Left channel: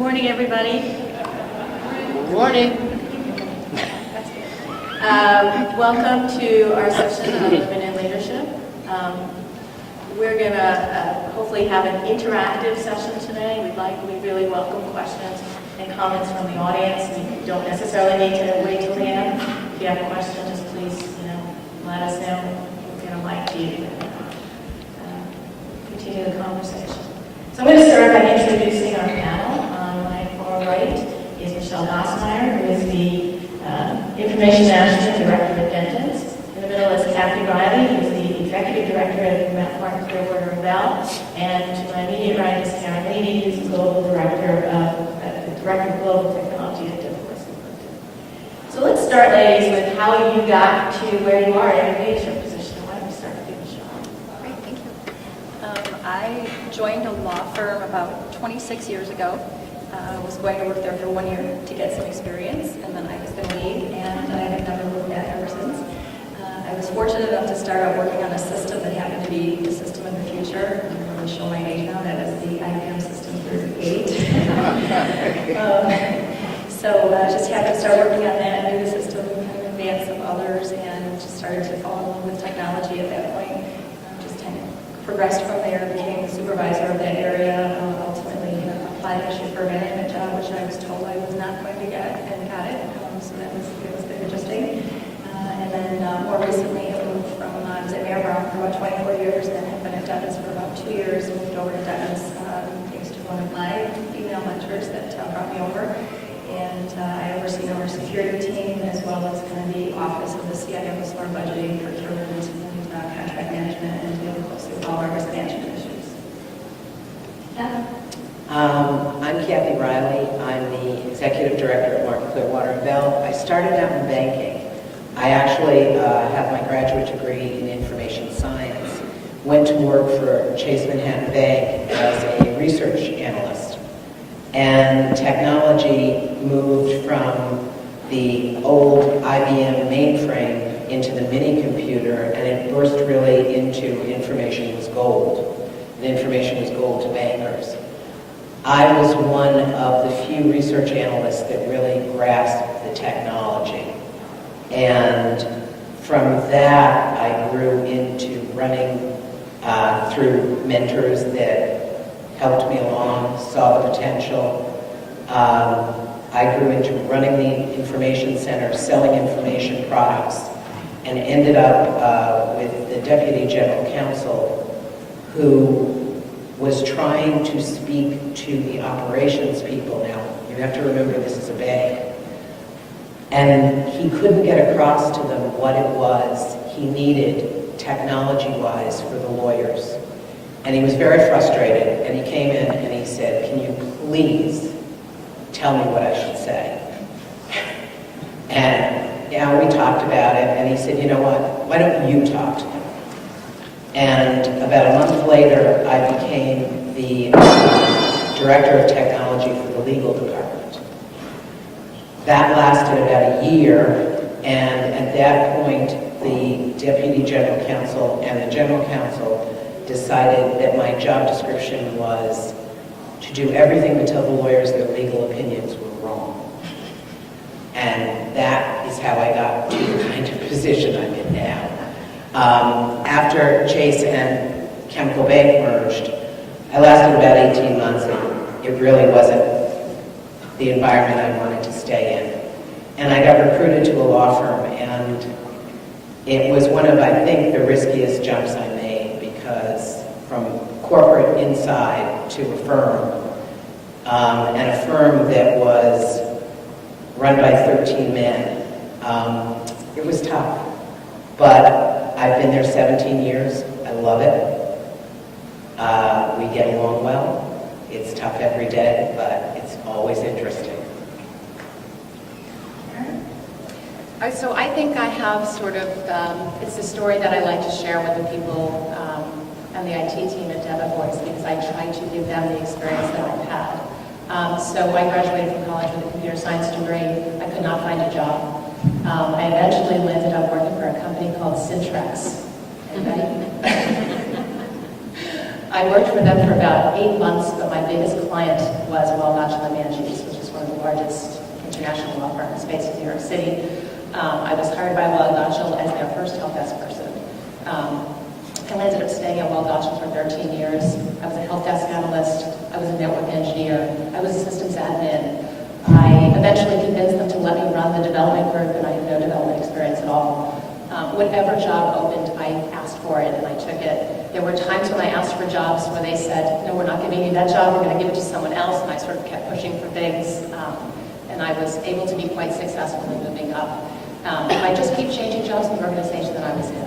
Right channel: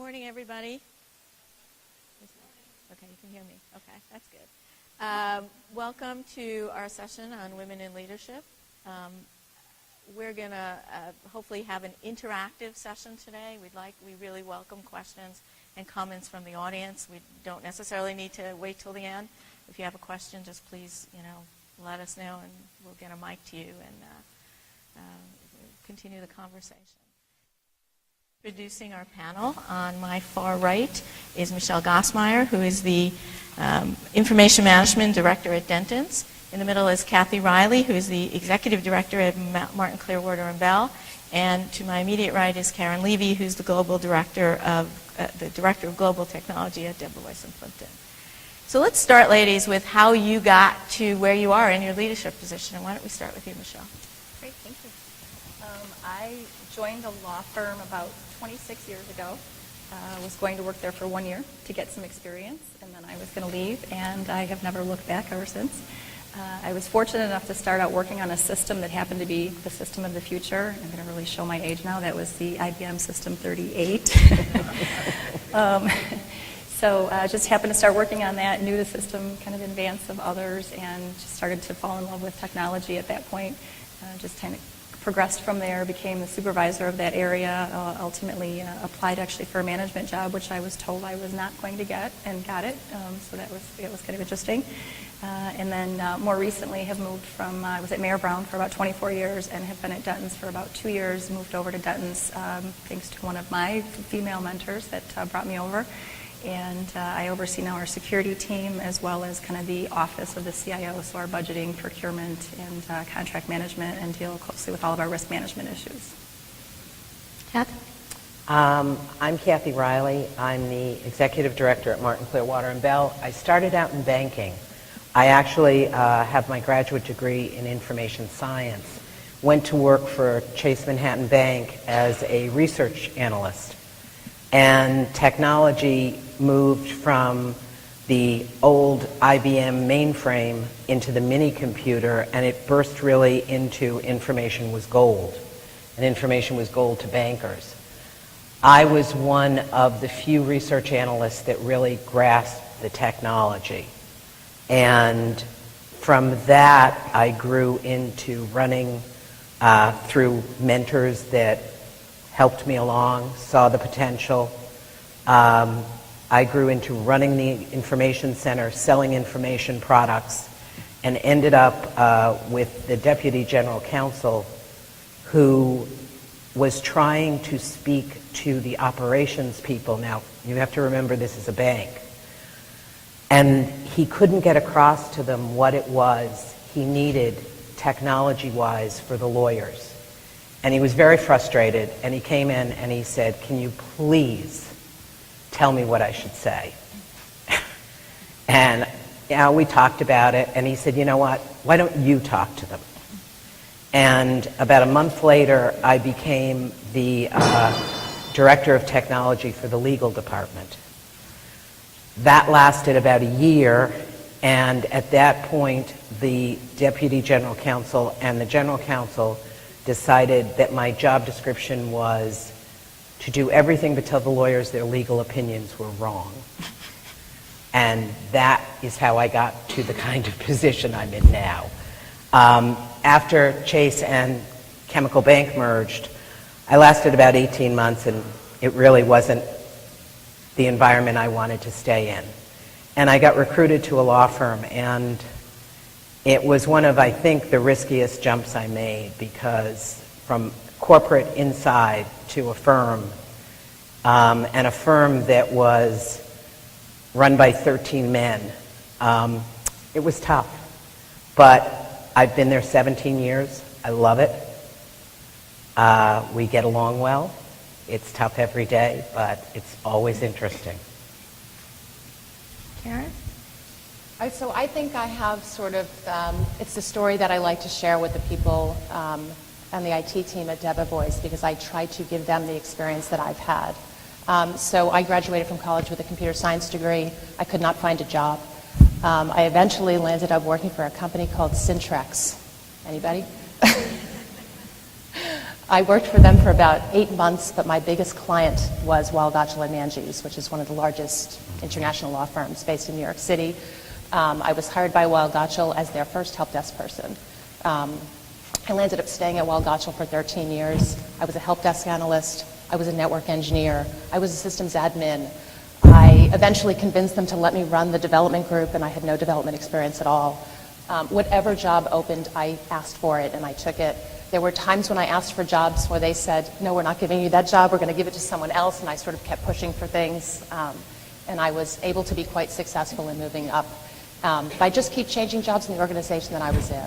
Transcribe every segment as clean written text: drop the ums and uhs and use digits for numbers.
morning, everybody. Good morning. Welcome to our session on Women in Leadership. We're going to hopefully have an interactive session today. We really welcome questions and comments from the audience. You don't necessarily need to wait till the end. If you have a question, just please, let us know. We're going to mic to you and continue the conversation. So I'm going to start by introducing our panel. On my far right is Michelle Gossmeyer, who is the Information Management Director at Dentons. In the middle is Kathy Riley, who's the Executive Director at Martin Clearwater & Bell. And to my immediate right is Karen Levy, who's the Global Director of Global Technology at Dentons. So let's start, ladies, with how you got to where you are in your leadership position. Why don't we start with you, Michelle? Great, thank you. I joined a law firm about 26 years ago. I was going to work there for 1 year to get some experience, and then I was going to leave, and I have never looked back ever since. I was fortunate enough to start out working on a system that happened to be the system of the future. I'm going to really show my age now. That was the IBM System 38. So I just happened to start working on that, knew the system kind of in advance of others, and just started to fall in love with technology at that point. Just kind of progressed from there, became the supervisor of that area, ultimately applied actually for a management job, which I was told I was not going to get, and got it. So that was kind of interesting. And then more recently, I moved from, I was at Mayor Brown for about 24 years, and have been at Dentons for about 2 years, moved over to Dentons thanks to one of my female mentors that brought me over. And I oversee now our security team, as well as kind of the office of the CIO, so our budgeting, procurement, and contract management, and deal closely with all of our risk management issues. Kathy? I'm Kathy Riley. I'm the Executive Director at Martin Clearwater & Bell. I started out in banking. I actually have my graduate degree in information science. Went to work for Chase Manhattan Bank as a research analyst. And technology moved from the old IBM mainframe into the mini computer, and it burst really into information was gold. And information was gold to bankers. I was one of the few research analysts that really grasped the technology. And from that, I grew into running through mentors that helped me along, saw the potential. I grew into running the information center, selling information products, and ended up with the Deputy General Counsel, who was trying to speak to the operations people. Now, you have to remember this is a bank. And he couldn't get across to them what it was he needed technology-wise for the lawyers. And he was very frustrated, and he came in and he said, "Can you please tell me what I should say?" And we talked about it, and he said, "You know what, why don't you talk to them?" And about a month later, I became the Director of Technology for the legal department. That lasted about a year, and at that point, the Deputy General Counsel and the General Counsel decided that my job description was to do everything but tell the lawyers their legal opinions were wrong. And that is how I got to the kind of position I'm in now. After Chase and Chemical Bank merged, I lasted about 18 months, and it really wasn't the environment I wanted to stay in. And I got recruited to a law firm, and it was one of, I think, the riskiest jumps I made, because from corporate inside to a firm, and a firm that was run by 13 men, it was tough. But I've been there 17 years. I love it. We get along well. It's tough every day, but it's always interesting. Karen? So I think I have sort of, it's a story that I like to share with the people on the IT team at Devivoice, because I try to give them the experience that I've had. So I graduated from college with a computer science degree. I could not find a job. I eventually landed up working for a company called Syntrex. Anybody? I worked for them for about 8 months, but my biggest client was Waldachl and Manges, which is one of the largest international law firms based in New York City. I was hired by Waldachl as their first help desk person. I landed up staying at Waldachl for 13 years. I was a help desk analyst. I was a network engineer. I was a systems admin. I eventually convinced them to let me run the development group, and I had no development experience at all. Whatever job opened, I asked for it, and I took it. There were times when I asked for jobs where they said, no, we're not giving you that job, we're going to give it to someone else, and I sort of kept pushing for things, and I was able to be quite successful in moving up. And I just keep changing jobs in the organization that I was in.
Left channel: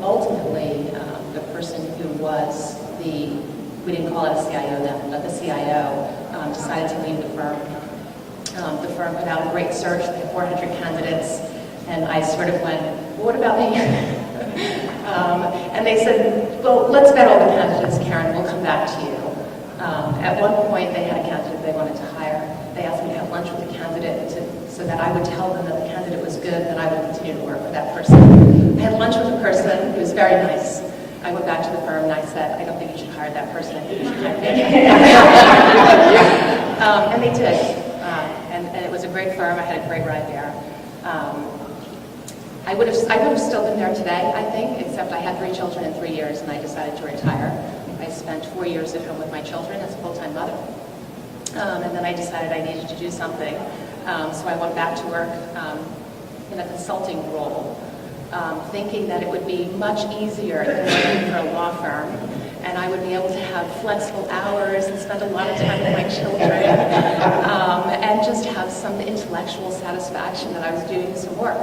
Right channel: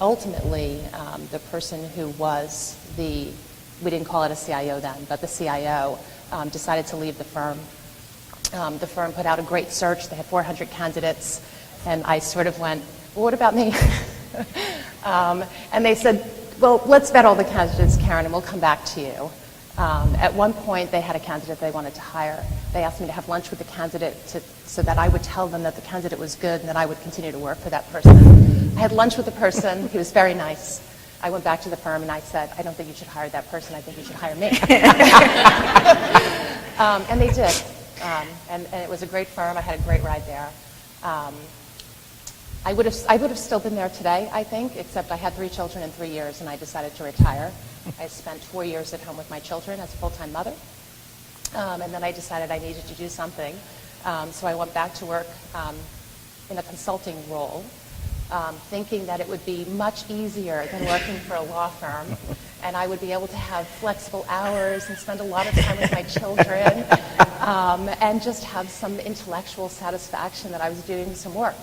Ultimately, the person who was we didn't call it a CIO then, but the CIO decided to leave the firm. The firm put out a great search. They had 400 candidates, and I sort of went, well, what about me? And they said, well, let's vet all the candidates, Karen, we'll come back to you. At one point, they had a candidate they wanted to hire. They asked me to have lunch with the candidate so that I would tell them that the candidate was good, and that I would continue to work for that person. I had lunch with the person. It was very nice. I went back to the firm and I said, I don't think you should hire that person. I think you should hire me. And they did. And it was a great firm. I had a great ride there. I would have still been there today, I think, except I had 3 children in 3 years and I decided to retire. I spent 4 years at home with my children as a full-time mother. And then I decided I needed to do something. So I went back to work in a consulting role, thinking that it would be much easier than working for a law firm, and I would be able to have flexible hours and spend a lot of time with my children, and just have some intellectual satisfaction that I was doing some work.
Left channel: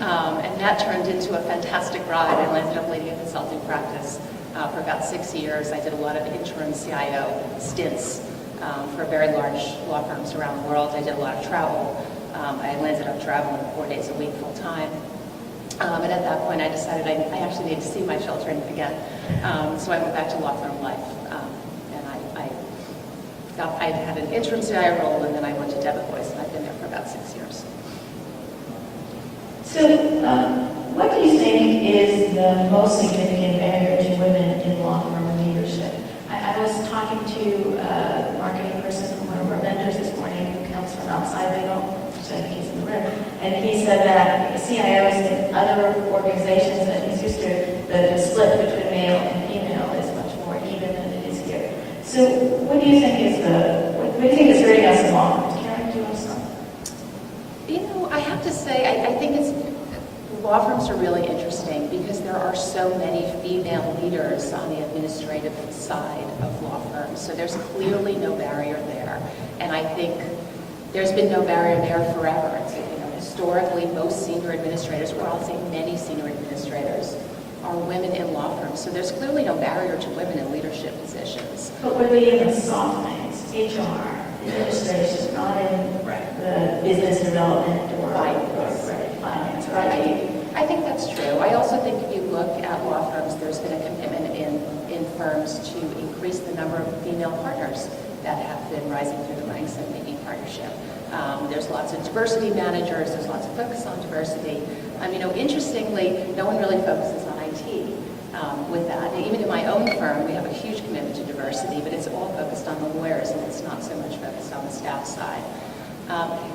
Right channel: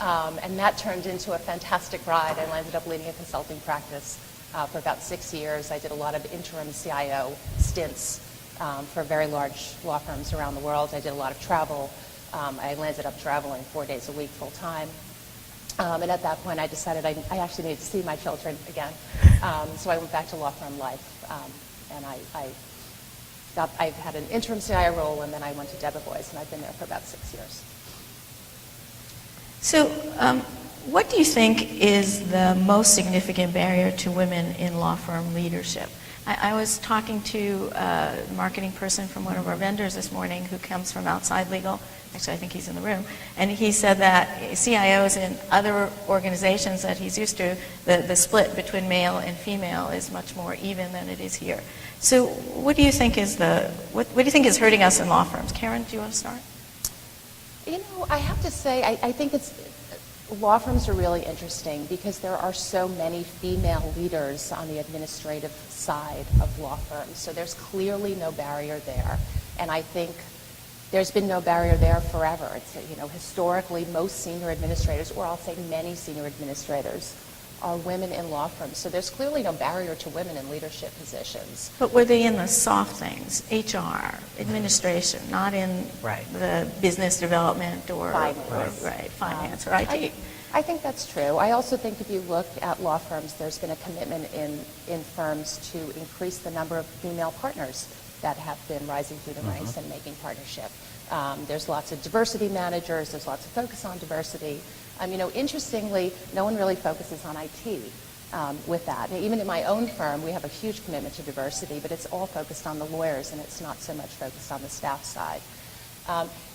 And that turned into a fantastic ride. I ended up leading a consulting practice for about 6 years. I did a lot of interim CIO stints for very large law firms around the world. I did a lot of travel. I landed up traveling 4 days a week full time. And at that point, I decided I actually need to see my children again. So I went back to law firm life. And I had an interim CIO role, and then I went to Debevoise, and I've been there for about 6 years. So what do you think is the most significant barrier to women in law firm leadership? I was talking to a marketing person from one of our vendors this morning who comes from outside legal, which I think he's in the room, and he said that CIOs in other organizations that he's used to, the split between male and female is much more even than it is here. So what do you think is what do you think is hurting us in law firms? Karen, do you want to start? You know, I have to say, I think law firms are really interesting because there are so many female leaders on the administrative side of law firms. So there's clearly no barrier there. And I think there's been no barrier there forever. It's, historically, most senior administrators, or I'll say many senior administrators, are women in law firms. So there's clearly no barrier to women in leadership positions. But were they in the soft things, HR, administration, not in the business development or finance, or IT? I think that's true. I also think if you look at law firms, there's been a commitment in firms to increase the number of female partners that have been rising through the ranks and making partnership. There's lots of diversity managers. There's lots of focus on diversity. Interestingly, no one really focuses on IT with that. And even in my own firm, we have a huge commitment to diversity, but it's all focused on the lawyers, and it's not so much focused on the staff side.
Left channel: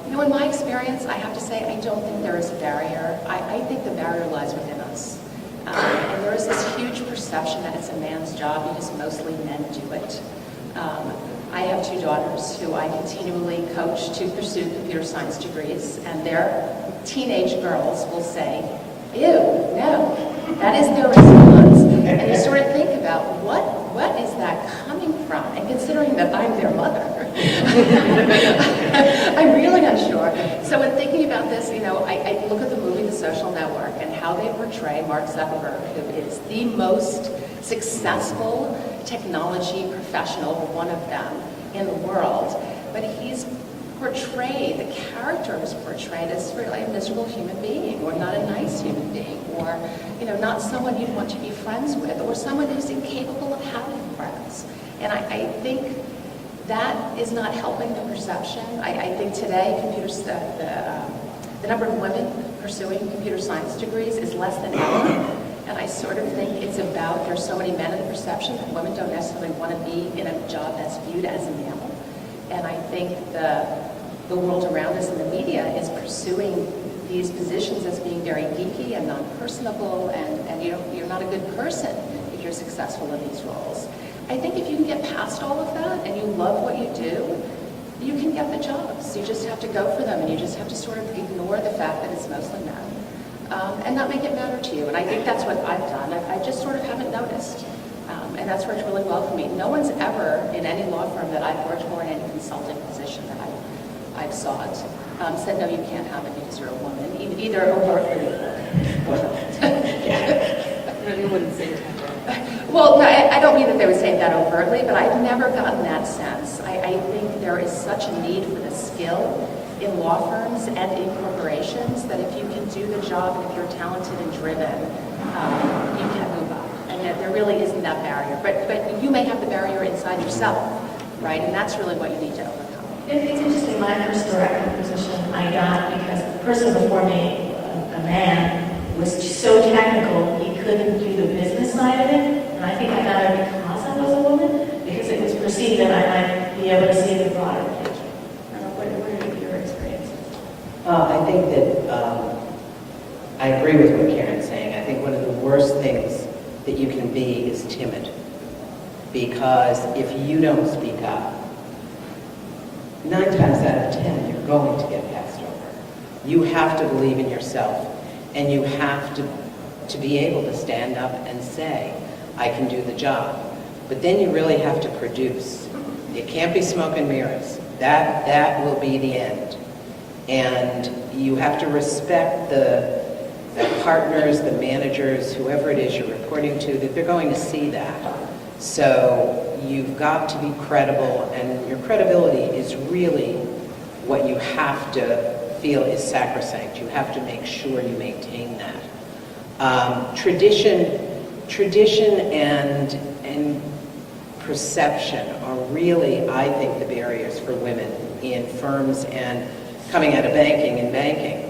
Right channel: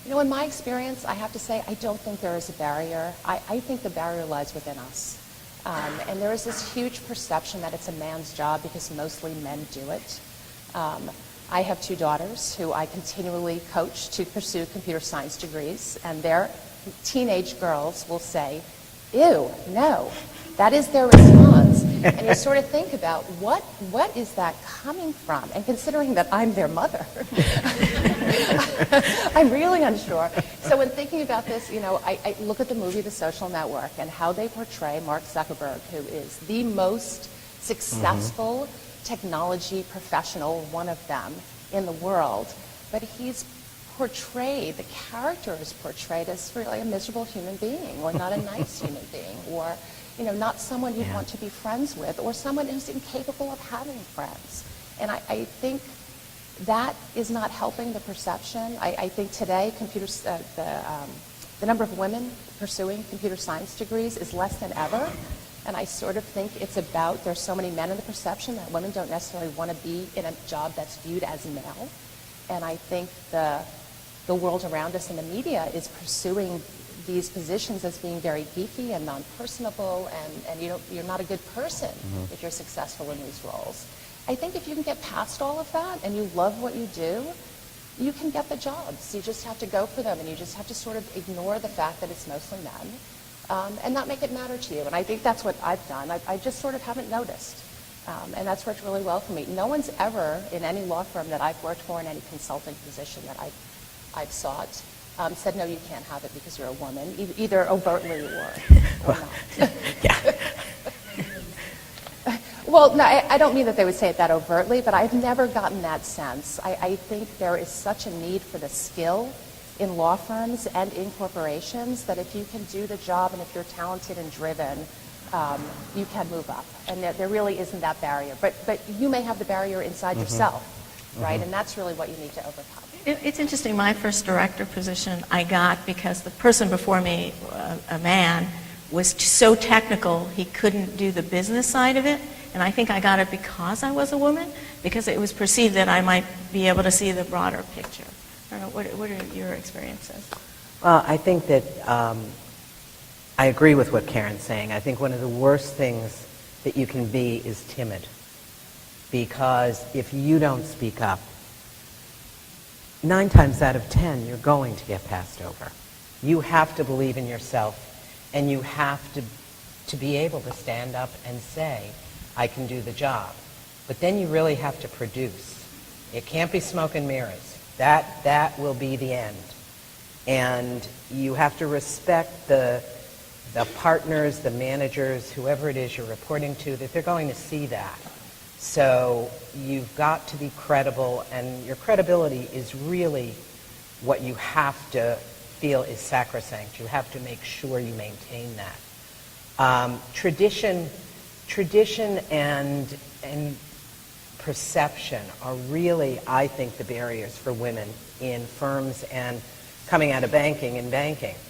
In my experience, I have to say, I don't think there is a barrier. I think the barrier lies within us. And there is this huge perception that it's a man's job because mostly men do it. I have 2 daughters who I continually coach to pursue computer science degrees, and their teenage girls will say, ew, no. That is their response. And you sort of think about what is that coming from? And considering that I'm their mother, I'm really unsure. So in thinking about this, I look at the movie The Social Network and how they portray Mark Zuckerberg, who is the most successful technology professional, one of them, in the world. But he's portrayed, the character is portrayed as really a miserable human being, or not a nice human being, or not someone you'd want to be friends with, or someone who's incapable of having friends. And I think that is not helping the perception. I think today the number of women pursuing computer science degrees is less than ever. And I sort of think it's about, there's so many men in the perception that women don't necessarily want to be in a job that's viewed as male. And I think the world around us in the media is pursuing these positions as being very geeky and non-personable, and you're not a good person if you're successful in these roles. I think if you can get past all of that and you love what you do, you can get the jobs. You just have to go for them, and you just have to sort of ignore the fact that it's mostly men. And not make it matter to you. And I think that's what I've done. I just sort of haven't noticed. And that's worked really well for me. No one's ever, in any law firm that I've worked for in any consulting position that I've sought, said, no, you can't have it because you're a woman, either overtly or... They wouldn't say that. Well, no, I don't mean that they would say that overtly, but I've never gotten that sense. I think there is such a need for the skill in law firms and in corporations that if you can do the job and if you're talented and driven, you can move up. And there really isn't that barrier. But you may have the barrier inside yourself, right? And that's really what you need to overcome. It's interesting, my first director position I got because the person before me, a man, was so technical he couldn't do the business side of it. And I think I got it because I was a woman, because it was perceived that I might be able to see the broader picture. I don't know, what are your experiences? I think that I agree with what Karen's saying. I think one of the worst things that you can be is timid. Because if you don't speak up, 9 times out of 10, you're going to get passed over. You have to believe in yourself, and you have to be able to stand up and say, I can do the job. But then you really have to produce. It can't be smoke and mirrors. That will be the end. And you have to respect the partners, the managers, whoever it is you're reporting to, that they're going to see that. So you've got to be credible, and your credibility is really what you have to feel is sacrosanct. You have to make sure you maintain that. Tradition and perception are really, I think, the barriers for women in firms and coming out of banking and banking.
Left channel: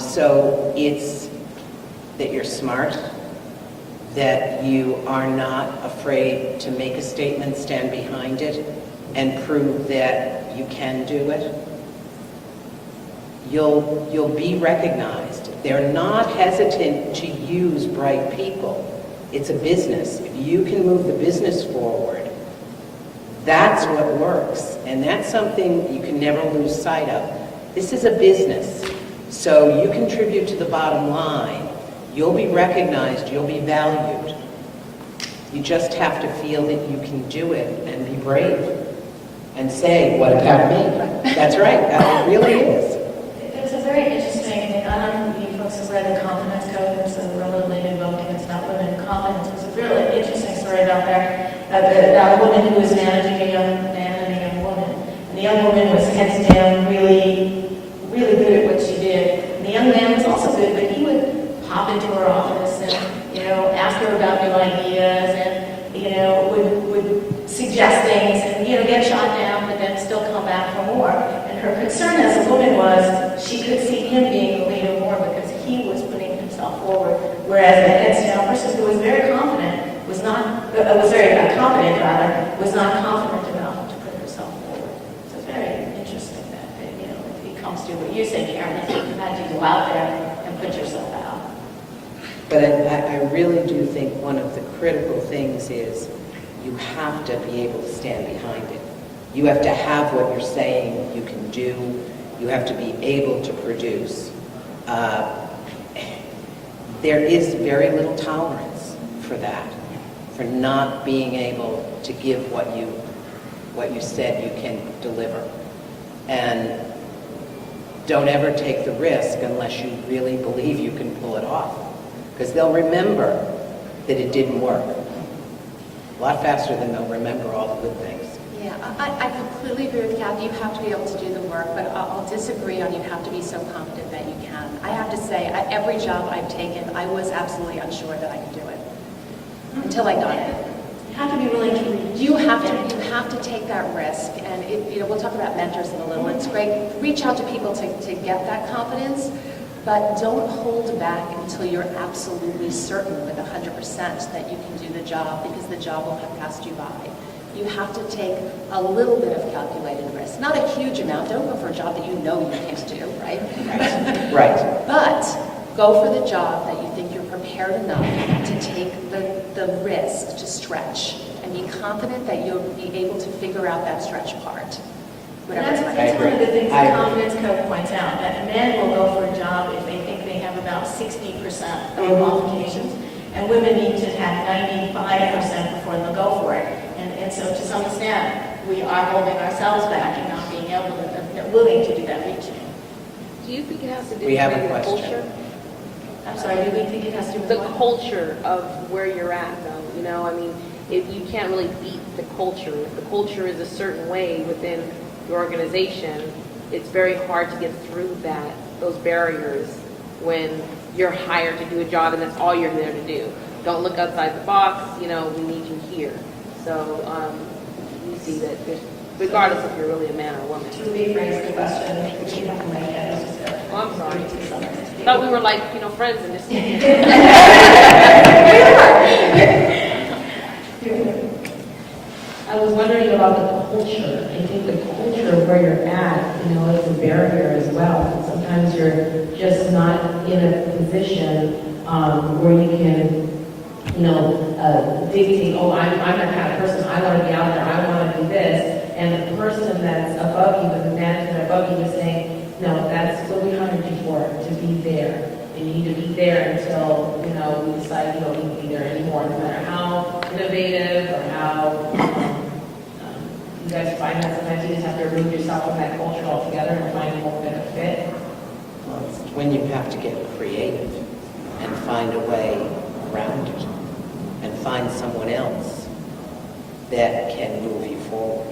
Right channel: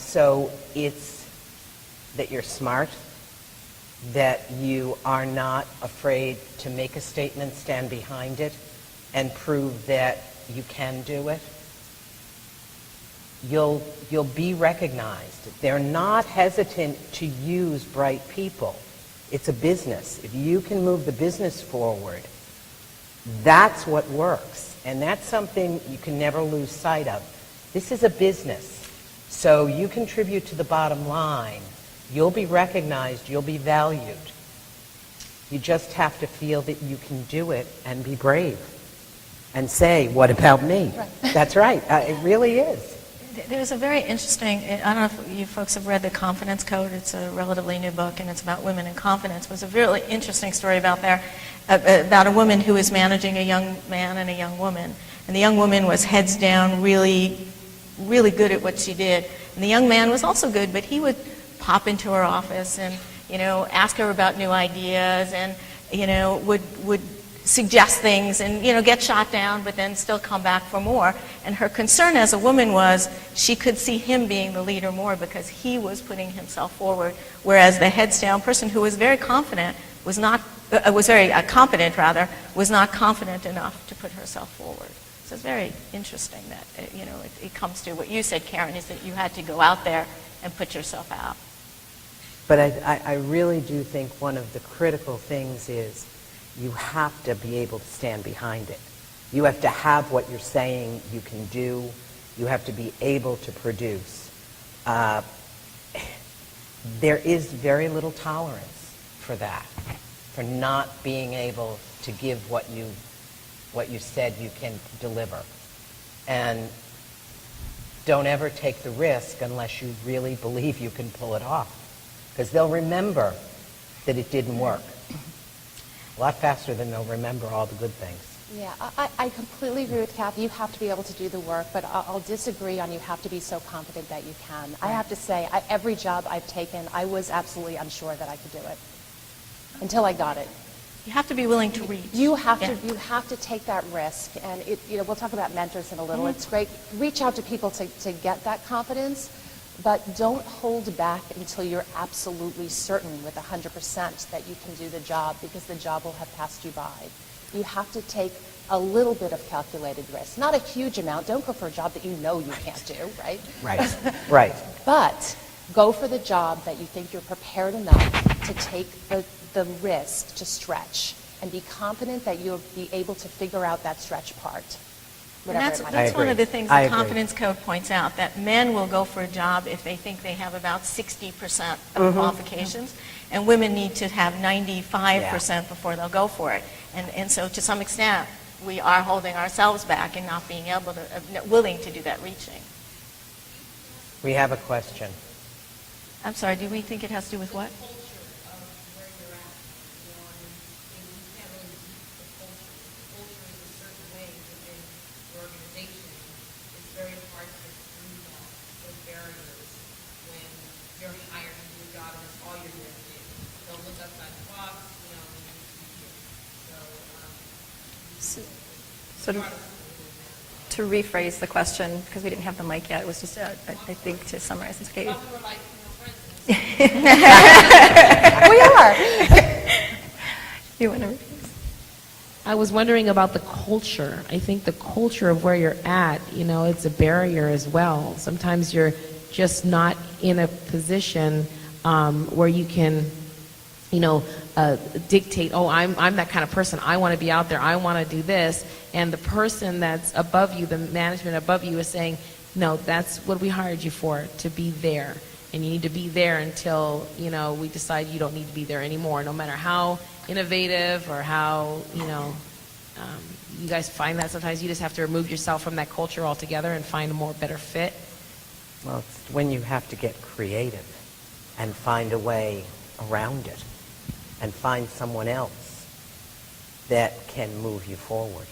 So it's that you're smart, that you are not afraid to make a statement, stand behind it, and prove that you can do it. You'll be recognized. They're not hesitant to use bright people. It's a business. If you can move the business forward, that's what works. And that's something you can never lose sight of. This is a business. So you contribute to the bottom line. You'll be recognized. You'll be valued. You just have to feel that you can do it and be brave and say, what about me? That's right. It really is. There's a very interesting, I don't know if you folks have read The Confidence Code. It's a relatively new book, and it's about women in confidence. It was a really interesting story about a woman who was managing a young man and a young woman. And the young woman was heads down, really, really good at what she did. And the young man was also good, but he would pop into her office and, ask her about new ideas and, would suggest things and, get shot down, but then still come back for more. And her concern as a woman was she could see him being the leader more because he was putting himself forward, whereas the heads down person who was very confident was not confident enough to put herself forward. So it's very interesting that if it comes to what you said, Karen, is that you had to go out there and put yourself out. But I really do think one of the critical things is you have to be able to stand behind it. You have to have what you're saying you can do. You have to be able to produce. There is very little tolerance for that, for not being able to give what you said you can deliver. And don't ever take the risk unless you really believe you can pull it off. Because they'll remember that it didn't work. A lot faster than they'll remember all the good things. Yeah, I completely agree with Kathy. You have to be able to do the work, but I'll disagree on you have to be so confident that you can. I have to say, every job I've taken, I was absolutely unsure that I could do it until I got it. You have to be willing to reach. You have to take that risk, and we'll talk about mentors in a little. It's great. Reach out to people to get that confidence, But don't hold back until you're absolutely certain with 100% that you can do the job, because the job will have passed you by. You have to take a little bit of calculated risk. Not a huge amount. Don't go for a job that you know you can't do, right? Right. Right. But go for the job that you think you're prepared enough to take the risk to stretch, and be confident that you'll be able to figure out that stretch part. That's one of the things the Confidence Code points out, that men will go for a job if they think they have about 60% of qualifications, and women need to have 95% before they'll go for it. And so to some extent, we are holding ourselves back and not being able to, willing to do that reaching. Do you think it has to do We have with a the question. culture? I'm sorry, do we think it has to do with The what? culture of where you're at, though. You know, I mean, if you can't really beat the culture. If the culture is a certain way within your organization, it's very hard to get through those barriers when you're hired to do a job and that's all you're there to do. Don't look outside the box. You know, we need you here. So we see that regardless if you're really a man or a woman. To rephrase the question, we can have the mic yet, it's just a, Oh, I'm sorry. to someone's I table. thought we were like, friends in this. I was wondering about the culture. I think the culture of where you're at, it's a barrier as well. Sometimes you're just not in a position where you can, dictate, I'm that kind of person. I want to be out there. I want to do this. And the person that's above you, the management above you is saying, no, that's what we hired you for, to be there. And you need to be there until, we decide you don't need to be there anymore, no matter how innovative or how, you guys find that sometimes you just have to remove yourself from that culture altogether and find a more better fit. Well, it's when you have to get creative and find a way around it and find someone else that can move you forward.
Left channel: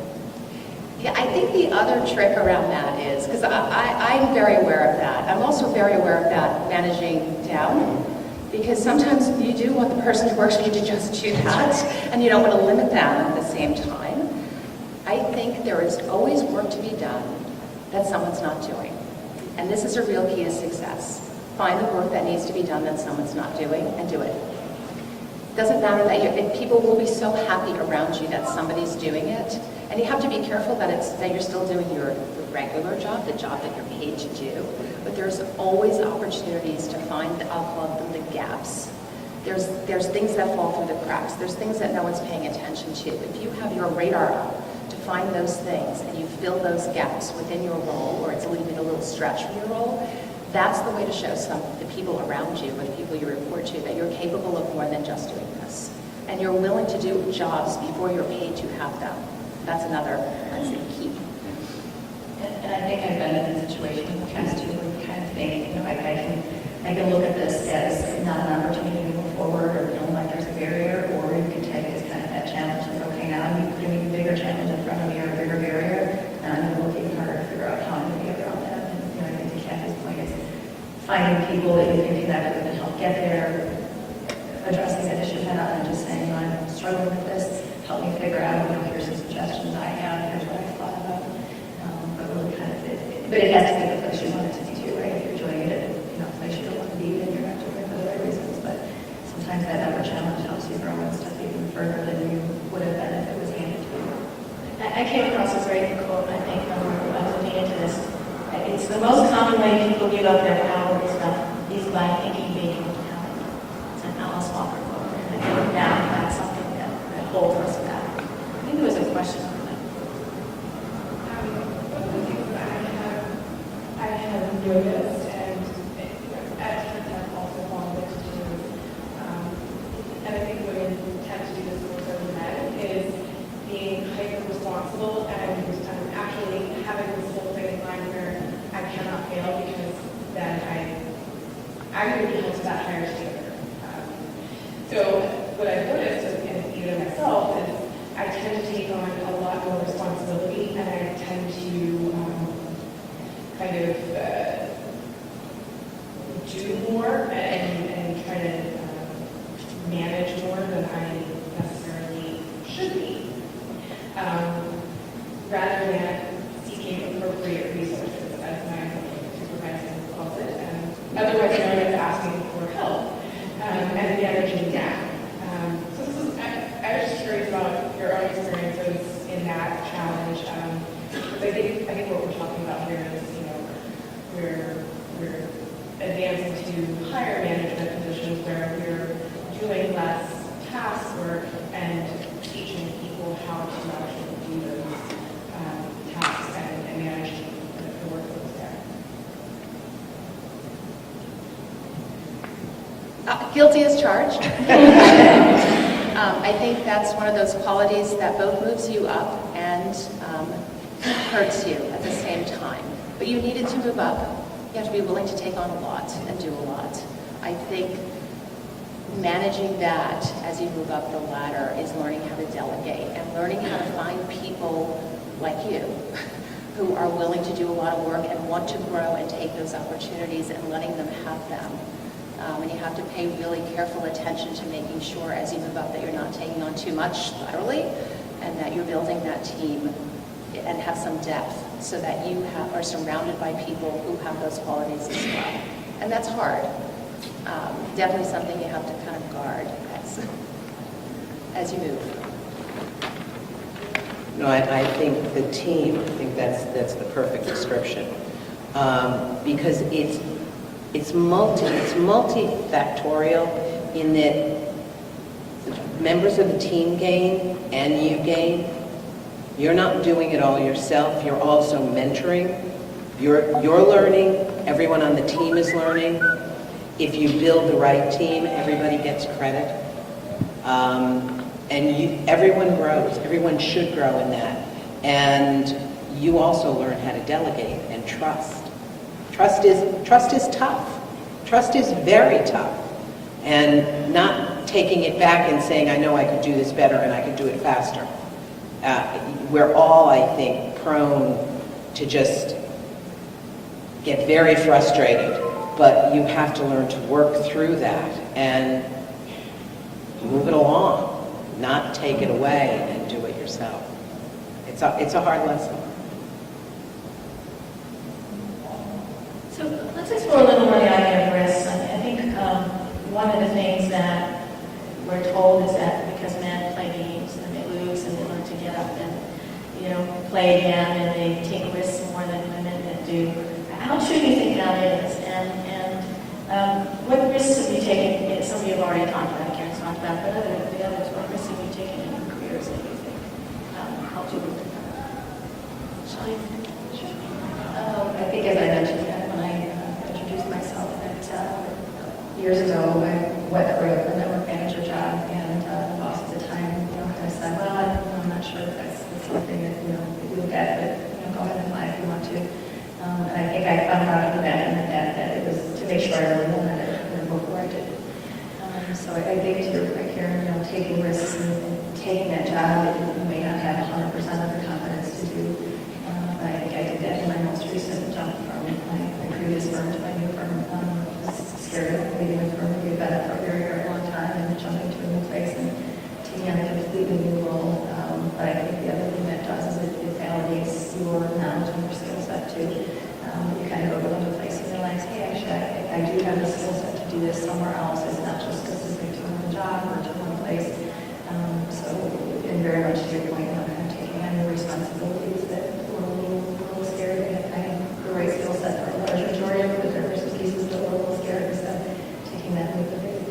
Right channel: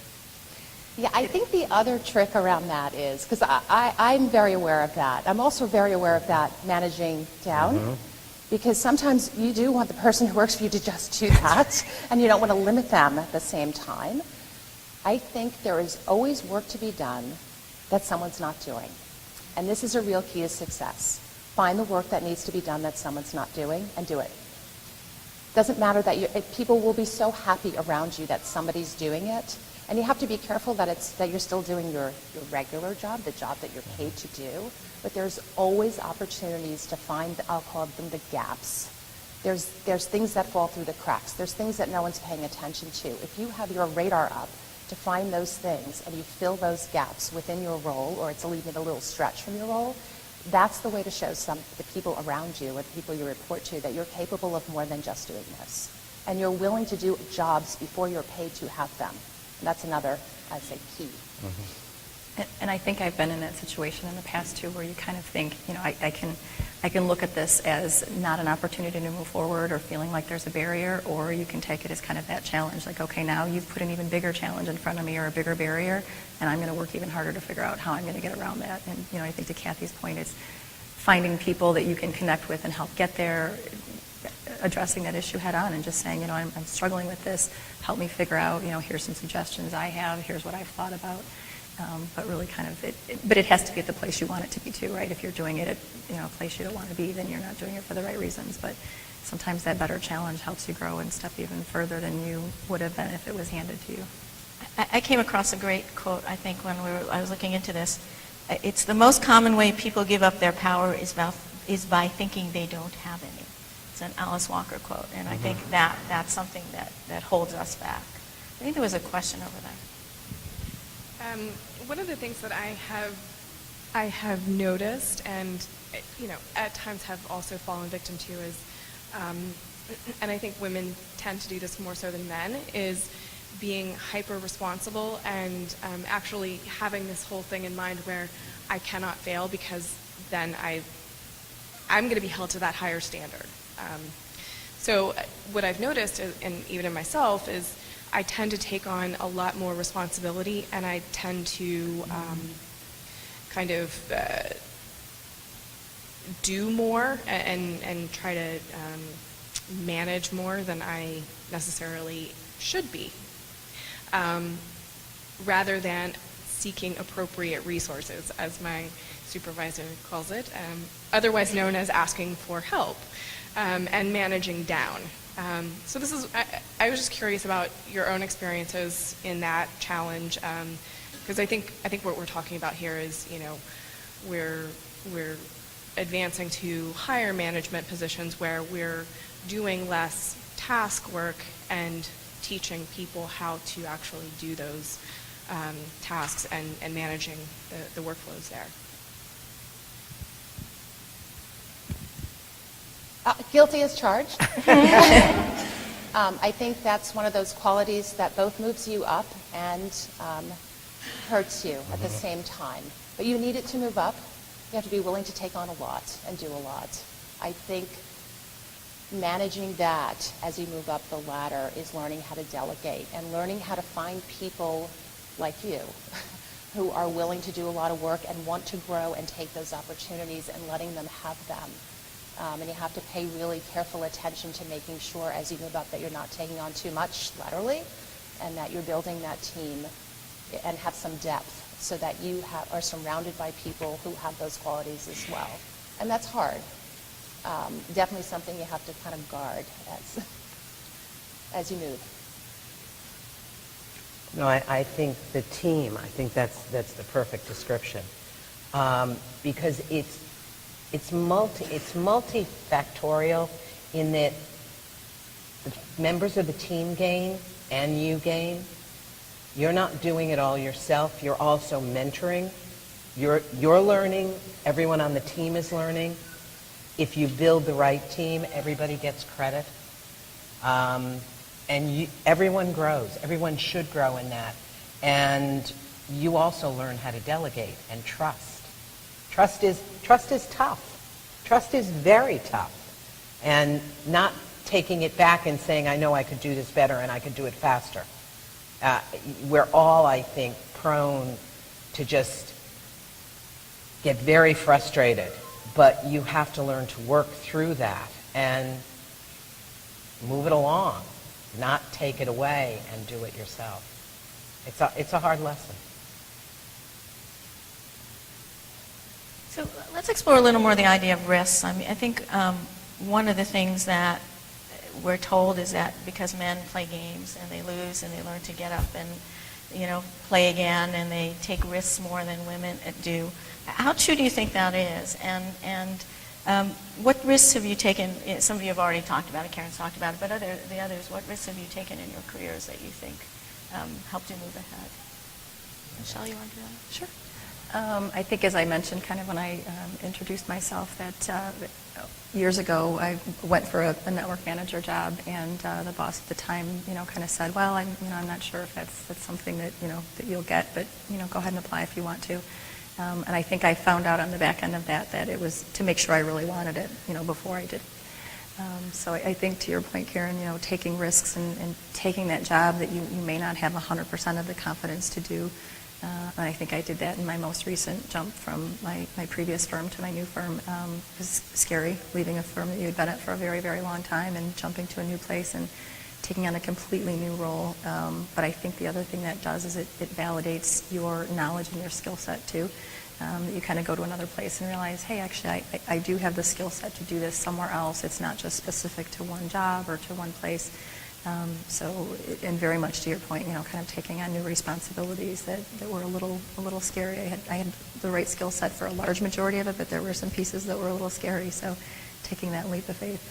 Yeah, I think the other trick around that is, because I'm very aware of that. I'm also very aware of that managing down, because sometimes you do want the person who works for you to just do that, and you don't want to limit them at the same time. I think there is always work to be done that someone's not doing. And this is a real key to success. Find the work that needs to be done that someone's not doing, and do it. Doesn't matter that people will be so happy around you that somebody's doing it. And you have to be careful that you're still doing your regular job, the job that you're paid to do. But there's always opportunities to find, I'll call them the gaps. There's things that fall through the cracks. There's things that no one's paying attention to. If you have your radar up to find those things and you fill those gaps within your role, or it's even a little stretch from your role, that's the way to show the people around you or the people you report to that you're capable of more than just doing this. And you're willing to do jobs before you're paid to have them. That's another, I'd say, key. And I think I've been in that situation in the past too, where you kind of think, I can look at this as not an opportunity to move forward or feeling like there's a barrier, or you can take it as kind of that challenge, like, okay, now you put an even bigger challenge in front of me or a bigger barrier, and I'm going to look even harder to figure out how I'm going to get around that. And I think to Kathy's point is finding people that you can connect with and help get there, addressing that issue head on, and just saying, I'm struggling with this, help me figure out, here's some suggestions I have, here's what I've thought about. But really kind of, but it has to be the place you want it to be too, right? If you're doing it at a place you don't want to be, then you're not doing it for the right reasons. But sometimes that better challenge helps you grow and stuff even further than you would have been if it was handed to you. I came across a great quote, I think, when I was looking into this. It's the most common way people give up their power is by thinking they don't have it. It's an Alice Walker quote, and I give it back. That's something that holds us back. I think there was a question on that. One of the things that I have noticed, and at times have also fallen victim to, is, and I think women tend to do this more so than men, is being hyper responsible and actually having this whole thing in mind where I cannot fail because then I'm going to be held to that higher standard. So what I've noticed, and even in myself, is I tend to take on a lot more responsibility, and I tend to kind of do more and try to manage more than I necessarily should be, rather than seeking appropriate resources, as my supervisor calls it. otherwise known as asking for help, and managing down. So this is, I was just curious about your own experiences in that challenge, because I think what we're talking about here is, we're advancing to higher management positions where we're doing less task work and teaching people how to actually do those tasks and manage the workflows there. Guilty as charged. I think that's one of those qualities that both moves you up and hurts you at the same time. But you needed to move up. You have to be willing to take on a lot and do a lot. I think managing that as you move up the ladder is learning how to delegate and learning how to find people like you who are willing to do a lot of work and want to grow and take those opportunities and letting them have them. And you have to pay really careful attention to making sure as you move up that you're not taking on too much laterally and that you're building that team and have some depth so that you are surrounded by people who have those qualities as well. And that's hard. Definitely something you have to kind of guard as you move. No, I think the team, I think that's the perfect description. Because it's multifactorial in that members of the team gain and you gain. You're not doing it all yourself. You're also mentoring. You're learning. Everyone on the team is learning. If you build the right team, everybody gets credit. Everyone grows. Everyone should grow in that. And you also learn how to delegate and trust. Trust is tough. Trust is very tough. And not taking it back and saying, I know I could do this better and I could do it faster. We're all, I think, prone to just get very frustrated. But you have to learn to work through that and move it along, not take it away and do it yourself. It's a hard lesson. So let's explore a little more the idea of risks. I mean, I think one of the things that we're told is that because men play games and they lose and they learn to get up and play again and they take risks more than women that do. How true do you think that is? And what risks have you taken? Some of you have already talked about it, Karen's talked about, but the others, what risks have you taken in your careers that you think helped you overcome? Shall you? Sure. I think, as I mentioned, kind of when I introduced myself, that years ago I went for a network manager job, and the boss at the time, kind of said, "Well, I'm not sure if that's something that that you'll get, but go ahead and apply if you want to." And I think I found out at the back end of that it was to make sure I really wanted it before I did. So I think, to your point, Karen, taking risks and taking that job that you may not have 100% of the confidence to do. And I think I did that in my most recent jump from my previous firm to my new firm. It was scary leaving a firm that you've been at for a very, very long time and jumping to a new place and taking on a completely new role. But I think the other thing that it does is it validates your knowledge and your skill set too. You kind of go to another place and realize, hey, actually, I do have the skill set to do this somewhere else. It's not just specific to one job or to one place. And very much to your point, kind of taking on new responsibilities that were a little scary. I had the right skill set for a large majority of it, but there were some pieces that were a little scary. So taking that leap of faith.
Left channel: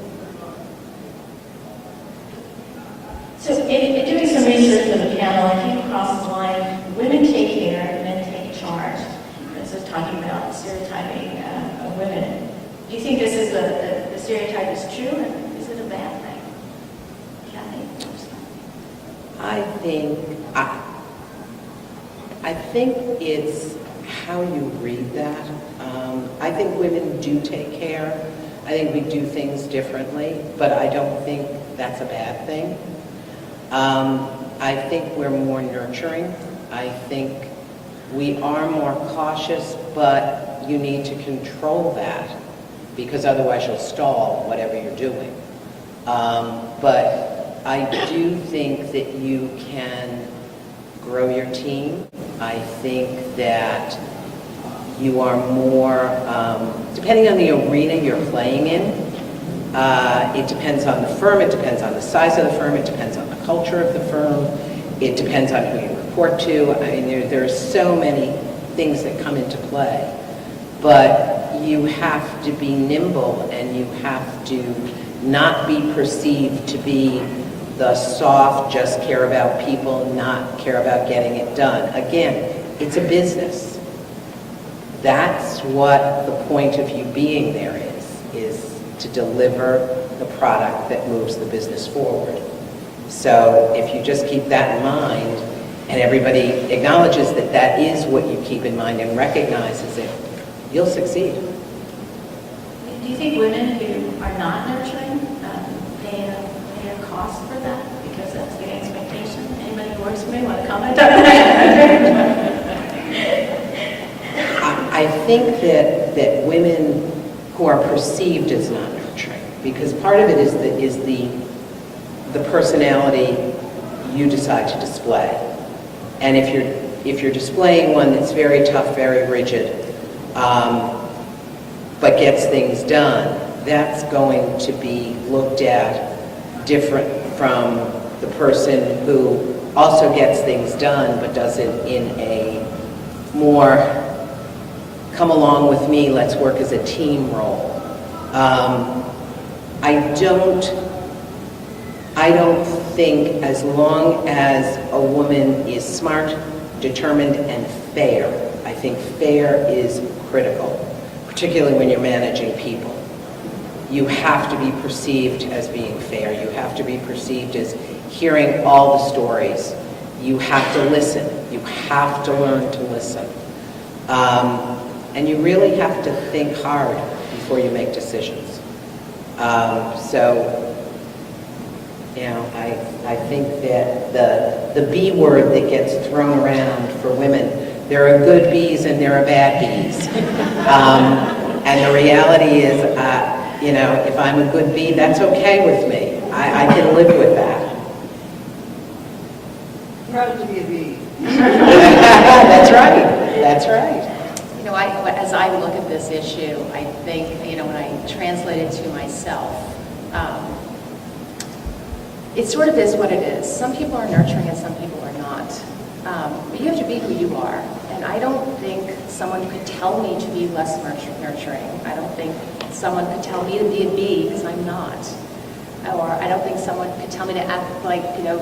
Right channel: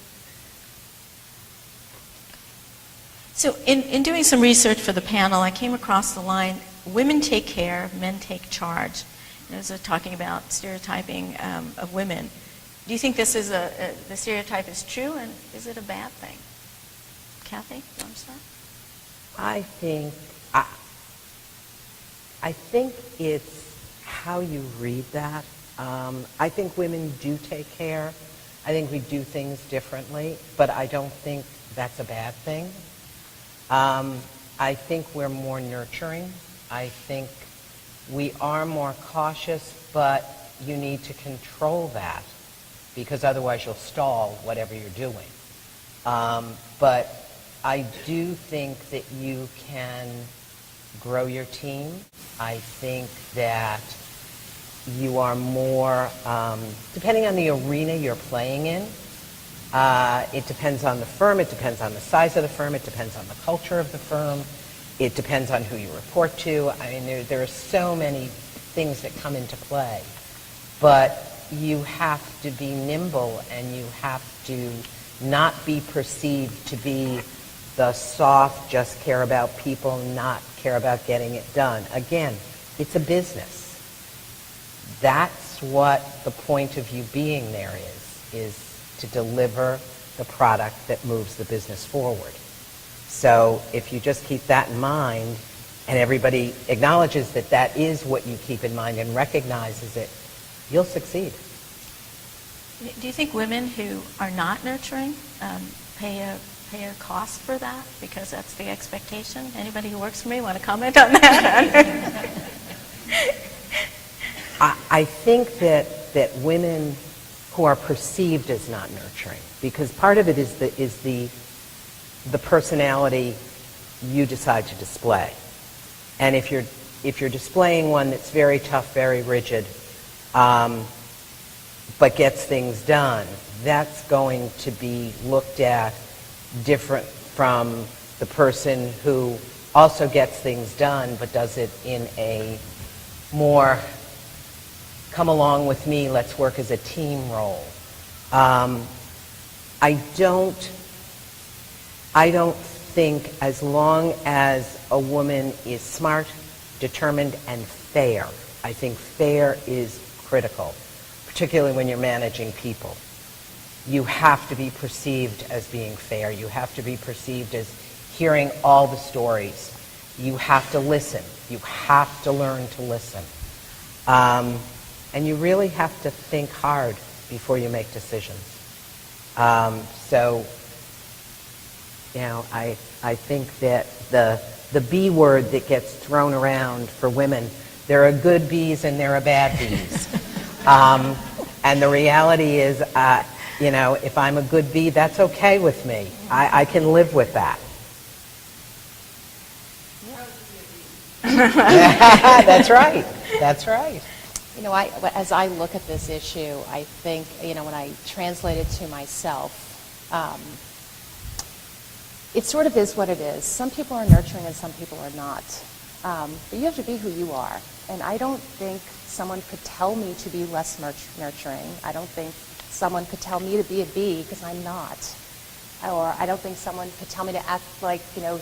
So in doing some research for the panel, I came across the line, women take care, men take charge. So talking about stereotyping of women. Do you think this is the stereotype is true, and is it a bad thing? Kathy? I think it's how you read that. I think women do take care. I think we do things differently, but I don't think that's a bad thing. I think we're more nurturing. I think we are more cautious, but you need to control that because otherwise you'll stall whatever you're doing. But I do think that you can grow your team. I think that You are more, depending on the arena you're playing in, it depends on the firm, it depends on the size of the firm, it depends on the culture of the firm, it depends on who you report to. I mean, there are so many things that come into play. But you have to be nimble, and you have to not be perceived to be the soft, just care about people, not care about getting it done. Again, it's a business. That's what the point of you being there is to deliver the product that moves the business forward. So if you just keep that in mind, and everybody acknowledges that that is what you keep in mind and recognizes it, you'll succeed. Do you think women who are not nurturing pay a cost for that? Because that's the expectation. Anybody who works for me want to comment on that? I think that women who are perceived as not nurturing, because part of it is the personality you decide to display. And if you're displaying one that's very tough, very rigid, but gets things done, that's going to be looked at different from the person who also gets things done but does it in a more come along with me, let's work as a team role. I don't think, as long as a woman is smart, determined, and fair, I think fair is critical, particularly when you're managing people. You have to be perceived as being fair. You have to be perceived as hearing all the stories. You have to listen. You have to learn to listen. And you really have to think hard before you make decisions. So, you know, I think that the B word that gets thrown around for women, there are good bees and there are bad bees. And the reality is, you know, if I'm a good bee, that's okay with me. I can live with that. Proud to be a bee. That's right. That's right. You know, as I look at this issue, I think, you know, when I translate it to myself, it sort of is what it is. Some people are nurturing and some people are not. But you have to be who you are. And I don't think someone could tell me to be less nurturing. I don't think someone could tell me to be a bee because I'm not. Or I don't think someone could tell me to act like, you know,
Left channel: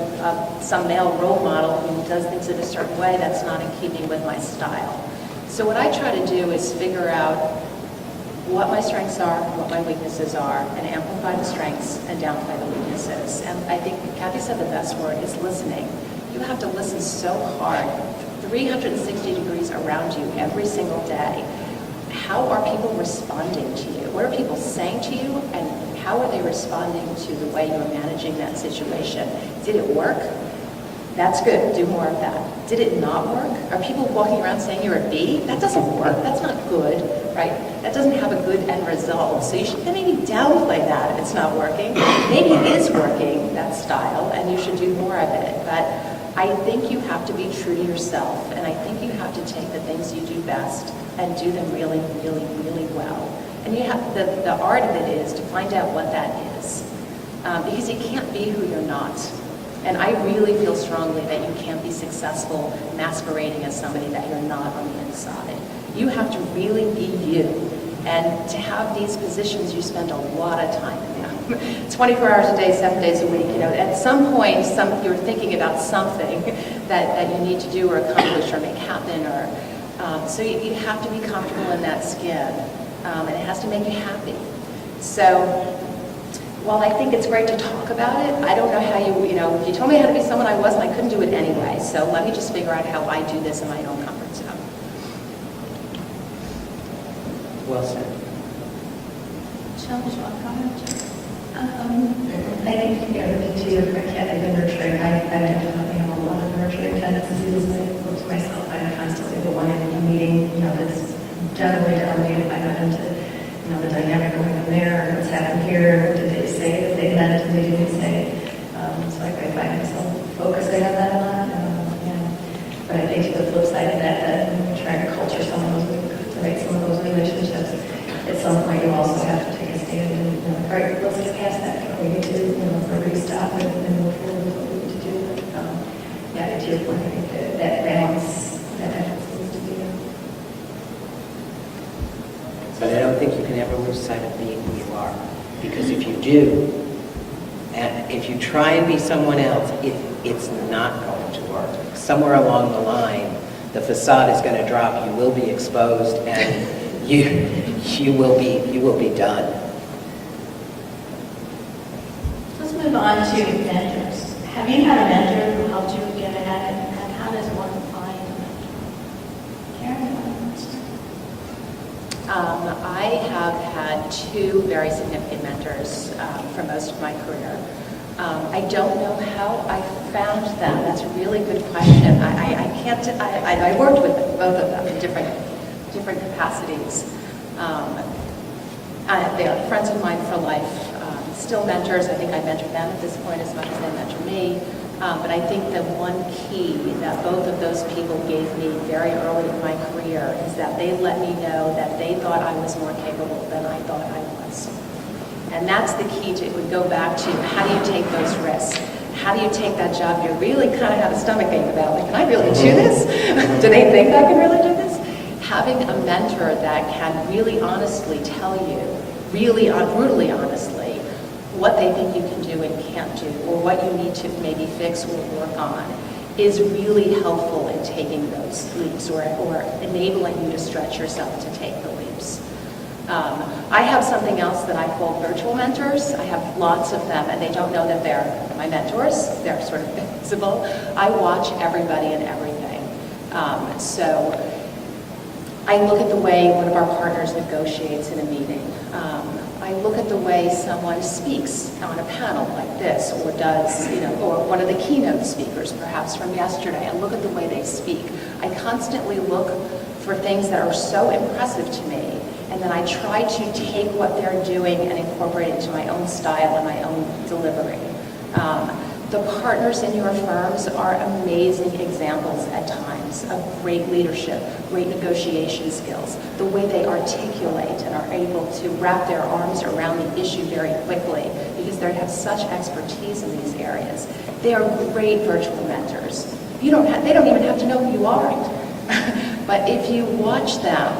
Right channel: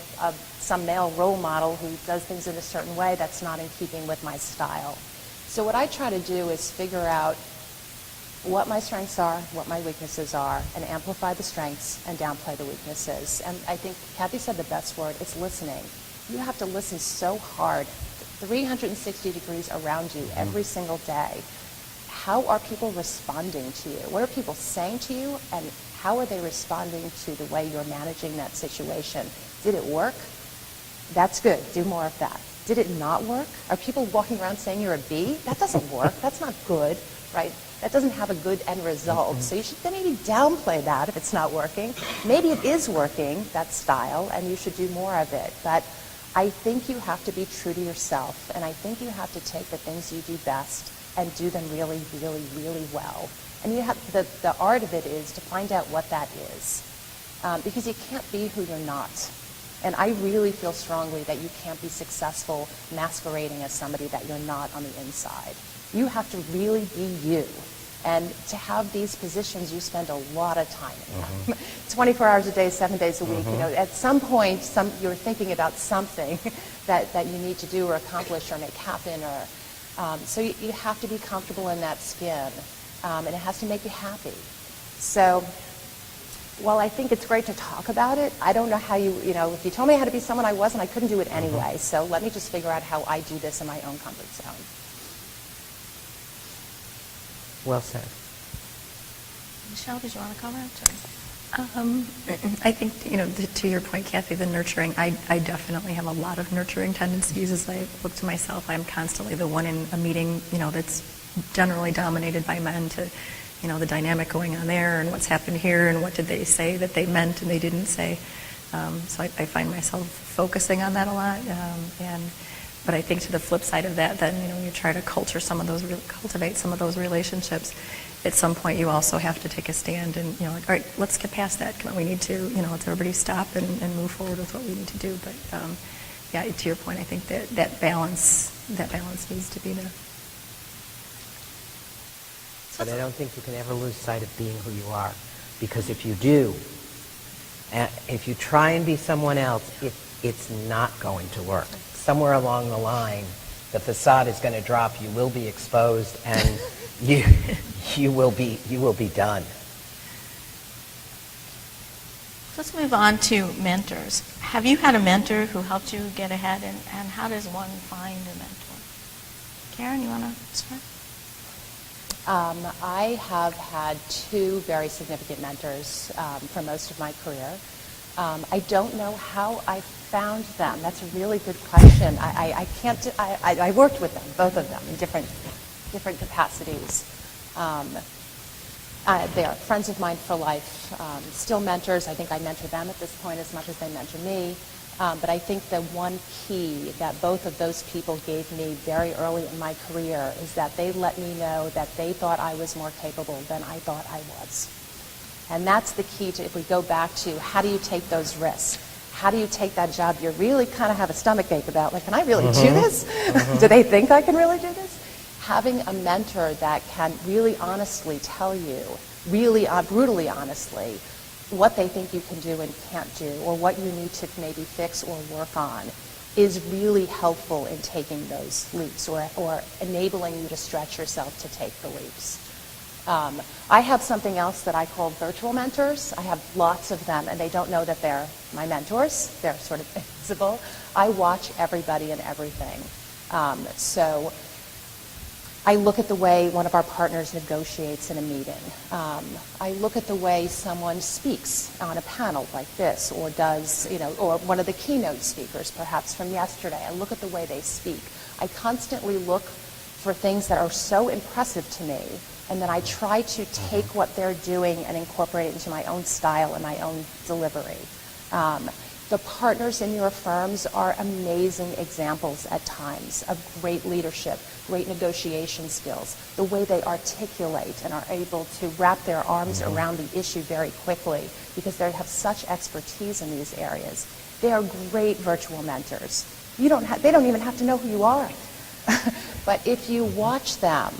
some male role model who does things in a certain way that's not in keeping with my style. So what I try to do is figure out what my strengths are, what my weaknesses are, and amplify the strengths and downplay the weaknesses. And I think Kathy said the best word is listening. You have to listen so hard, 360 degrees around you every single day. How are people responding to you? What are people saying to you, and how are they responding to the way you're managing that situation? Did it work? That's good. Do more of that. Did it not work? Are people walking around saying you're a bee? That doesn't work. That's not good, right? That doesn't have a good end result. So you should maybe downplay that if it's not working. Maybe it is working, that style, and you should do more of it. But I think you have to be true to yourself, and I think you have to take the things you do best and do them really, really, really well. And you have the art of it is to find out what that is, because you can't be who you're not. And I really feel strongly that you can't be successful masquerading as somebody that you're not on the inside. You have to really be you. And to have these positions, you spend a lot of time in them. 24 hours a day, 7 days a week. You know, at some point, you're thinking about something that you need to do or accomplish or make happen. Or so you have to be comfortable in that skin. And it has to make you happy. So while I think it's great to talk about it, I don't know how you know, if you told me how to be someone I wasn't, I couldn't do it anyway. So let me just figure out how I do this in my own comfort zone. Well said. Michelle, do you want to comment? I think, you know, to your point, Kathy, the nurturing, I definitely have a lot of nurturing tendencies as I look to myself. I'm constantly the one in a meeting, you know, that's generally dominated by men to, you know, the dynamic going on there and what's happened here and what did they say that they meant and they didn't say. So I find myself focusing on that a lot. But I think to the flip side of that, then trying to culture some of those cultivate some of those relationships, at some point you also have to take a stand and, you know, all right, let's get past that. We need to, you know, let's everybody stop and move forward with what we need to do. But, yeah, to your point, I think that balance needs to be there. But I don't think you can ever lose sight of being who you are. Because if you do, and if you try and be someone else, it's not going to work. Somewhere along the line, the facade is going to drop, you will be exposed, and you will be done. Let's move on to mentors. Have you had a mentor who helped you get ahead, and how does one find a mentor? Karen, you want to start? I have had two very significant mentors for most of my career. I don't know how I found them. That's a really good question. I worked with both of them in different capacities. They are friends of mine for life, still mentors. I think I mentor them at this point as much as they mentor me. But I think that one key that both of those people gave me very early in my career is that they let me know that they thought I was more capable than I thought I was. And that's the key to, it would go back to, how do you take those risks? How do you take that job you really kind of have a stomach ache about? Like, can I really do this? Do they think I can really do this? Having a mentor that can really honestly tell you, really brutally honestly, what they think you can do and can't do, or what you need to maybe fix or work on, is really helpful in taking those leaps or enabling you to stretch yourself to take the leaps. I have something else that I call virtual mentors. I have lots of them, and they don't know that they're my mentors. They're sort of invisible. I watch everybody and everything. So I look at the way one of our partners negotiates in a meeting. I look at the way someone speaks on a panel like this, or does, or one of the keynote speakers perhaps from yesterday. I look at the way they speak. I constantly look for things that are so impressive to me, and then I try to take what they're doing and incorporate it into my own style and my own delivery. The partners in your firms are amazing examples at times of great leadership, great negotiation skills, the way they articulate and are able to wrap their arms around the issue very quickly because they have such expertise in these areas. They are great virtual mentors. They don't even have to know who you are. But if you watch them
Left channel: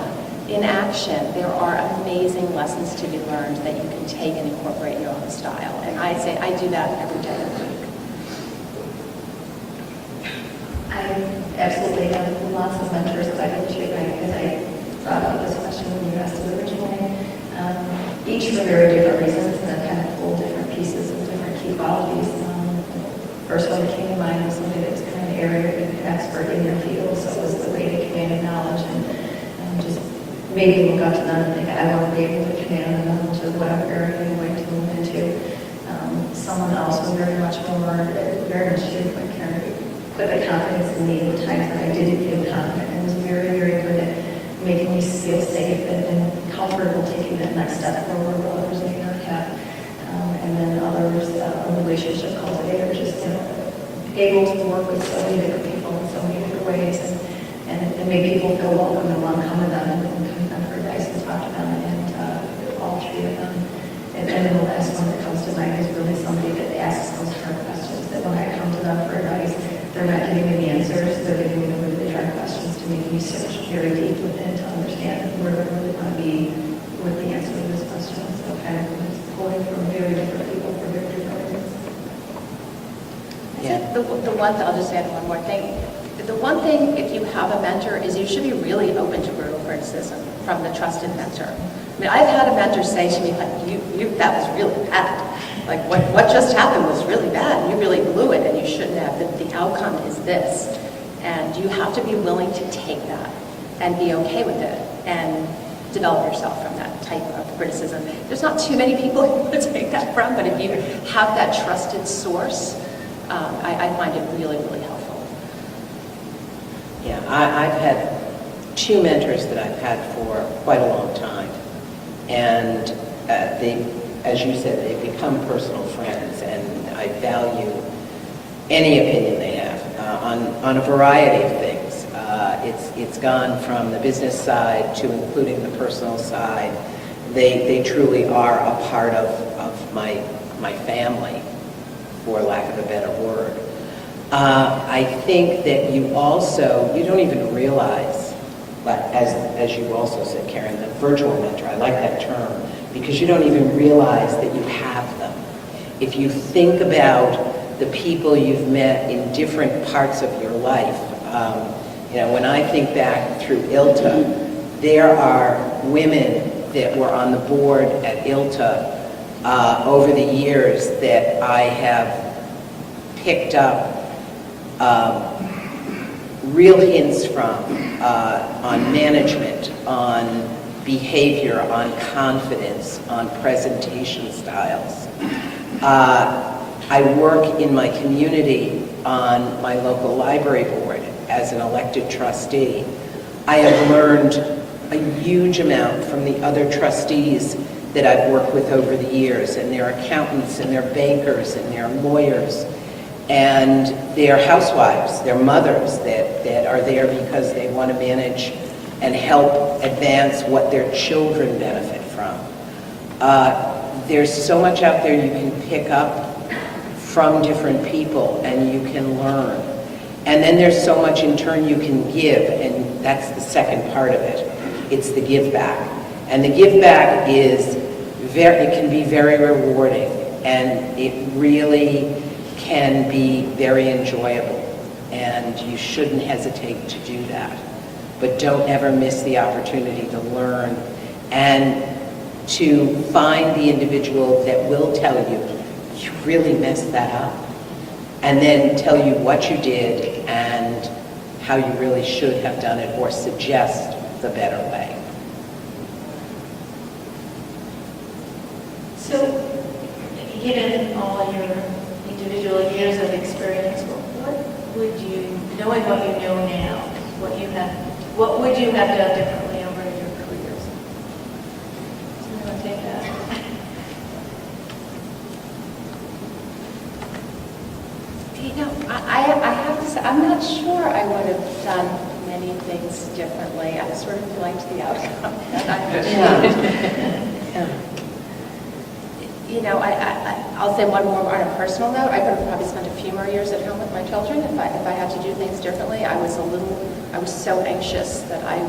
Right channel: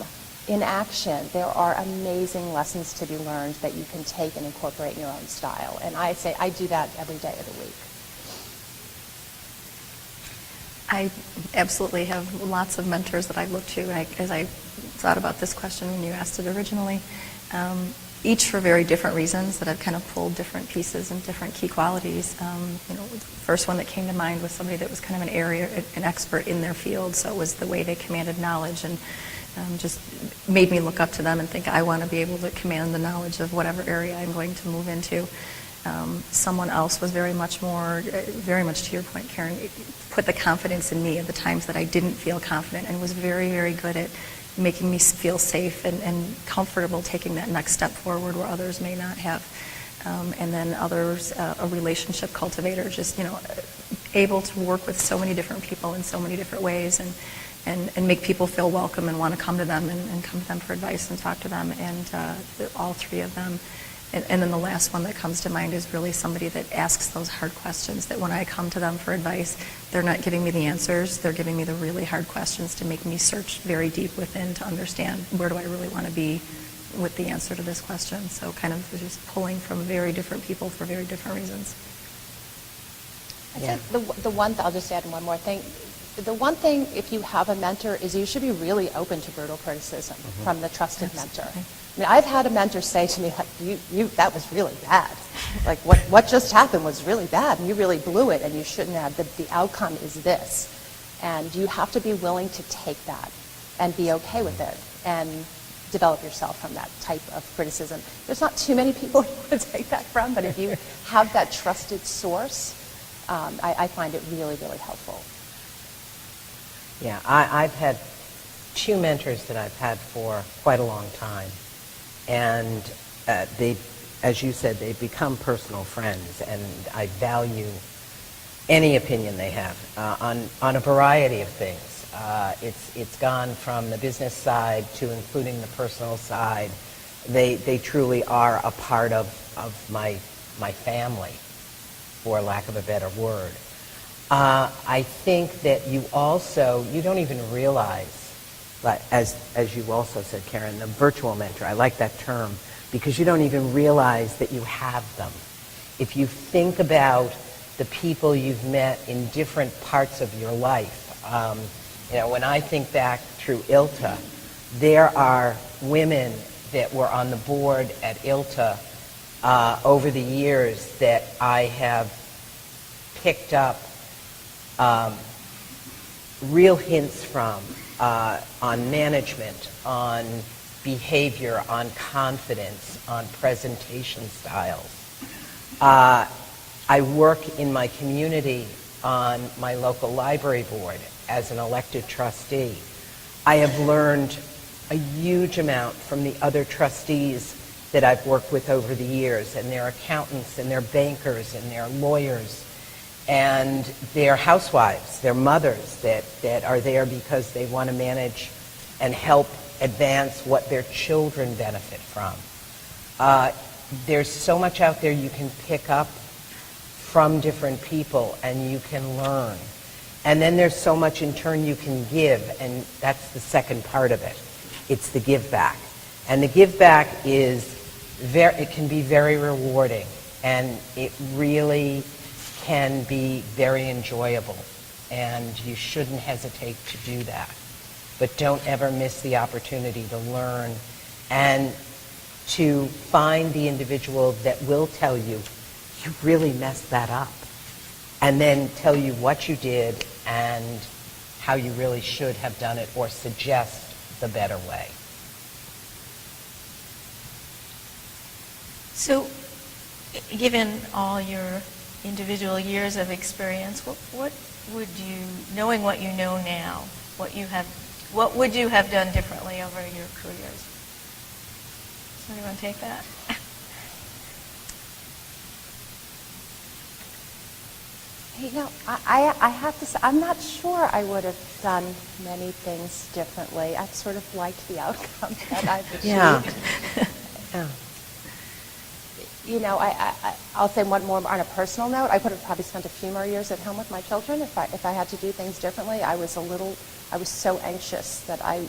in action, there are amazing lessons to be learned that you can take and incorporate in your own style. And I say I do that every day of the week. I absolutely have lots of mentors that I go to, as I thought about this question when you asked it originally. Each for very different reasons that have kind of pulled different pieces of different key qualities. The first one that came to mind was somebody that was kind of an expert in their field, so it was the way they commanded knowledge and just made me look up to them and think I want to be able to command the knowledge of whatever area we're going to move into. Someone else was very much to your point, Karen, put the confidence in me at the times that I didn't feel confident, and was very, very good at making me feel safe and comfortable taking that next step forward where others may not have. And then others, a relationship cultivator, just able to work with so many different people in so many different ways, and make people feel welcome and want to come to them and come to them for advice and talk to them, and all three of them. And then the last one that comes to mind is really somebody that asks those hard questions, that when I come to them for advice, they're not giving me the answers, they're giving me the really hard questions to make me search very deep within to understand where do I really want to be with the answer to this question. So kind of just pulling from very different people for very different reasons. Yeah. I'll just add one more thing. The one thing, if you have a mentor, is you should be really open to brutal criticism from the trusted mentor. I mean, I've had a mentor say to me, like, that was really bad. Like, what just happened was really bad. You really blew it, and you shouldn't have. The outcome is this. And you have to be willing to take that and be okay with it and develop yourself from that type of criticism. There's not too many people to take that from, but if you have that trusted source, I find it really, really helpful. Yeah, I've had two mentors that I've had for quite a long time. And as you said, they become personal friends, and I value any opinion they have on a variety of things. It's gone from the business side to including the personal side. They truly are a part of my family, for lack of a better word. I think that you don't even realize, but as you also said, Karen, the virtual mentor, I like that term, because you don't even realize that you have them. If you think about the people you've met in different parts of your life, when I think back through ILTA, there are women that were on the board at ILTA over the years that I have picked up real hints from on management, on behavior, on confidence, on presentation styles. I work in my community on my local library board as an elected trustee. I have learned a huge amount from the other trustees that I've worked with over the years, and their accountants, and their bankers, and their lawyers, and their housewives, their mothers that are there because they want to manage and help advance what their children benefit from. There's so much out there you can pick up from different people, and you can learn. And then there's so much in turn you can give, and that's the second part of it. It's the give back. And the give back it can be very rewarding, and it really can be very enjoyable, and you shouldn't hesitate to do that. But don't ever miss the opportunity to learn and to find the individual that will tell you, you really messed that up, and then tell you what you did and how you really should have done it, or suggest the better way. So, given all your individual years of experience, what would you, knowing what you know now, what would you have done differently over your careers? Does anyone take that? I have to say, I'm not sure I would have done many things differently. I sort of liked the outcome. Yeah. I'll say one more on a personal note. I would have probably spent a few more years at home with my children if I had to do things differently. I was so anxious that I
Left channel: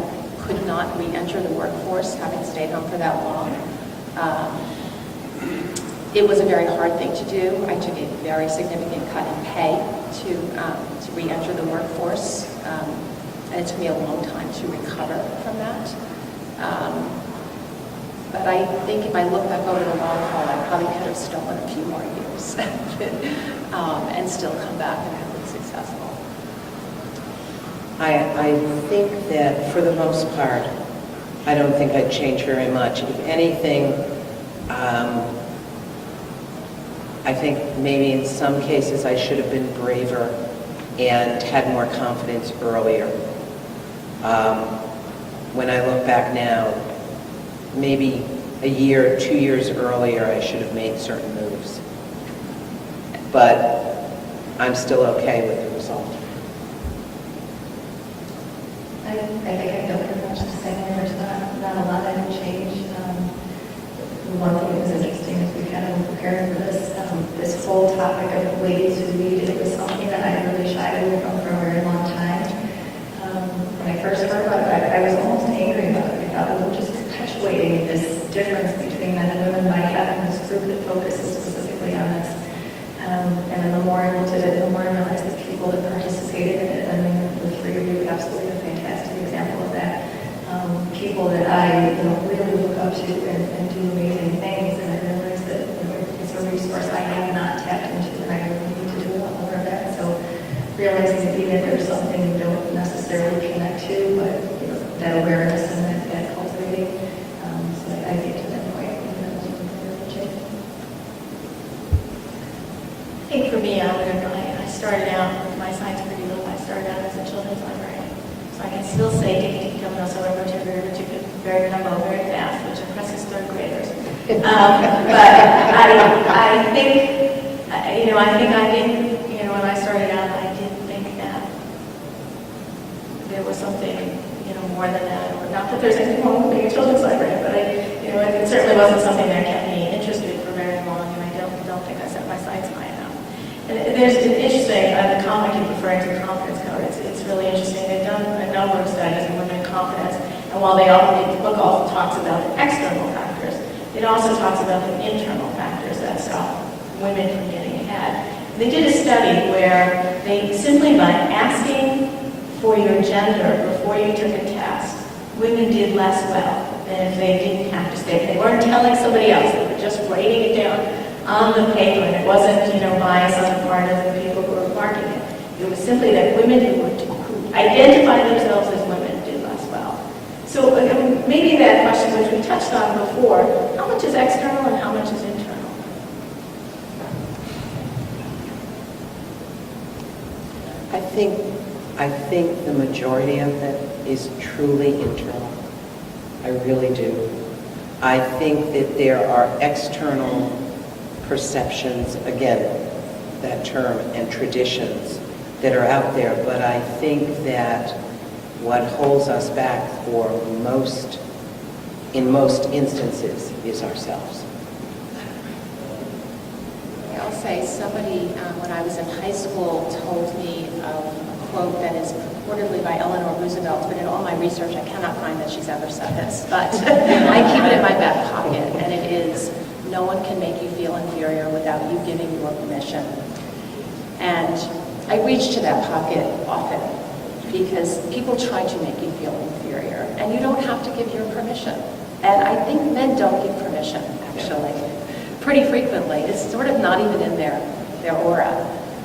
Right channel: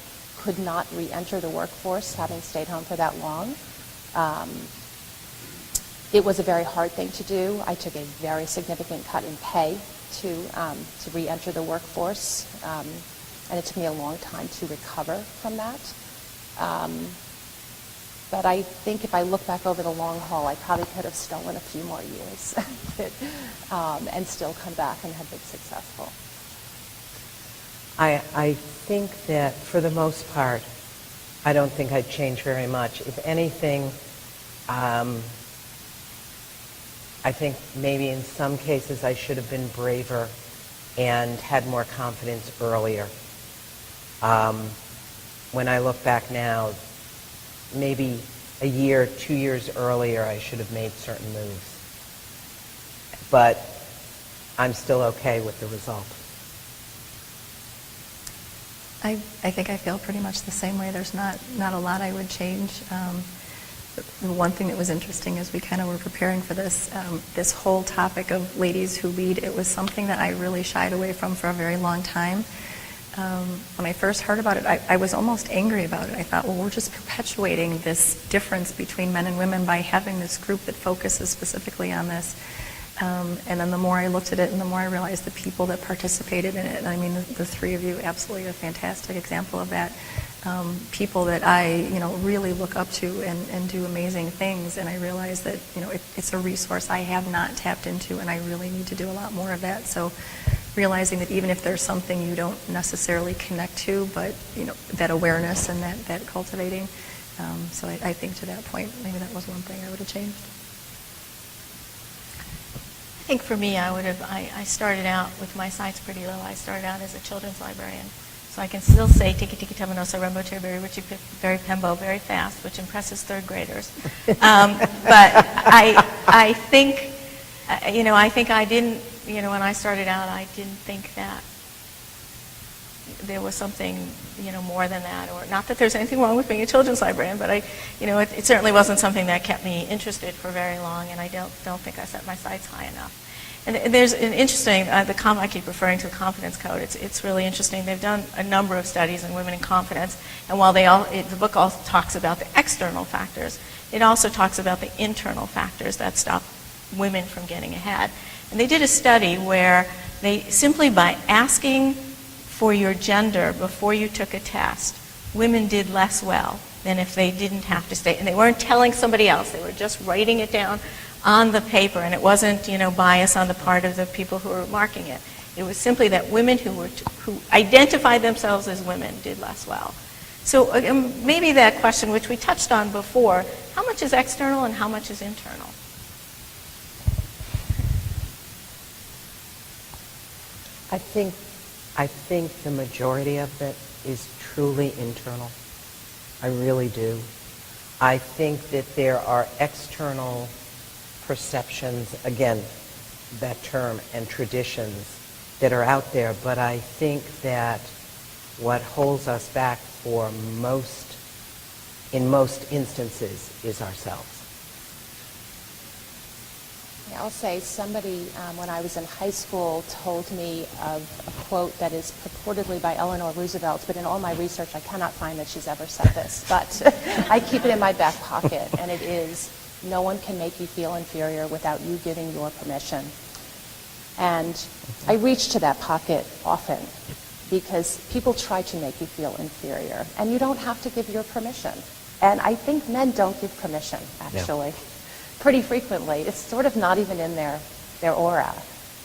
could not re-enter the workforce, having stayed home for that long. It was a very hard thing to do. I took a very significant cut in pay to re-enter the workforce, and it took me a long time to recover from that. But I think if I look back over the long haul, I probably could have stolen a few more years and still come back and have been successful. I think that for the most part, I don't think I'd change very much. If anything, I think maybe in some cases I should have been braver and had more confidence earlier. When I look back now, maybe a year, 2 years earlier, I should have made certain moves. But I'm still okay with the result. I think I feel pretty much the same way. There's not a lot I would change. One thing that was interesting is we kind of were preparing for this whole topic of ladies who lead. It was something that I really shied away from for a very long time. When I first heard about it, I was almost angry about it. I thought, well, we're just perpetuating this difference between men and women by having this group that focuses specifically on this. And then the more I looked at it, the more I realized the people that participated in it. I mean, the three of you absolutely a fantastic example of that. People that I, really look up to and do amazing things. And I realized that it's a resource I have not tapped into, and I really need to do a lot more of that. So realizing that even if there's something you don't necessarily connect to, but that awareness and that cultivating. So I think to that point, maybe that wasn't my favorite change. I think for me, I started out with my science curriculum. I started out as a children's librarian. So I can still say tiki tiki tamanosa rabucha very pembo, very fast, which impresses third graders. But I think, I think I didn't, when I started out, I didn't think that there was was something, more than that. Or not that there's anything wrong with being a children's librarian, but it certainly wasn't something that kept me interested for very long, and I don't think I set my sights high enough. And there's an interesting, I keep referring to the confidence code. It's really interesting. They've done a number of studies on women and confidence, and while the book also talks about the external factors, it also talks about the internal factors that stop women from getting ahead. They did a study where they simply by asking for your gender before you took a test, women did less well than if they didn't have to state. They weren't telling somebody else. They were just writing it down on the paper, and it wasn't, bias on the part of the people who were marking it. It was simply that women who identified themselves as women did less well. So maybe that question, which we touched on before, how much is external and how much is internal? I think the majority of it is truly internal. I really do. I think that there are external perceptions, again, that term, and traditions that are out there, but I think that what holds us back in most instances, is ourselves. I'll say somebody, when I was in high school, told me a quote that is purportedly by Eleanor Roosevelt, but in all my research I cannot find that she's ever said this, but I keep it in my back pocket, and it is, no one can make you feel inferior without you giving your permission. And I reach to that pocket often, because people try to make you feel inferior, and you don't have to give your permission. And I think men don't give permission, actually. Yeah. Pretty frequently. It's sort of not even in their aura.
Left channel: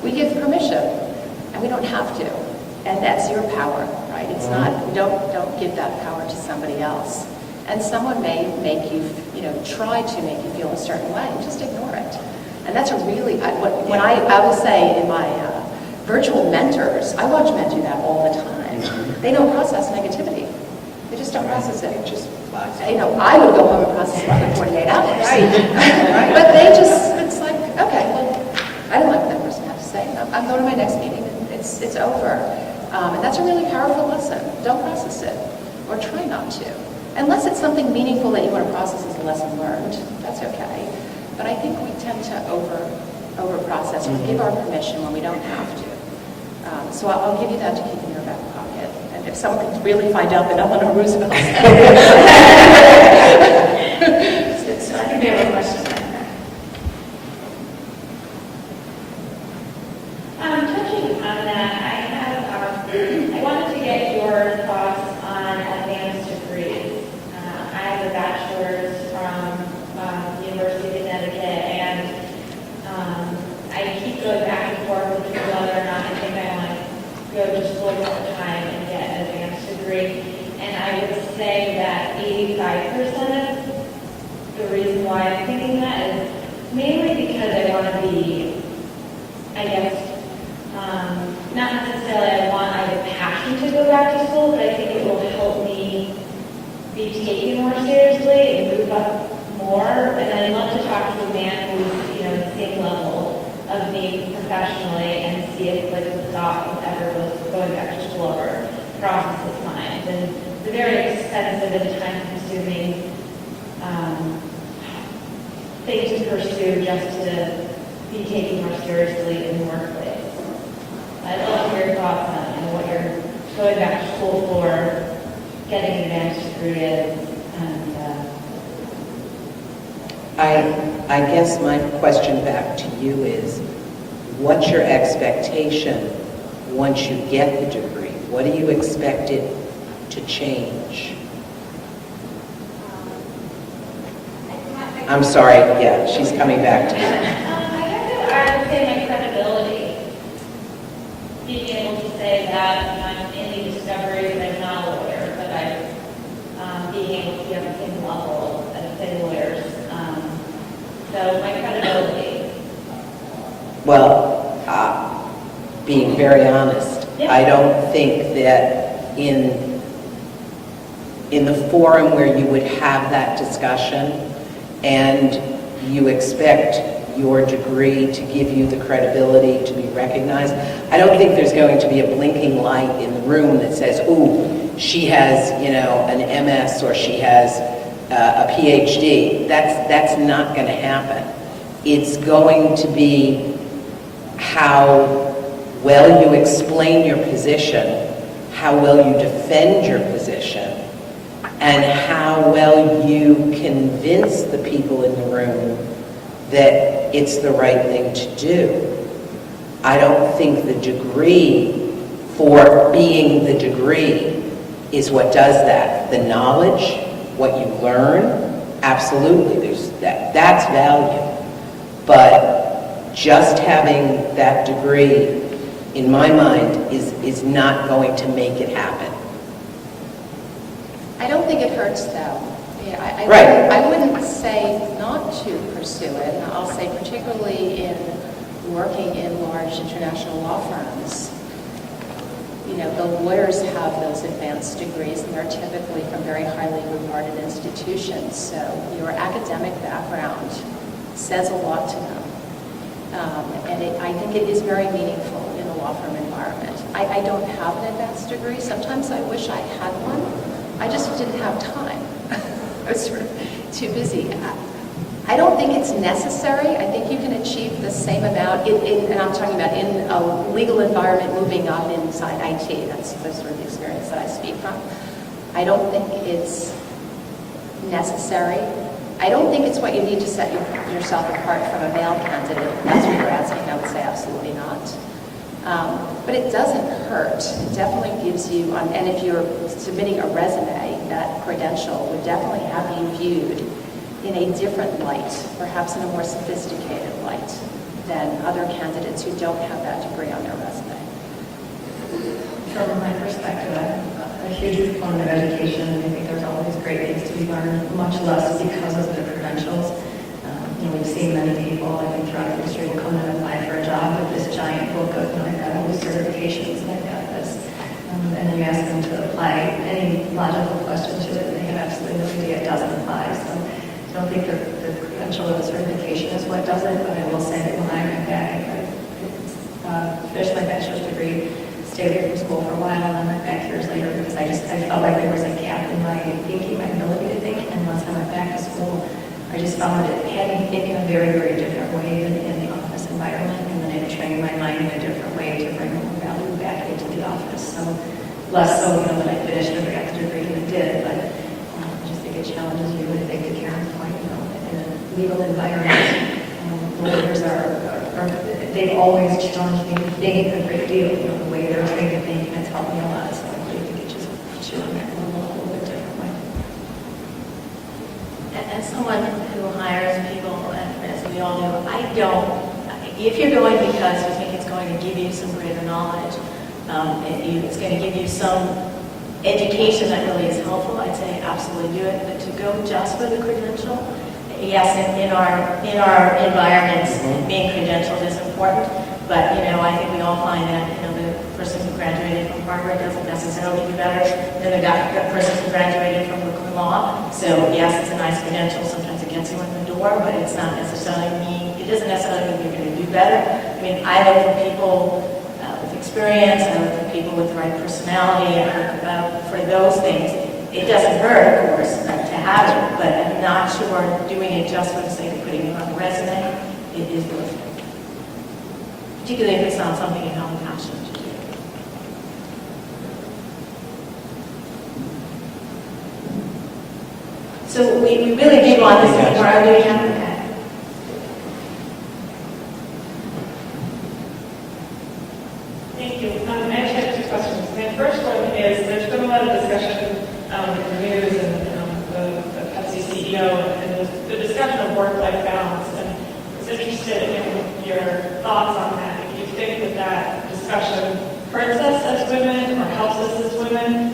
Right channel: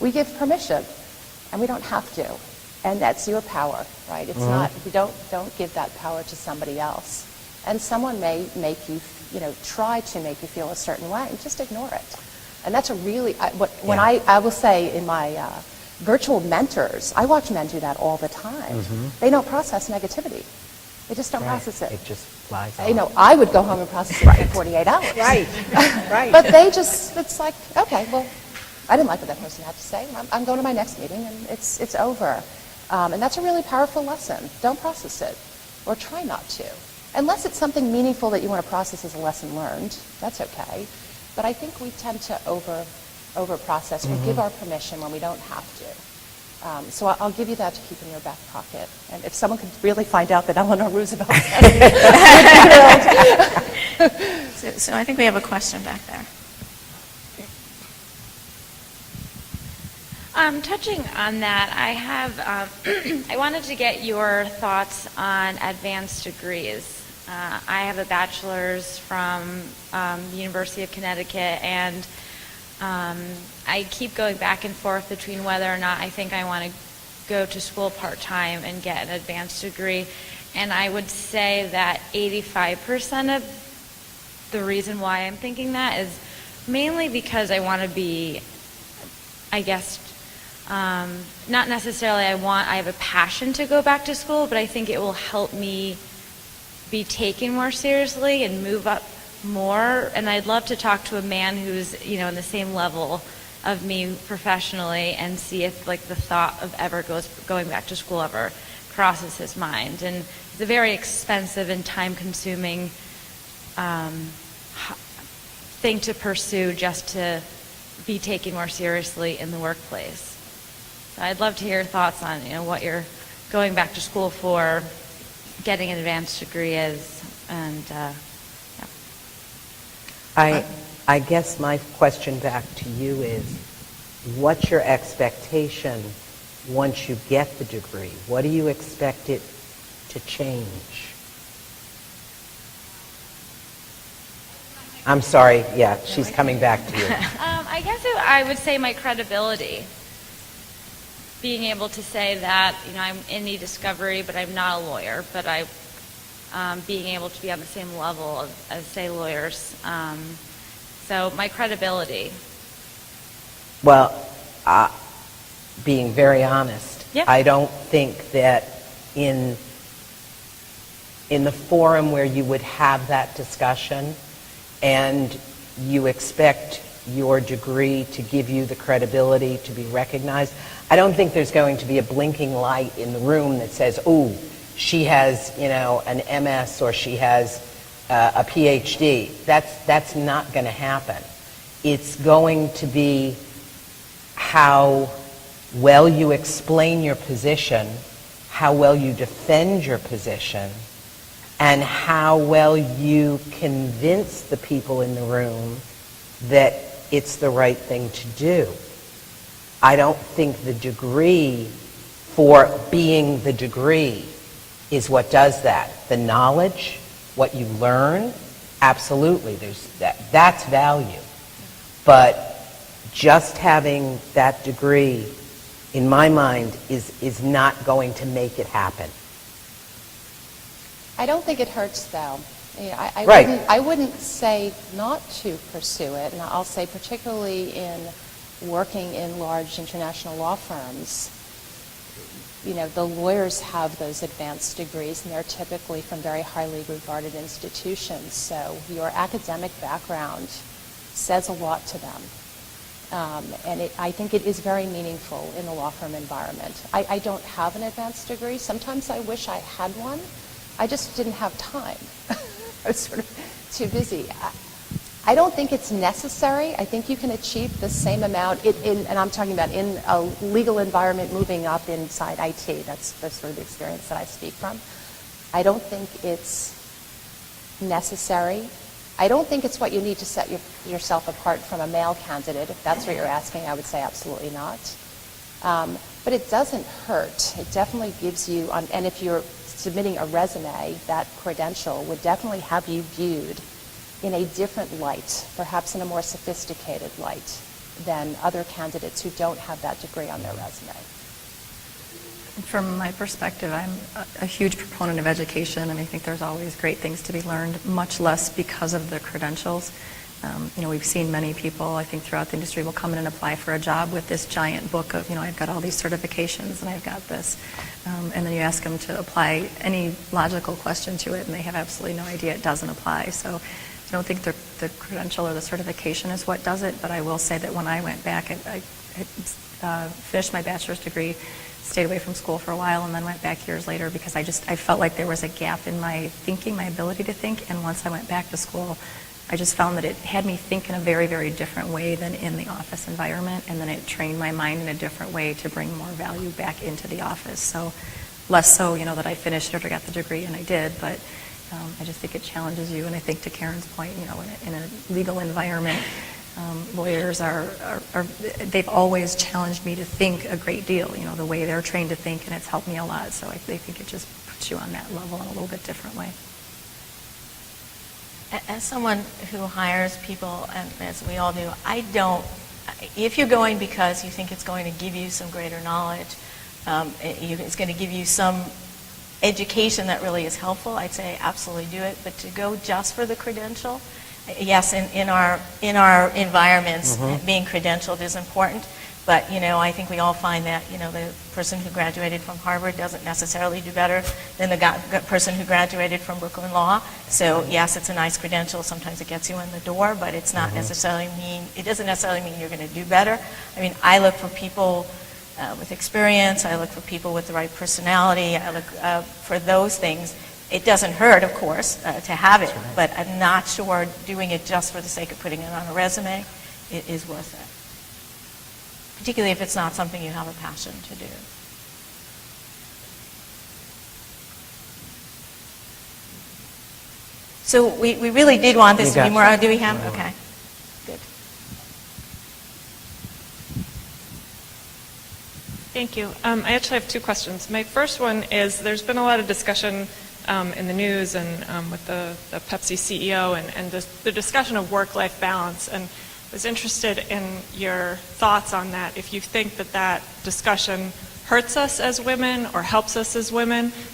We give permission, and we don't have to. And that's your power, right? It's not, we don't give that power to somebody else. And someone may make you, try to make you feel a certain way, and just ignore it. And that's a really, I will say in my virtual mentors, I watch men do that all the time. Mm-hmm. They don't process negativity. They just don't process it. It just flies. I would go home and process right in 48 hours. Right. But they just, it's like, okay, well, I didn't like what that person had to say. I'm going to my next meeting, and it's over. And that's a really powerful lesson. Don't process it, or try not to. Unless it's something meaningful that you want to process as a lesson learned, that's okay. But I think we tend to over-process. We give our permission when we don't have to. So I'll give you that to keep in your back pocket. And if someone could really find out that Eleanor Roosevelt So I think we have a question back there. Touching on that, I wanted to get your thoughts on advanced degrees. I have a bachelor's from University of Connecticut, and I keep going back and forth between whether or not I think I want to go to school part-time and get an advanced degree. And I would say that 85% of the reason why I'm thinking that is mainly because I want to be, I guess, not necessarily I have a passion to go back to school, but I think it will help me be taken more seriously and move up more. And I'd love to talk to a man who's, the same level of me professionally, and see if the thought of ever going back to school ever crosses his mind. And it's a very expensive and time-consuming thing to pursue, just to be taken more seriously in the workplace. I'd love to hear your thoughts on what you're going back to school for, getting an advanced degree is, and I guess my question back to you is, what's your expectation once you get the degree? What do you expect it to change? I'm sorry, yeah, she's coming back to me. I guess I would say my credibility. Being able to say that I'm in e-discovery, but I'm not a lawyer, but I'm being able to be on the same level as, say, lawyers. So my credibility. Well, being very honest, Yeah. I don't think that in the forum where you would have that discussion and you expect your degree to give you the credibility to be recognized. I don't think there's going to be a blinking light in the room that says, ooh, she has, an MS or she has a PhD. That's not going to happen. It's going to be how well you explain your position, how well you defend your position, and how well you convince the people in the room that it's the right thing to do. I don't think the degree for being the degree is what does that. The knowledge, what you learn, absolutely, that's value. But just having that degree, in my mind, is not going to make it happen. I don't think it hurts, though. Right. I wouldn't say not to pursue it, and I'll say particularly in working in large international law firms. The lawyers have those advanced degrees, and they're typically from very highly regarded institutions. So your academic background says a lot to them. I think it is very meaningful in a law firm environment. I don't have an advanced degree. Sometimes I wish I had one. I just didn't have time. I was sort of too busy. I don't think it's necessary. I think you can achieve the same amount, and I'm talking about in a legal environment moving up inside IT. That's sort of the experience that I speak from. I don't think it's necessary. I don't think it's what you need to set yourself apart from a male candidate. If that's what you're asking, I would say absolutely not. But it doesn't hurt. It definitely gives you, and if you're submitting a resume, that credential would definitely have you viewed in a different light, perhaps in a more sophisticated light than other candidates who don't have that degree on their resume. From my perspective, I'm a huge proponent of education, and I think there's always great things to be learned, much less because of the credentials. We've seen many people, I think, throughout the industry will come in and apply for a job with this giant book of, I've got all these certifications and I've got this. And then you ask them to apply any logical question to it, and they have absolutely no idea it doesn't apply. So I don't think the credential or the certification is what does it, but I will say that when I went back and I finished my bachelor's degree, stayed away from school for a while, and then went back years later because I felt like there was a gap in my thinking, my ability to think. And once I went back to school, I just found that it had me think in a very, very different way than in the office environment, and then it trained my mind in a different way to bring more value back into the office. So less so, that I finished and I got the degree, and I did, but I just think it challenges you. And I think to Karen's point, in a legal environment, lawyers they've always challenged me to think a great deal, the way they're trained to think, and it's helped me a lot. So I think it just puts you on that level a little bit differently. As someone who hires people, and as we all do, if you're going because you think it's going to give you some greater knowledge, it's going to give you some education that really is helpful, I'd say absolutely do it. But to go just for the credential, yes, in our environments, being credentialed is important. But I think we all find that the person who graduated from Harvard doesn't necessarily do better than the person who graduated from Brooklyn Law. So yes, it's a nice credential. Sometimes it gets you in the door, but it doesn't necessarily mean you're going to do better. I mean, I look for people with experience. I look for people with the right personality. For those things, it doesn't hurt, of course, to have it, but I'm not sure doing it just for the sake of putting it on a resume, it is worth it. Particularly if it's not something you have a passion to do. So we really did want this to be more, do we have, okay. Thank you. I actually have two questions. My first one is, there's been a lot of discussion in the news and with the Pepsi CEO and the discussion of work-life balance. And I was interested in your thoughts on that. If you think that discussion hurts us as women or helps us as women.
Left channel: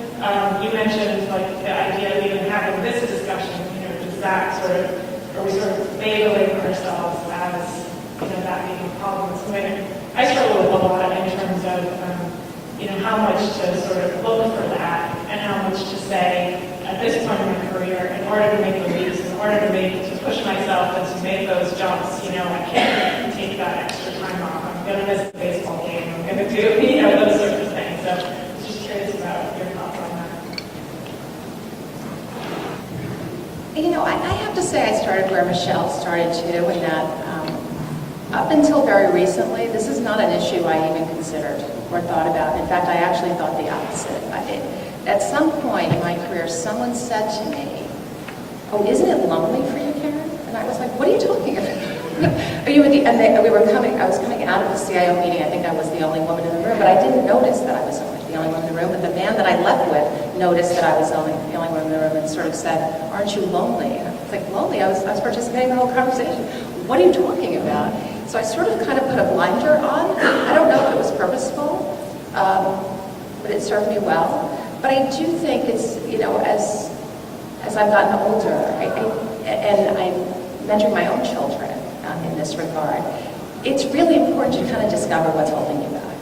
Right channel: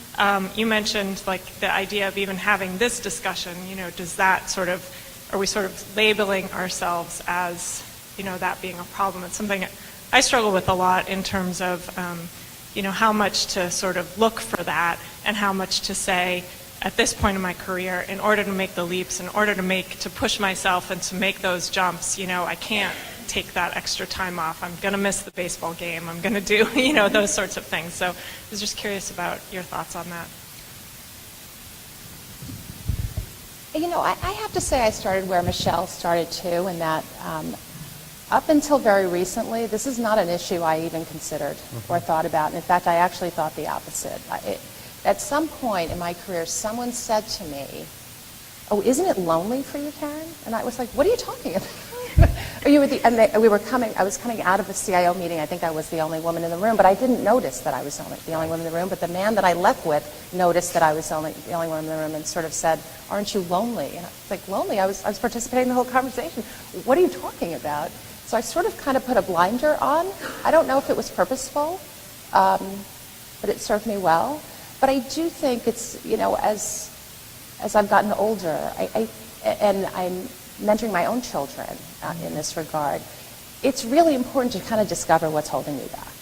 You mentioned the idea of even having this discussion. Does that are we sort of labeling ourselves as that being a problem? It's something I struggle with a lot in terms of how much to sort of look for that and how much to say at this point in my career, in order to make the leaps, in order to push myself and to make those jumps, I can't take that extra time off. I'm going to miss the baseball game. I'm going to do, those sorts of things. So I was just curious about your thoughts on that. I have to say I started where Michelle started too, and that up until very recently, this is not an issue I even considered or thought about. In fact, I actually thought the opposite. At some point in my career, someone said to me, "Oh, isn't it lonely for you, Karen?" And I was like, "What are you talking about?" I was coming out of the CIO meeting. I think I was the only woman in the room, but I didn't notice that I was the only woman in the room. But the man that I left with noticed that I was the only woman in the room and sort of said, "Aren't you lonely?" And I was like, "Lonely? I was participating in the whole conversation. What are you talking about?" So I sort of kind of put a blinder on. I don't know if it was purposeful, but it served me well. But I do think it's, as I've gotten older, and I'm mentoring my own children in this regard, it's really important to kind of discover what's holding you back.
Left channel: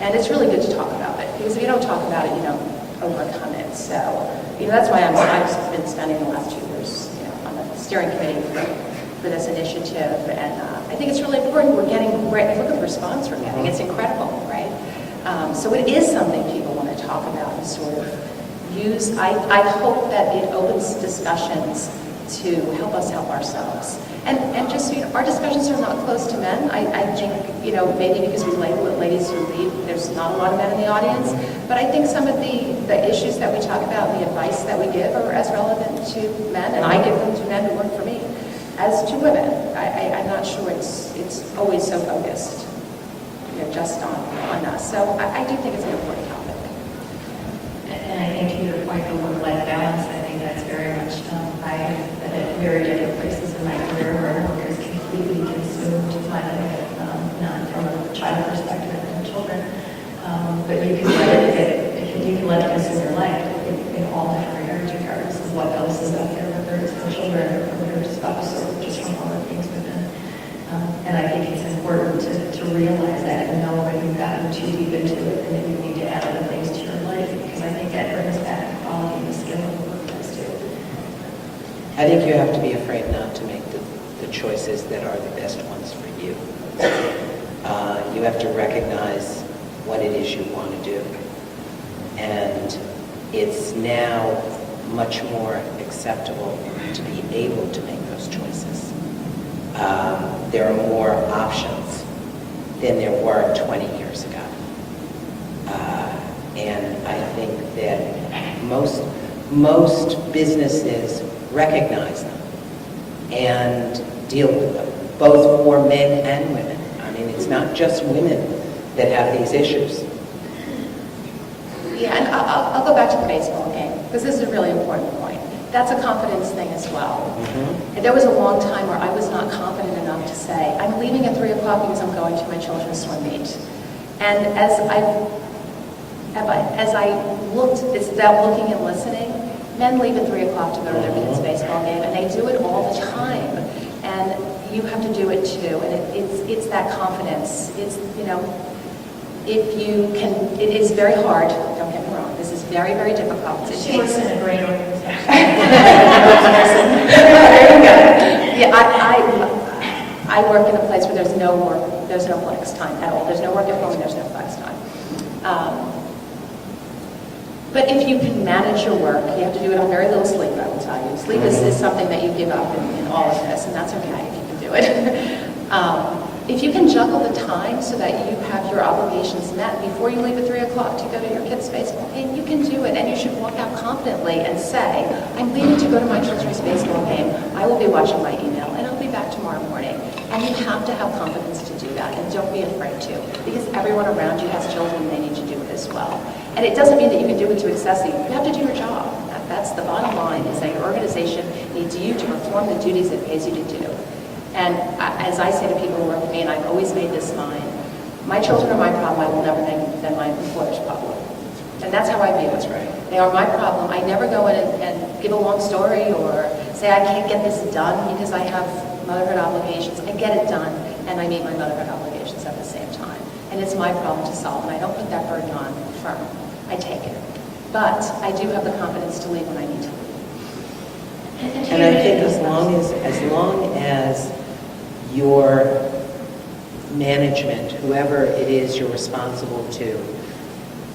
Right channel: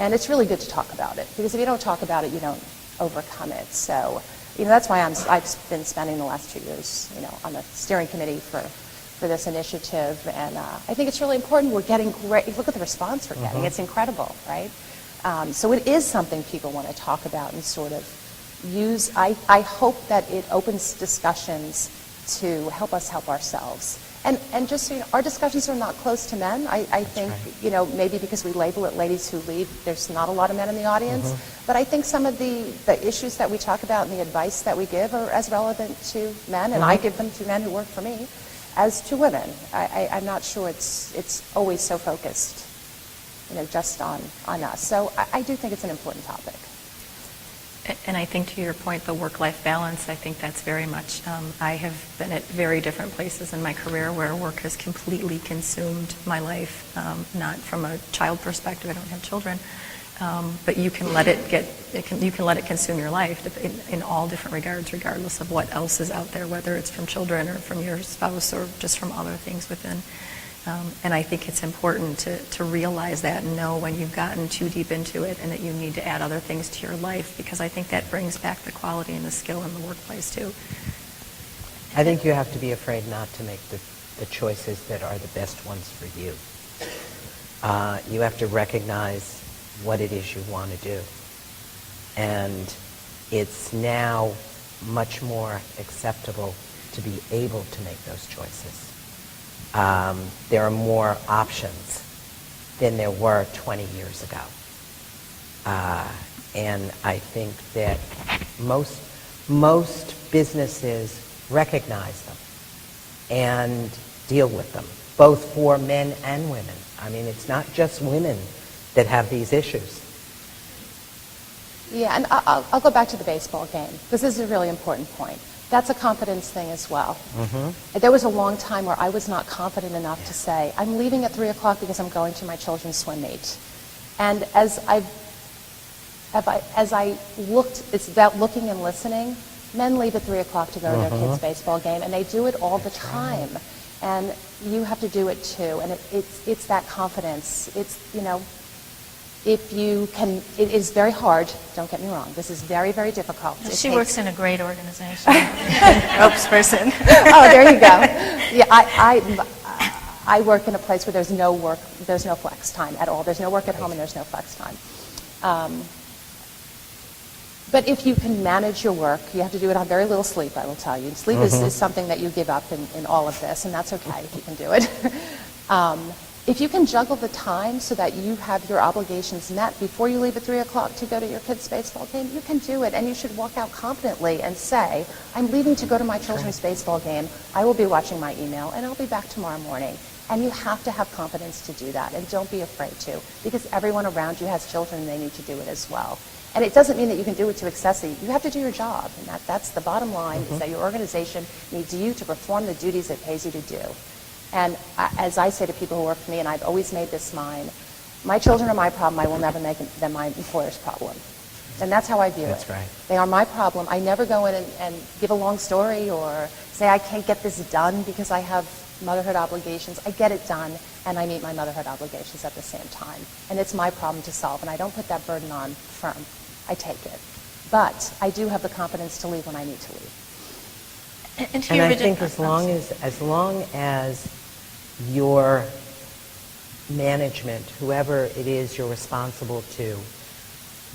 And it's really good to talk about it, because if you don't talk about it, you don't overcome it. So, that's why I've been spending the last 2 years, on the steering committee for this initiative. And I think it's really important. Look at the response we're getting. It's incredible, right? So it is something people want to talk about and sort of use. I hope that it opens discussions to help us help ourselves. And just, our discussions are not closed to men. I think, maybe because we label it ladies who lead, there's not a lot of men in the audience. But I think some of the issues that we talk about and the advice that we give are as relevant to men, and I give them to men who work for me, as to women. I'm not sure it's always so focused, just on us. So I do think it's an important topic. And I think to your point, the work-life balance, I think that's very much, I have been at very different places in my career where work has completely consumed my life, not from a child perspective and children, but you can let it consume your life in all different regards, regardless of what else is out there, whether it's from children or from your spouse or just from other things within. And I think it's important to realize that and know when you've gotten too deep into it and that you need to add other things to your life, because I think that brings back the quality and the skill in the workplace too. I think you have to be afraid not to make the choices that are the best ones for you. You have to recognize what it is you want to do. And it's now much more acceptable to be able to make those choices. There are more options than there were 20 years ago. And I think that most businesses recognize them and deal with them, both for men and women. I mean, it's not just women that have these issues. Yeah, and I'll go back to the baseball game, because this is a really important point. That's a confidence thing as well. And there was a long time where I was not confident enough to say, I'm leaving at 3 o'clock because I'm going to my children's swim meet. And as I looked, it's that looking and listening, men leave at 3 o'clock to go to their kids' baseball game, and they do it all the time. And you have to do it too. And it's that confidence. It's, if you can, it is very hard, don't get me wrong, this is very, very difficult. She works in a great organization. Oh, there you go. Yeah, I work in a place where there's no flex time at all. There's no work at home and there's no flex time. But if you can manage your work, you have to do it on very little sleep, I will tell you. Sleep is something that you give up in all of this, and that's okay if you can do it. If you can juggle the time so that you have your obligations met before you leave at 3 o'clock to go to your kids' baseball game, you can do it, and you should walk out confidently and say, I'm leaving to go to my children's baseball game. I will be watching my email, and I'll be back tomorrow morning. And you have to have confidence to do that, and don't be afraid to, because everyone around you has children and they need to do it as well. And it doesn't mean that you can do it to excessively. You have to do your job. That's the bottom line, is that your organization needs you to perform the duties it pays you to do. And as I say to people who work for me, and I've always made this mine, my children are my problem. I will never make them my employer's problem. And that's how I view it. That's right. They are my problem. I never go in and give a long story or say I can't get this done because I have motherhood obligations. I get it done, and I meet my motherhood obligations at the same time. And it's my problem to solve, and I don't put that burden on the firm. I take it. But I do have the confidence to leave when I need to leave. And to And your I think original- as long as your management, whoever it is you're responsible to,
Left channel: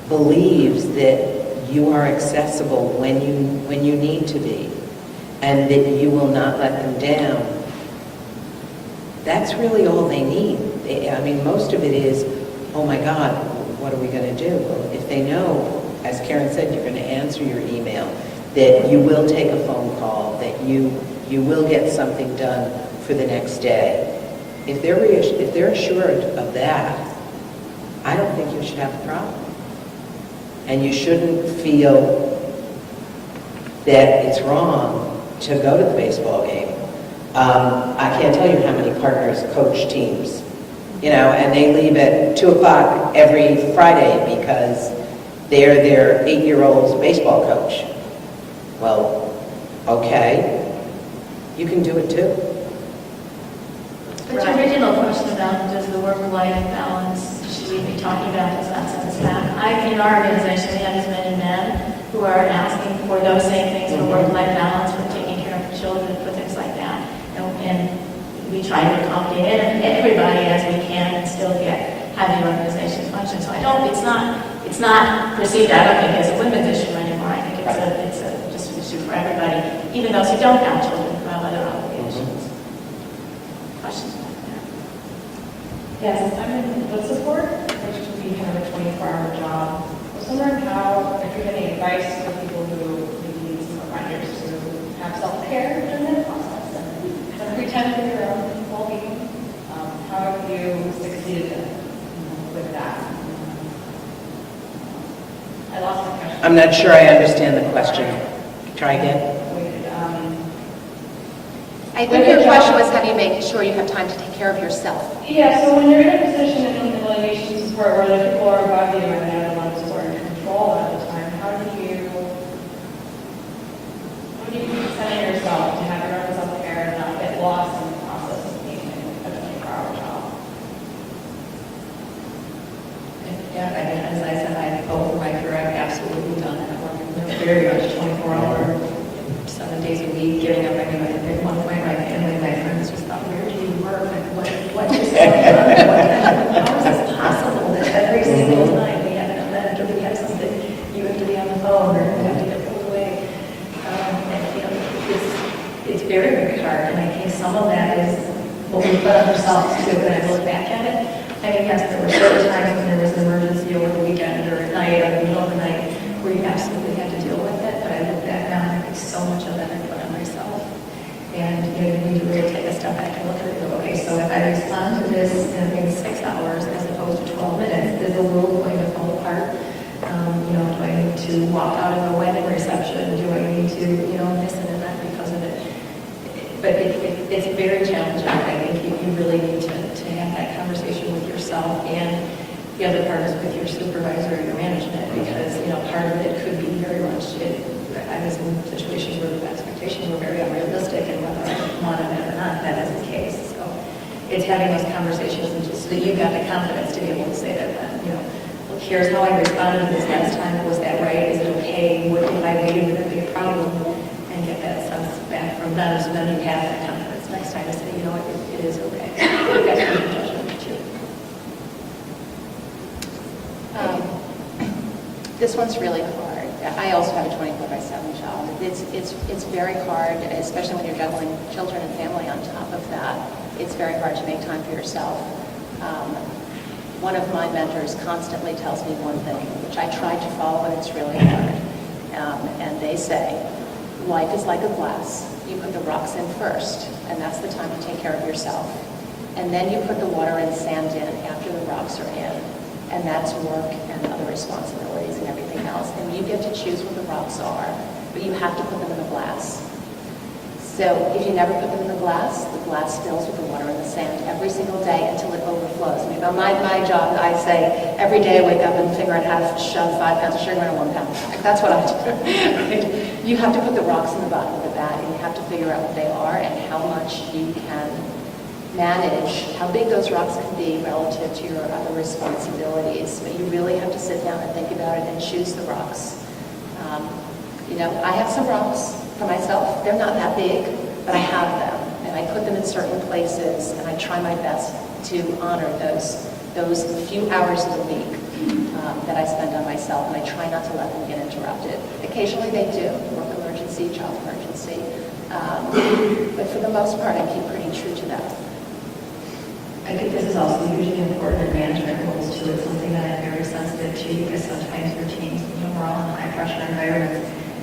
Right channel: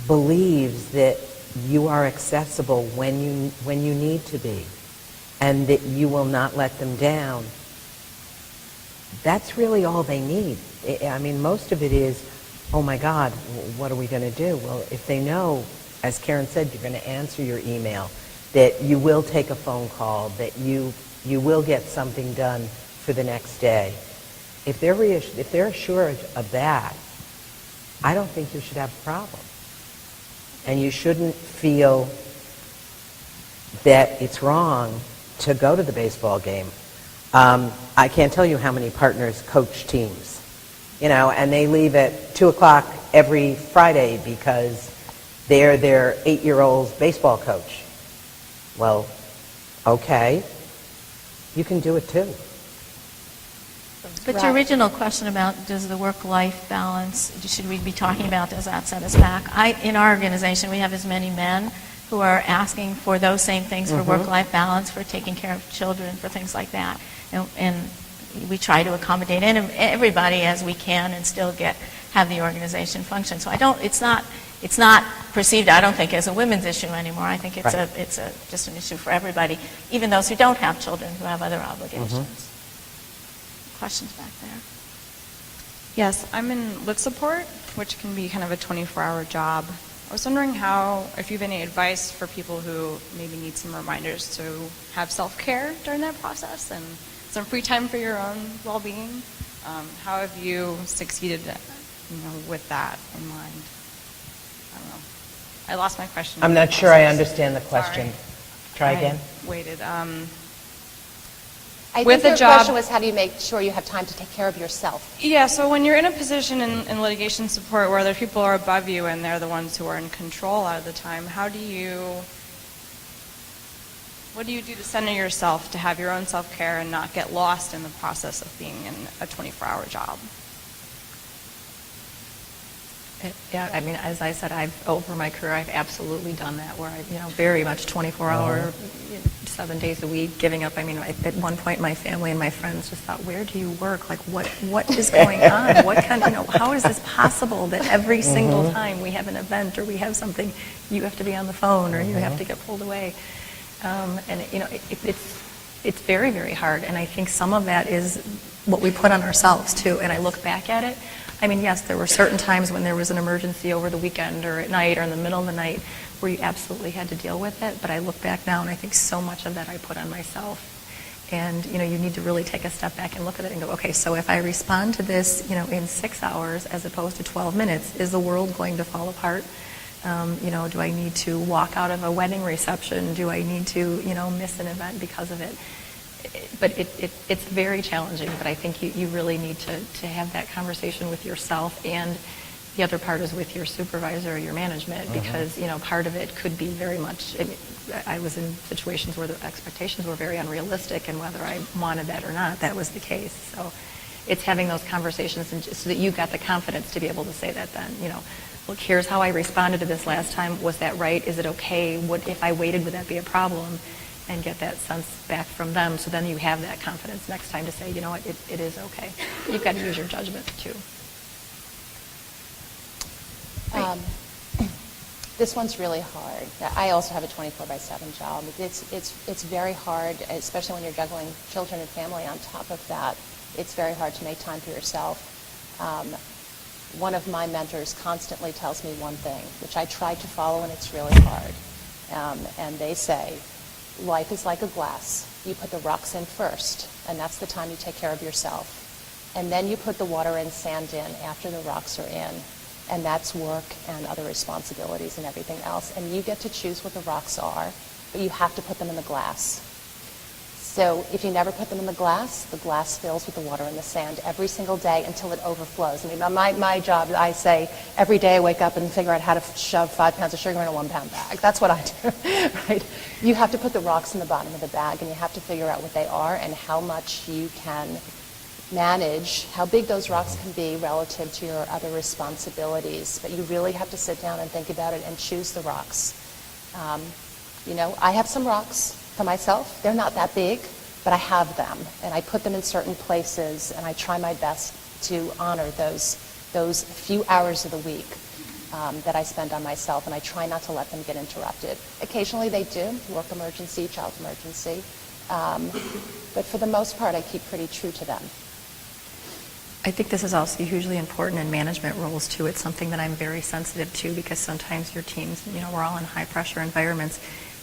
believes that you are accessible when you need to be, and that you will not let them down, that's really all they need. I mean, most of it is, oh my God, what are we going to do? Well, if they know, as Karen said, you're going to answer your email, that you will take a phone call, that you will get something done for the next day. If they're assured of that, I don't think you should have a problem. And you shouldn't feel that it's wrong to go to the baseball game. I can't tell you how many partners coach teams, and they leave at 2 o'clock every Friday because they're their 8-year-old's baseball coach. Well, okay, you can do it too. But your original question about does the work-life balance, should we be talking about, does that set us back? In our organization, we have as many men who are asking for those same things, for work-life balance, for taking care of children, for things like that. And we try to accommodate everybody as we can and still have the organization function. So it's not perceived, I don't think, as a women's issue anymore. I think it's just an issue for everybody, even those who don't have children, who have other obligations. Questions back there? Yes, I'm in live support, which can be kind of a 24-hour job. I was wondering if you have any advice for people who maybe need some reminders to have self-care during that process and some free time for your own well-being. How have you succeeded with that? I lost my question. I'm not sure I understand the question. Try again. I With think the your job- question was, how do you make sure you have time to take care of yourself? Yeah, so when you're in a position in litigation support where other people are above you and they're the ones who are in control all the time, what do you do to center yourself to have your own self-care and not get lost in the process of being in a 24-hour job? Yeah, I mean, as I said, over my career, I've absolutely done that work. Very much 24-hour, 7 days a week, getting up. I mean, at one point, my family and my friends just thought, "Where do you work? Like, what is going on? How is this possible that every single time we have an event or we have something, you have to be on the phone or you have to get pulled away?" It's very, very hard. And I think some of that is what we put on ourselves too. And I look back at it. I mean, yes, there were certain times when there was an emergency over the weekend or at night or in the middle of the night where you absolutely had to deal with it. But I look back now and I think so much of that I put on myself. And, you need to really take a step back and look at it and go, okay, so if I respond to this, in 6 hours as opposed to 12 minutes, is the world going to fall apart? Do I need to walk out of a wedding reception? Do I need to, miss an event because of it? But it's very challenging. I think you really need to have that conversation with yourself, and the other part is with your supervisor or your management, because, part of it could be very much, I was in situations where the expectations were very unrealistic, and whether I wanted that or not, that was the case. So it's having those conversations and just so that you've got the confidence to be able to say that, look, here's how I responded to this last time. Was that right? Is it okay? What if I waited? Would that be a problem? And get that sense back from them, so then you have that confidence next time to say, it is okay. You've got to make a judgment too. This one's really hard. I also have a 24/7 job. It's very hard, especially when you're juggling children and family on top of that. It's very hard to make time for yourself. One of my mentors constantly tells me one thing, which I try to follow, and it's really hard. And they say, life is like a glass. You put the rocks in first, and that's the time to take care of yourself. And then you put the water and sand in after the rocks are in. And that's work and other responsibilities and everything else. And you get to choose what the rocks are, but you have to put them in the glass. So if you never put them in the glass fills with the water and the sand every single day until it overflows. I mean, on my job, I say every day I wake up and figure out how to shove 5 pounds of sugar in 1 pound. That's what I do. Right? You have to put the rocks in the bottom of the bag, and you have to figure out what they are and how much you can manage, how big those rocks can be relative to your other responsibilities. But you really have to sit down and think about it and choose the rocks. You know, I have some rocks for myself. They're not that big, but I have them, and I put them in certain places, and I try my best to honor those few hours of the week that I spend on myself, and I try not to let them get interrupted. Occasionally they do, work emergency, child emergency, but for the most part, I keep pretty true to that. I think this is also hugely important in management roles too. It's something that I'm very sensitive to because sometimes your teams, you know, we're all in high pressure environments.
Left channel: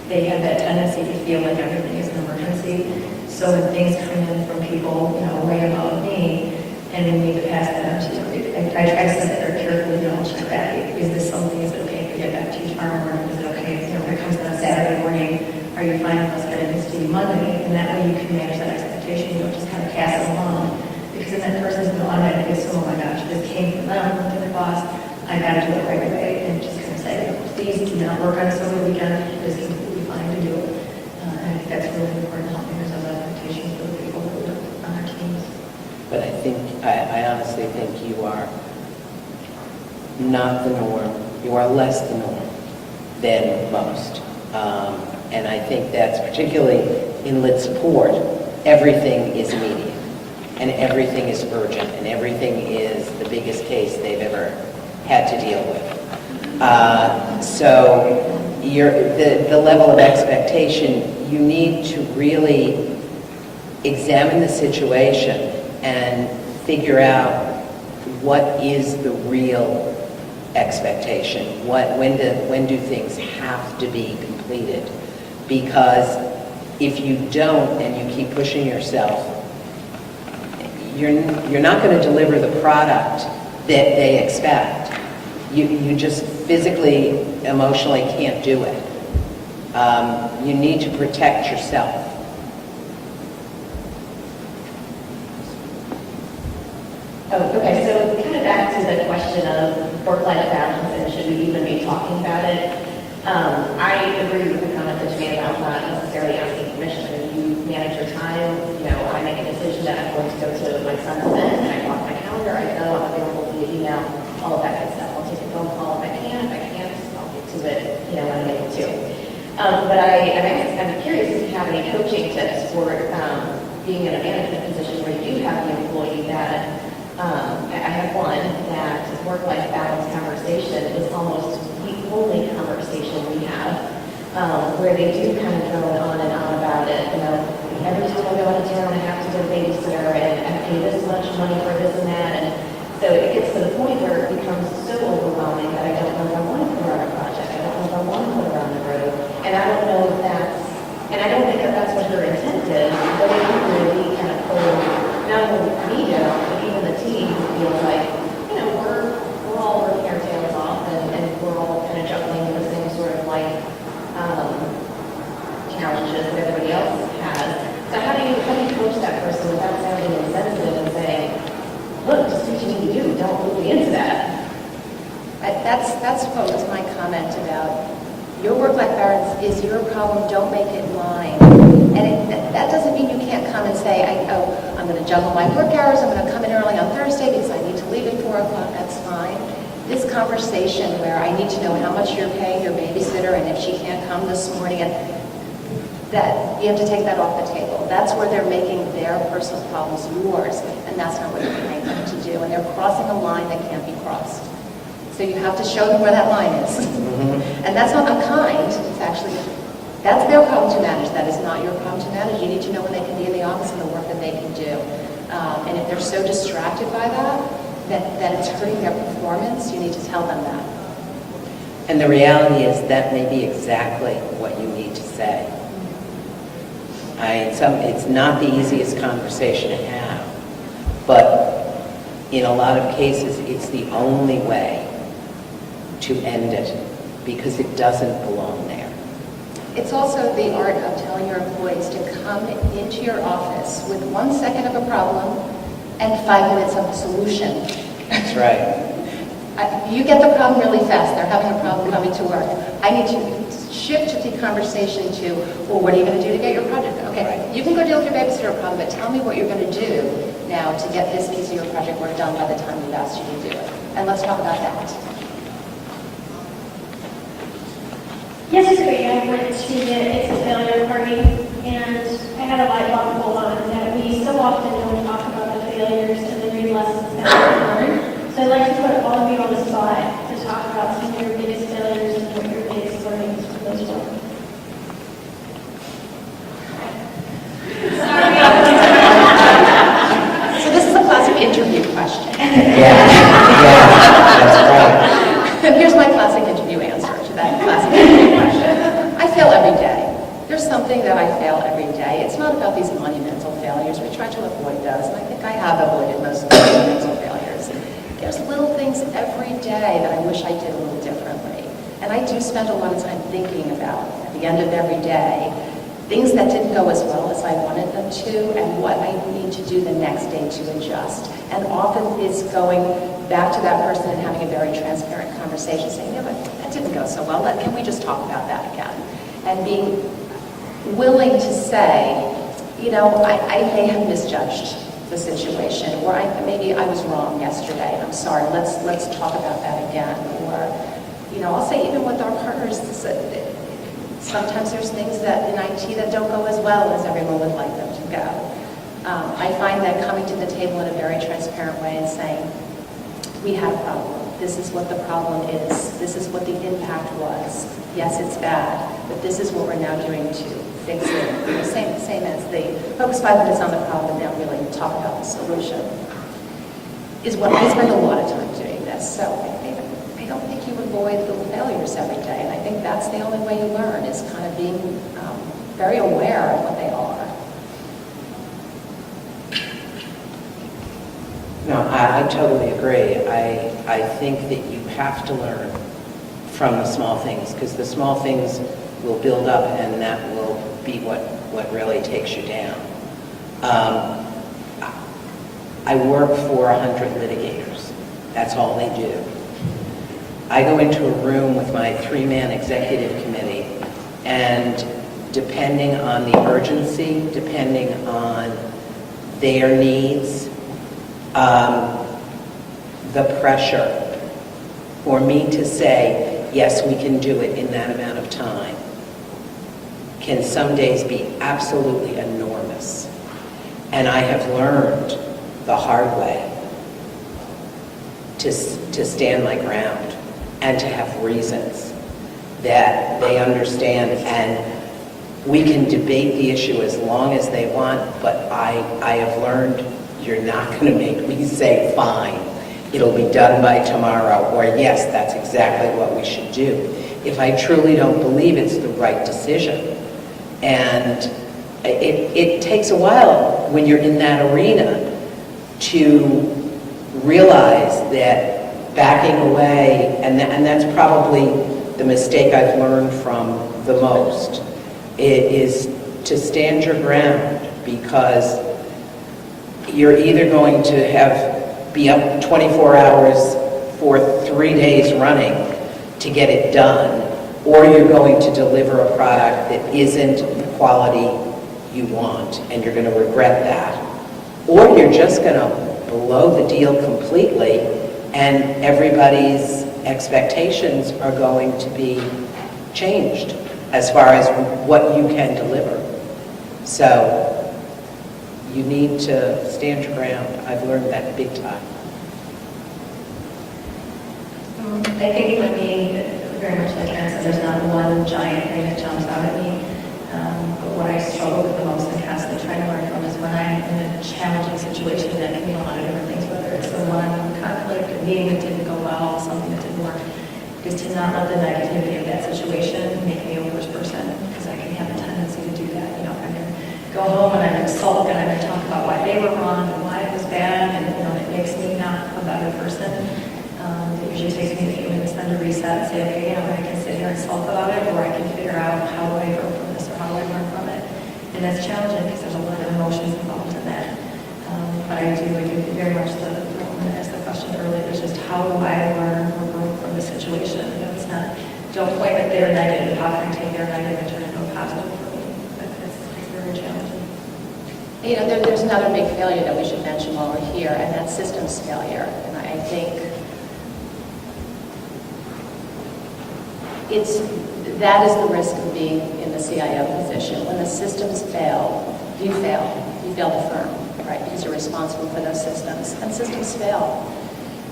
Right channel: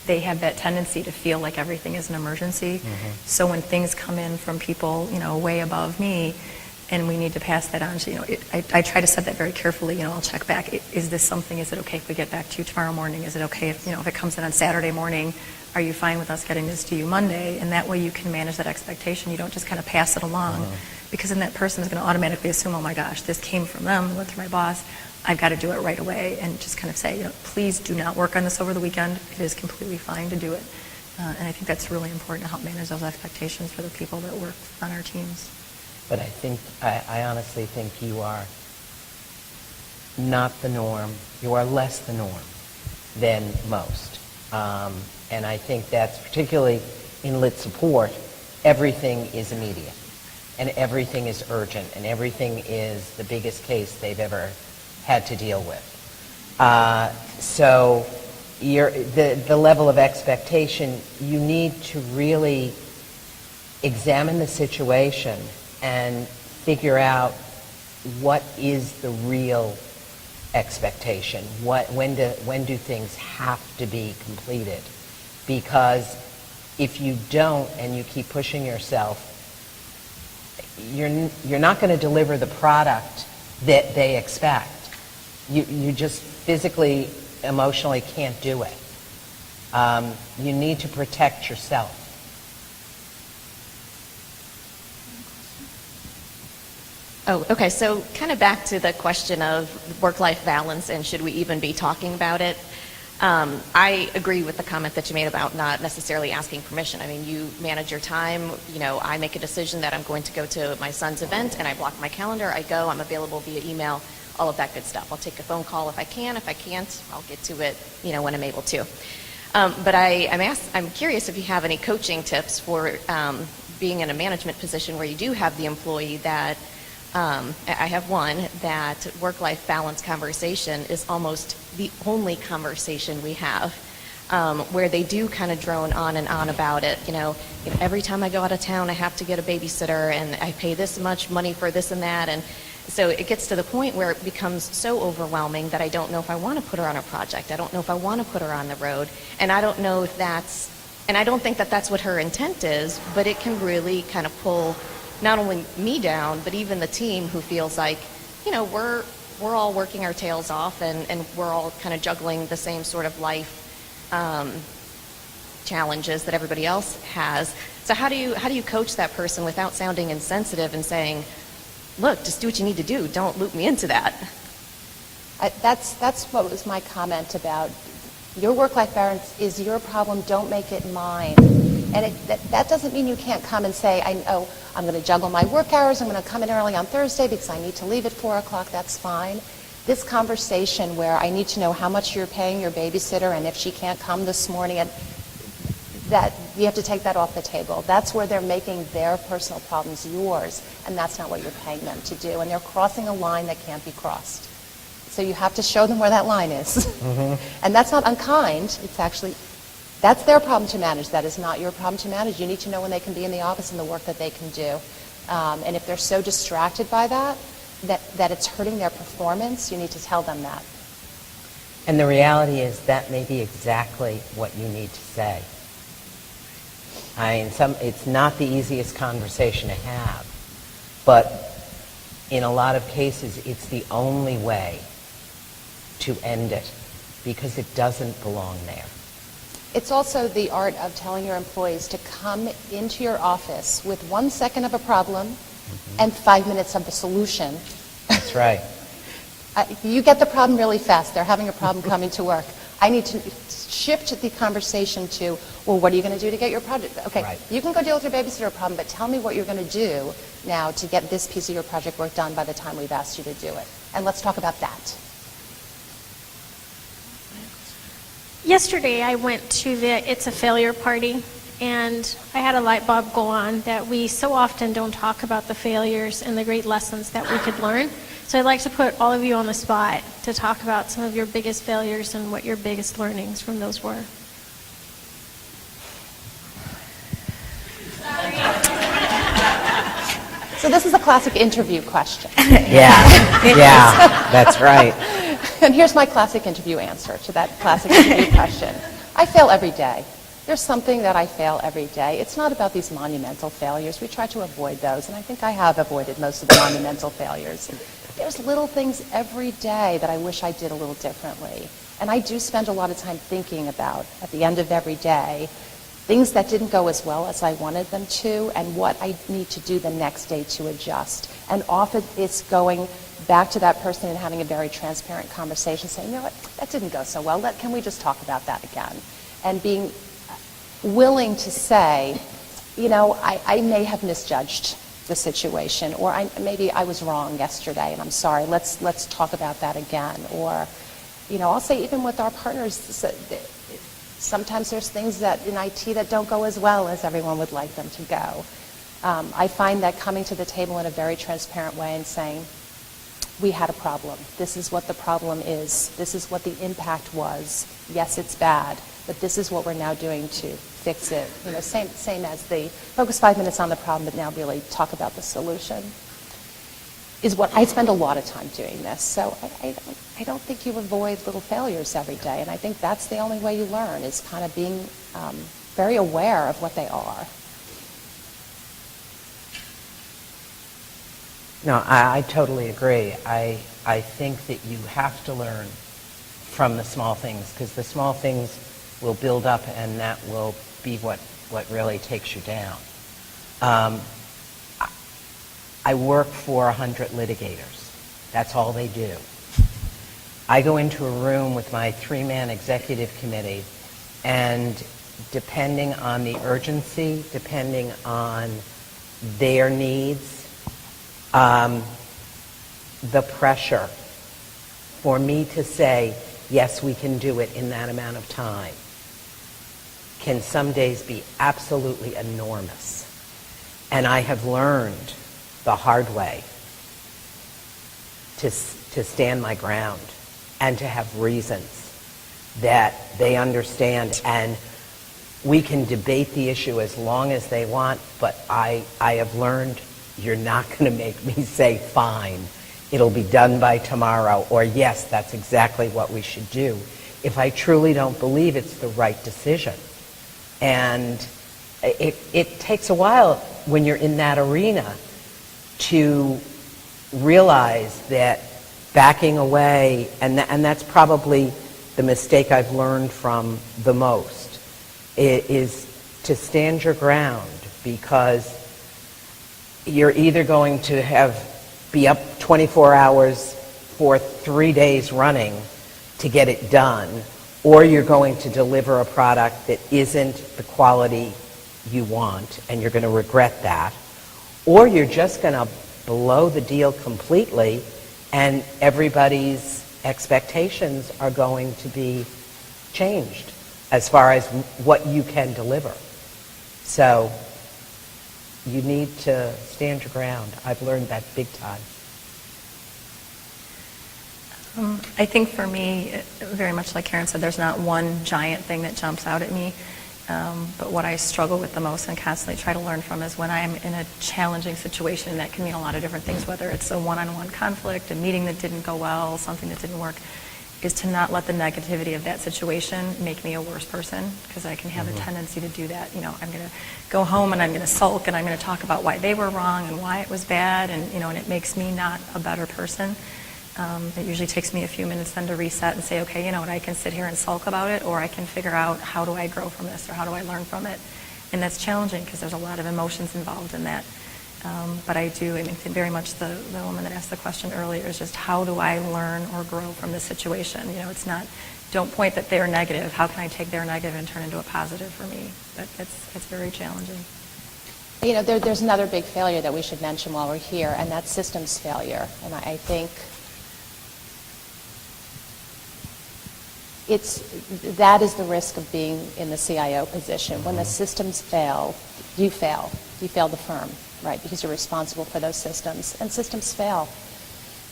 They have that tendency to feel like everything is an emergency. So when things come in from people, you know, way above me, and we need to pass that on to you, I try to set that very carefully. You know, I'll check back. Is this something? Is it okay to get back to you tomorrow morning? Is it okay if, you know, if it comes in on Saturday morning? Are you fine with us getting this to you Monday? And that way you can manage that expectation. You don't just kind of pass it along. Because then that person is going to automatically assume, oh my gosh, this came from them, or through my boss, I got to do it right away, and just kind of say, no, please do not work on this over the weekend. It is completely fine to do it. And I think that's really important to help manage those expectations for the people that work on our teams. But I honestly think you are not the norm. You are less the norm than most. And I think that's particularly in lit support, everything is immediate. And everything is urgent, and everything is the biggest case they've ever had to deal with. So the level of expectation, you need to really examine the situation and figure out what is the real expectation. When do things have to be completed? Because if you don't and you keep pushing yourself, you're not going to deliver the product that they expect. You just physically, emotionally can't do it. You need to protect yourself. Oh, okay, so kind of back to the question of work-life balance and should we even be talking about it. I agree with the comment that you made about not necessarily asking permission. I mean, you manage your time. You know, I make a decision that I'm going to go to my son's event, and I block my calendar. I go. I'm available via email. All of that good stuff. I'll take a phone call if I can. If I can't, I'll get to it. You know, when I'm able to. But I'm curious if you have any coaching tips for being in a management position where you do have the employee that. I have one that work-life balance conversation is almost the only conversation we have, where they do kind of drone on and on about it. You know, every time I go out of town, I have to get a babysitter, and I pay this much money for this and that, and so it gets to the point where it becomes so overwhelming that I don't know if I want to put her on a project. I don't know if I want to put her on the road, and I don't know if that's, and I don't think that that's what her intent is, but it can really kind of pull not only me down, but even the team who feels like, you know, we're all working our tails off and we're all kind of juggling the same sort of life challenges that everybody else has. So how do you coach that person without sounding insensitive and saying, look, just do what you need to do, don't loop me into that? That's what was my comment about your work-life balance is your problem, don't make it mine. And that doesn't mean you can't come and say, I'm going to juggle my work hours, I'm going to come in early on Thursday because I need to leave at 4 o'clock, that's fine. This conversation where I need to know how much you're paying your babysitter and if she can't come this morning, that you have to take that off the table. That's where they're making their personal problems yours, and that's not what you're paying them to do. And they're crossing a line that can't be crossed. So you have to show them where that line is. Mm-hmm. And that's not unkind. It's actually, that's their problem to manage. That is not your problem to manage. You need to know when they can be in the office and the work that they can do. And if they're so distracted by that it's hurting their performance, you need to tell them that. And the reality is that may be exactly what you need to say. It's not the easiest conversation to have, but in a lot of cases, it's the only way to end it because it doesn't belong there. It's also the art of telling your employees to come into your office with 1 second of a problem and 5 minutes of a solution. That's right. You get the problem really fast. They're having a problem coming to work. I need to shift the conversation to, well, what are you going to do to get your project? Okay, right. You can go deal with your babysitter problem, but tell me what you're going to do now to get this piece of your project work done by the time we've asked you to do it. And let's talk about that. Yes, yesterday I went to the It's a Failure party, and I had a light bulb go on that we so often don't talk about the failures and the great lessons that we can learn. So I'd like to put all of you on the spot to talk about some of your biggest failures and what your biggest learnings from those were. So this is a classic interview question. Yeah, that's right. And here's my classic interview answer to that classic interview question. I fail every day. There's something that I fail every day. It's not about these monumental failures. We try to avoid those, and I think I have avoided most of the monumental failures. There's little things every day that I wish I did a little differently. And I do spend a lot of time thinking about, at the end of every day, things that didn't go as well as I wanted them to, and what I need to do the next day to adjust. And often it's going back to that person and having a very transparent conversation, saying, you know what, that didn't go so well. Can we just talk about that again? And being willing to say, you know, I may have misjudged the situation, or maybe I was wrong yesterday, and I'm sorry. Let's talk about that again. Or, you know, I'll say even with our partners, sometimes there's things that in IT that don't go as well as everyone would like them to go. I find that coming to the table in a very transparent way and saying, we had a problem. This is what the problem is. This is what the impact was. Yes, it's bad, but this is what we're now doing to fix it. The same as the focus 5 minutes on the problem and now really talk about the solution is what I spend a lot of time doing this. So I don't think you avoid little failures every day, and I think that's the only way you learn is kind of being very aware of what they are. No, I totally agree. I think that you have to learn from the small things, because the small things will build up, and that will be what really takes you down. I work for 100 litigators. That's all they do. I go into a room with my 3-man executive committee, and depending on the urgency, depending on their needs, the pressure for me to say, yes, we can do it in that amount of time, can some days be absolutely enormous. And I have learned the hard way to stand my ground and to have reasons that they understand. And we can debate the issue as long as they want, but I have learned you're not going to make me say, fine, it'll be done by tomorrow, or yes, that's exactly what we should do, if I truly don't believe it's the right decision. And it takes a while when you're in that arena to realize that backing away, and that's probably the mistake I've learned from the most, is to stand your ground, because you're either going to be up 24 hours for 3 days running to get it done, or you're going to deliver a product that isn't the quality you want, and you're going to regret that, or you're just going to blow the deal completely, and everybody's expectations are going to be changed as far as what you can deliver. So you need to stand your ground. I've learned that big time. I think for me, very much like Karen said, there's not one giant thing that jumps out at me. But what I struggle with the most and constantly try to learn from is when I'm in a challenging situation that can mean a lot of different things, whether it's a one-on-one conflict, a meeting that didn't go well, something that didn't work, is to not let the negativity of that situation make me a worse person, because I can have a tendency to do that. You know, I'm going to go home and I'm going to sulk and I'm going to talk about why they were wrong and why it was bad, and and it makes me not a better person. It usually takes me a few minutes then to reset and say, okay, I can sit here and sulk about it, or I can figure out how do I grow from this, or how do I learn from it. And that's challenging because there's a lot of emotions involved in that. But I do think very much the woman that asked the question earlier is just how do I learn or grow from the situation? It's not, don't point at their negative. How can I take their negative and turn it into a positive for me? It's very challenging. There's another big failure that we should mention while we're here, and that's systems failure. And I think that is the risk of being in the CIO position. When the systems fail, you fail. You fail the firm, right? Because you're responsible for those systems. And systems fail.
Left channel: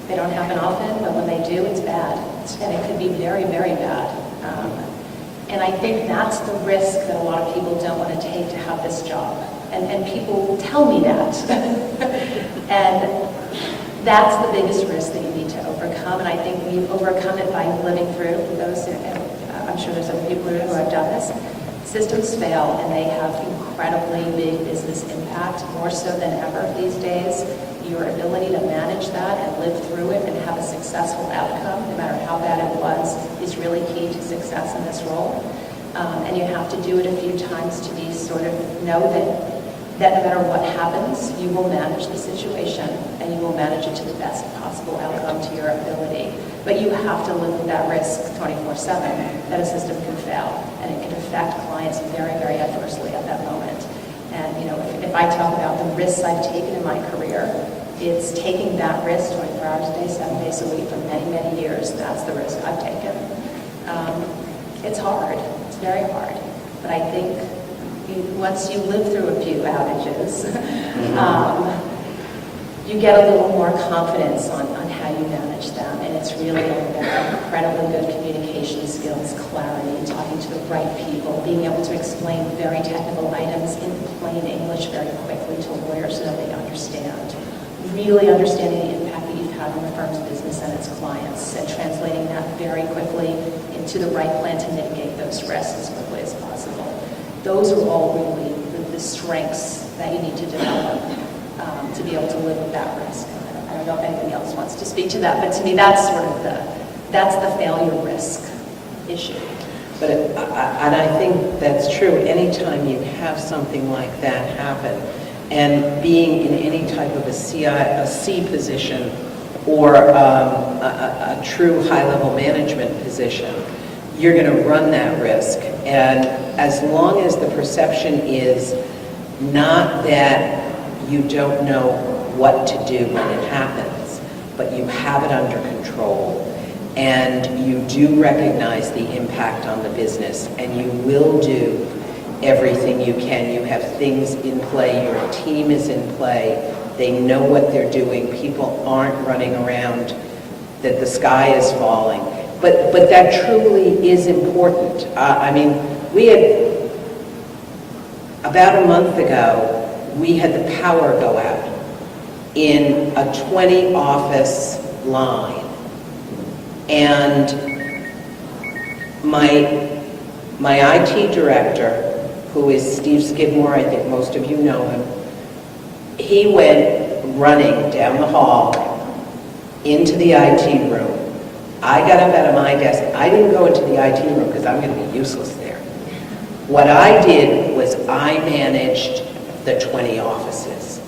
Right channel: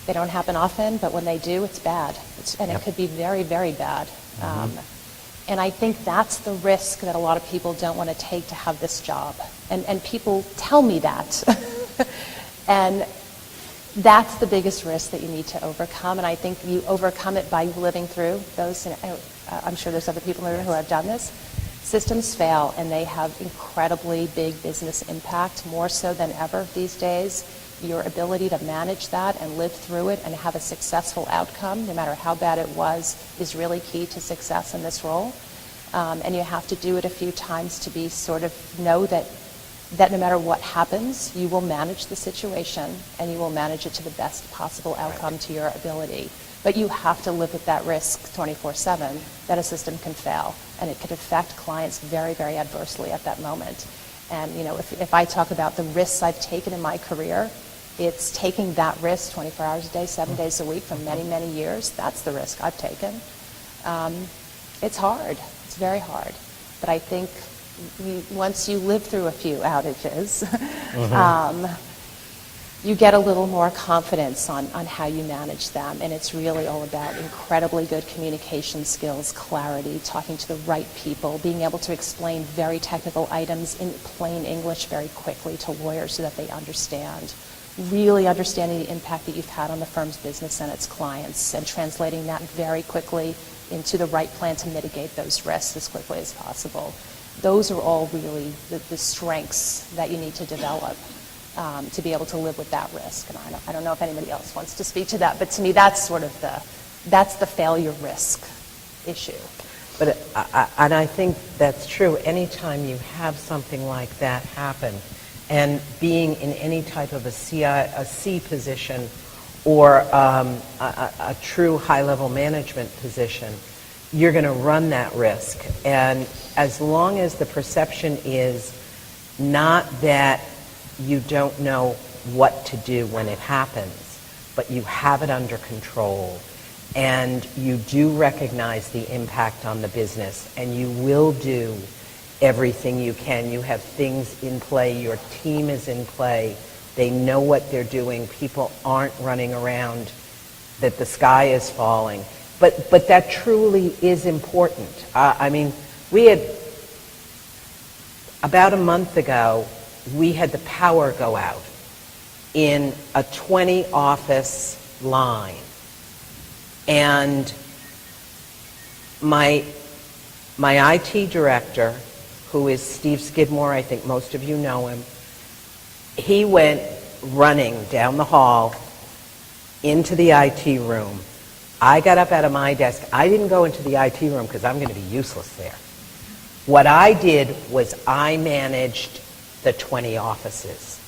They don't happen often, but when they do, it's bad. And it could be very, very bad. And I think that's the risk that a lot of people don't want to take to have this job. And people tell me that. And that's the biggest risk that you need to overcome. And I think we overcome it by living through those. I'm sure there's other people who have done this. Systems fail, and they have incredibly big business impact, more so than ever these days. Your ability to manage that and live through it and have a successful outcome, no matter how bad it was, is really key to success in this role. And you have to do it a few times to be sort of know that no matter what happens, you will manage the situation and you will manage it to the best possible outcome to your ability. But you have to live with that risk 24/7 that a system can fail, and it can affect clients very, very adversely at that moment. And if I talk about the risks I've taken in my career, it's taking that risk 24 hours a day, 7 days a week for many, many years. That's the risk I've taken. It's hard. It's very hard. But I think once you live through a few outages, you get a little more confidence on how you manage them. And it's really all about incredibly good communication skills, clarity, talking to the right people, being able to explain very technical items in plain English very quickly to lawyers so that they understand. Really understanding the impact that you've had on the firm's business and its clients, and translating that very quickly into the right plan to mitigate those risks as quickly as possible. Those are all really the strengths that you need to develop to be able to live with that risk. I don't know if anybody else wants to speak to that, but to me that's sort of the failure risk issue. But and I think that's true. Anytime you have something like that happen, and being in any type of a C position or a true high-level management position, you're going to run that risk. And as long as the perception is not that you don't know what to do when it happens, but you have it under control, and you do recognize the impact on the business, and you will do everything you can. You have things in play, your team is in play, they know what they're doing, people aren't running around that the sky is falling. But that truly is important. I mean, we had, about a month ago, we had the power go out in a 20-office line. And my IT director, who is Steve Skidmore, I think most of you know him, he went running down the hall into the IT room. I got up out of my desk. I didn't go into the IT room because I'm going to be useless there. What I did was I managed the 20 offices.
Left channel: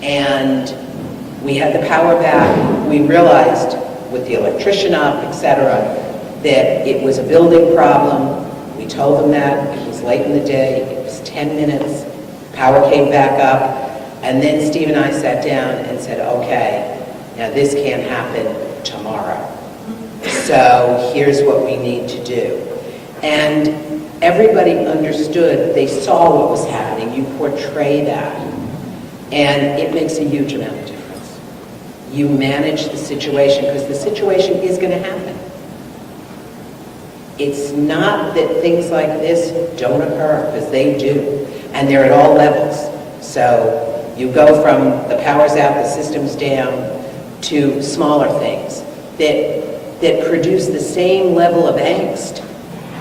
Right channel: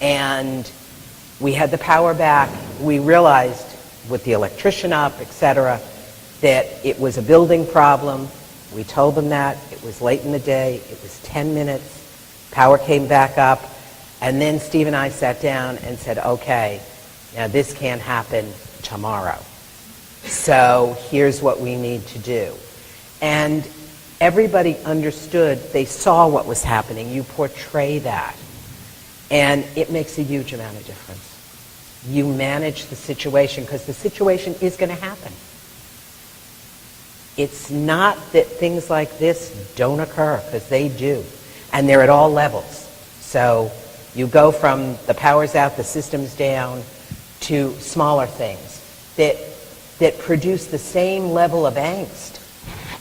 And we had the power back. We realized with the electrician up, etc., that it was a building problem. We told them that. It was late in the day. It was 10 minutes. Power came back up. And then Steve and I sat down and said, okay, now this can't happen tomorrow. So here's what we need to do. And everybody understood. They saw what was happening. You portray that. And it makes a huge amount of difference. You manage the situation because the situation is going to happen. It's not that things like this don't occur, because they do. And they're at all levels. So you go from the power's out, the system's down, to smaller things that produce the same level of angst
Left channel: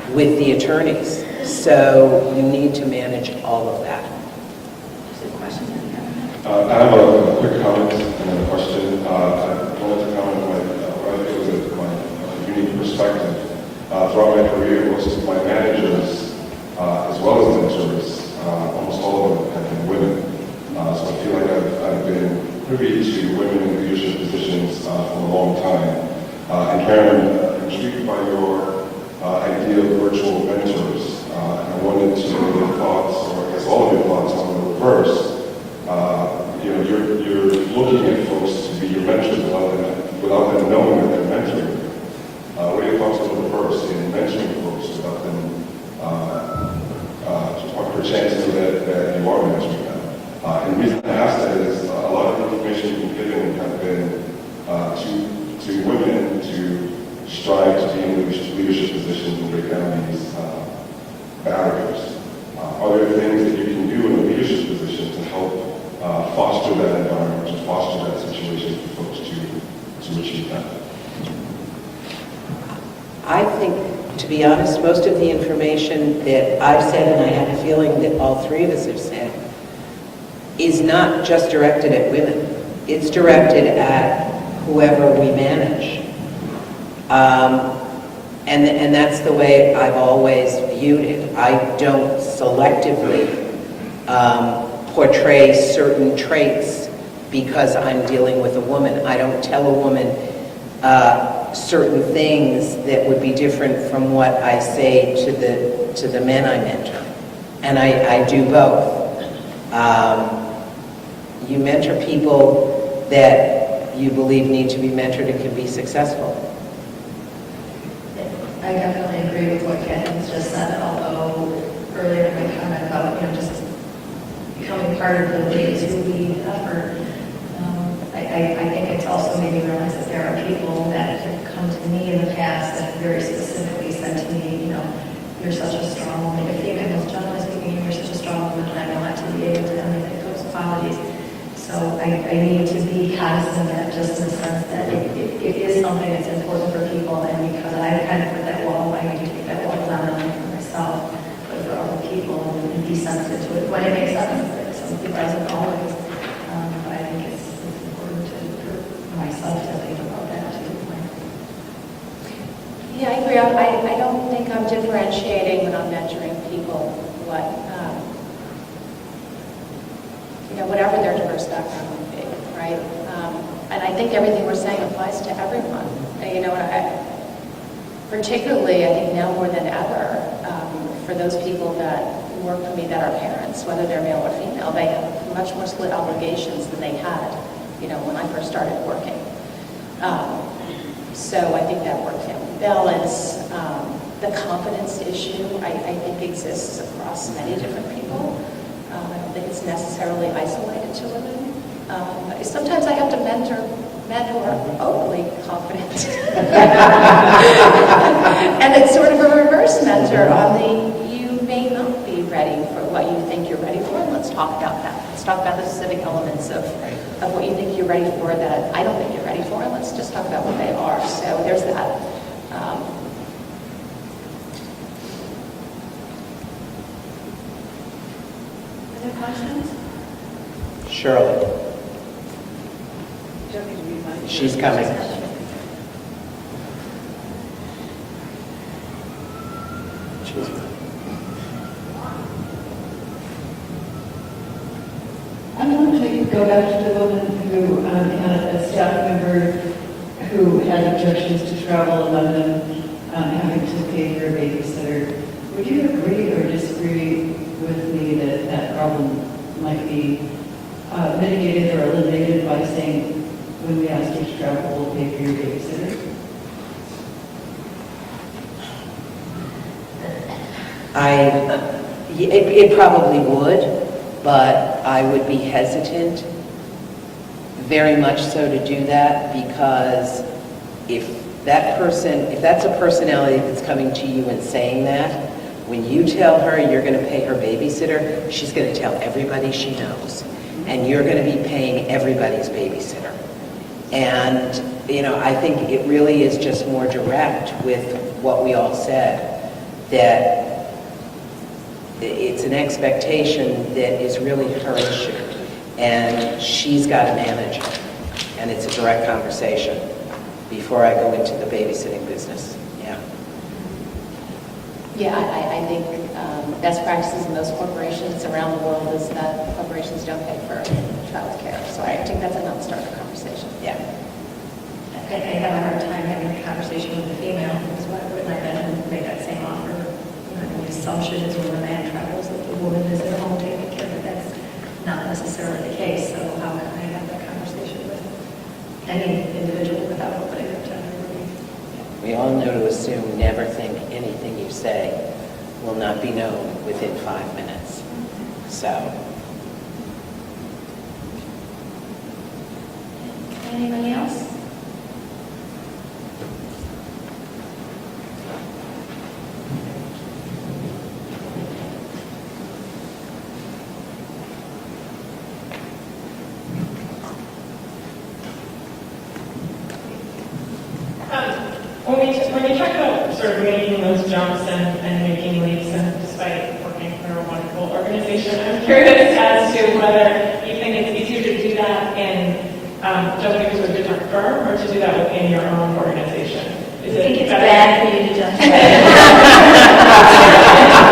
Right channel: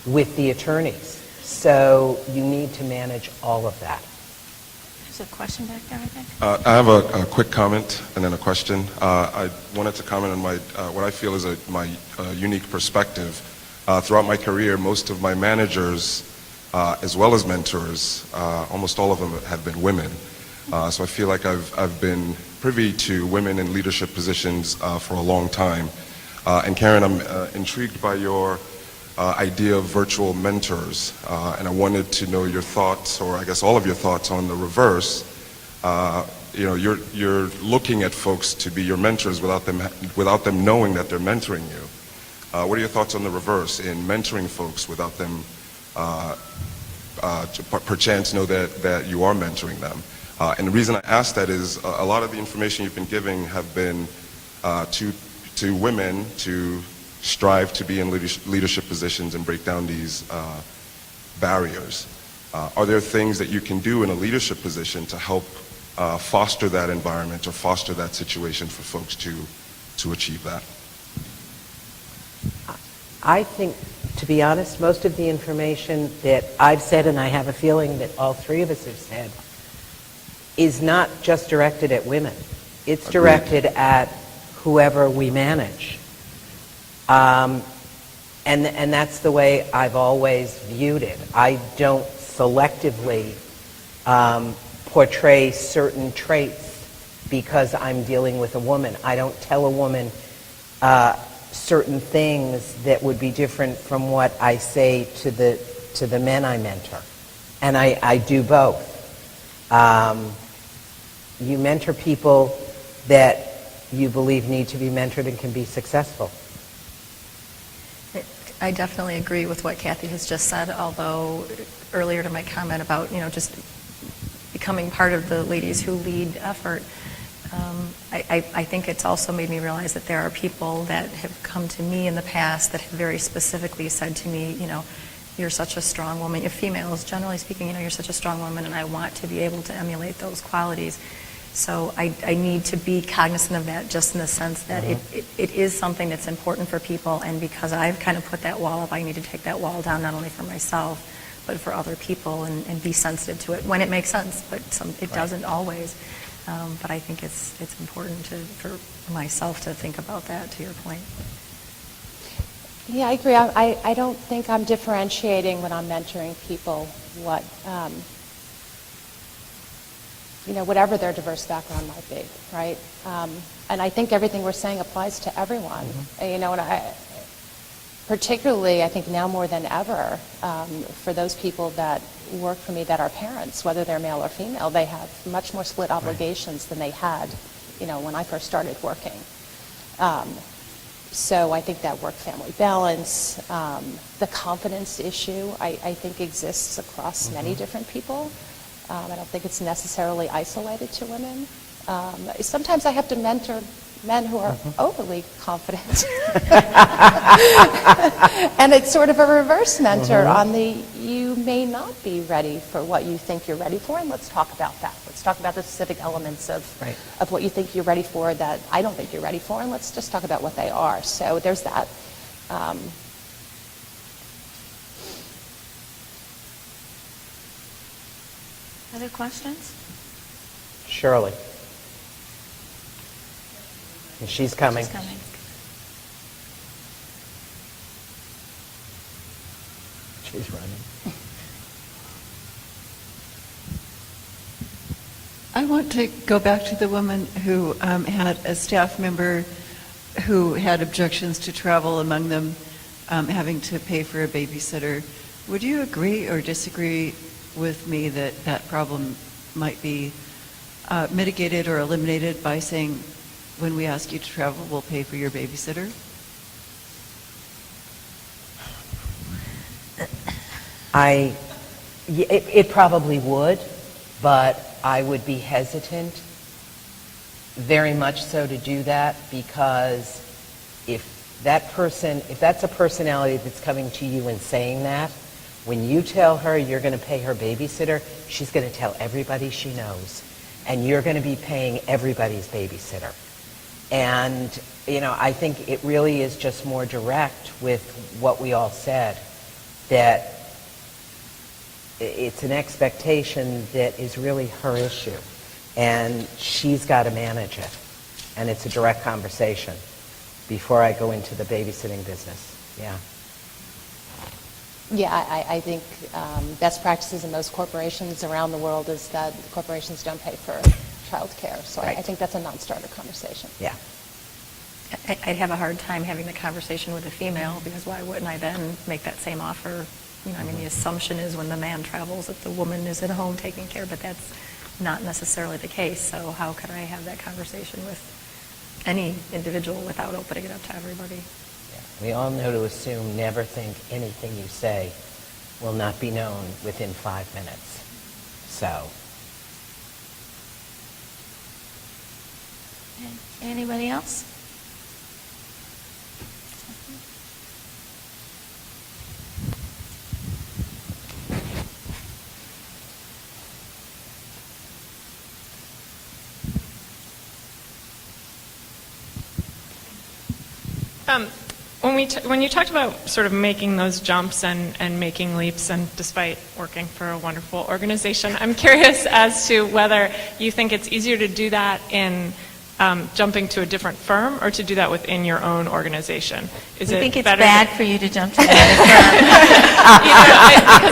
with the attorneys. So you need to manage all of that. Is there a question? I have a quick comment and then a question. I wanted to comment on what I feel is my unique perspective. Throughout my career, most of my managers, as well as mentors, almost all of them have been women. So I feel like I've been privy to women in leadership positions for a long time. And Karen, I'm intrigued by your idea of virtual mentors, and I wanted to know your thoughts, or I guess all of your thoughts on the reverse. You're looking at folks to be your mentors without them knowing that they're mentoring you. What are your thoughts on the reverse in mentoring folks without them perchance know that you are mentoring them? And the reason I ask that is a lot of the information you've been giving have been to women to strive to be in leadership positions and break down these barriers. Are there things that you can do in a leadership position to help foster that environment, to foster that situation for folks to achieve that? I think, to be honest, most of the information that I've said, and I have a feeling that all three of us have said, is not just directed at women. It's directed at whoever we manage. And that's the way I've always viewed it. I don't selectively portray certain traits because I'm dealing with a woman. I don't tell a woman certain things that would be different from what I say to the men I mentor. And I do both. You mentor people that you believe need to be mentored and can be successful. I definitely agree with what Kathy's just said, although earlier to my comment about, just becoming part of the Ladies Who Lead effort, I think it's also made me realize that there are people that have come to me in the past that have very specifically said to me, you're such a strong woman, you're female, generally speaking, you're such a strong woman, and I want to be able to emulate those qualities. So I need to be cognizant of that, just in the sense that it is something that's important for people, and because I've kind of put that wall up, I need to take that wall down not only for myself, but for other people, and be sensitive to it when it makes sense, but it doesn't always. But I think it's important for myself to think about that, to your point. Yeah, I agree. I don't think I'm differentiating when I'm mentoring people whatever their diverse background might be, right? And I think everything we're saying applies to everyone. Particularly, I think now more than ever, for those people that work for me that are parents, whether they're male or female, they have much more split obligations than they had, when I first started working. So I think that work-family balance, the confidence issue, I think exists across many different people. I don't think it's necessarily isolated to women. Sometimes I have to mentor men who are overly confident. And it's sort of a reverse mentor on you may not be ready for what you think you're ready for, and let's talk about that. Let's talk about the specific elements of what you think you're ready for that I don't think you're ready for, and let's just talk about what they are. So there's that. Other questions? Shirley. She's coming. I want to go back to the woman who had a staff member who had objections to travel, among them having to pay for a babysitter. Would you agree or disagree with me that that problem might be mitigated or eliminated by saying, when we ask you to travel, we'll pay for your babysitter? It probably would, but I would be hesitant, very much so, to do that, because if that's a personality that's coming to you and saying that, when you tell her you're going to pay her babysitter, she's going to tell everybody she knows, and you're going to be paying everybody's babysitter. And, I think it really is just more direct with what we all said, that it's an expectation that is really her issue, and she's got to manage it. And it's a direct conversation before I go into the babysitting business. Yeah. Yeah, I think best practices in most corporations around the world is that corporations don't pay for child care. So I think that's a non-starter conversation. Yeah. I have a hard time having a conversation with a female, because why wouldn't I then make that same offer? The assumption is when the man travels, that the woman is at home taking care, but that's not necessarily the case. So how can I have that conversation with any individual without opening up to everybody? We all know to assume, never think anything you say will not be known within 5 minutes. So, Anybody else? When you talked about sort of making those jumps and making leaps, and despite working for a wonderful organization, I'm curious as to whether you think it's easier to do that in jumping to a different firm or to do that within your own organization. Is I think it it's better? bad for you to jump to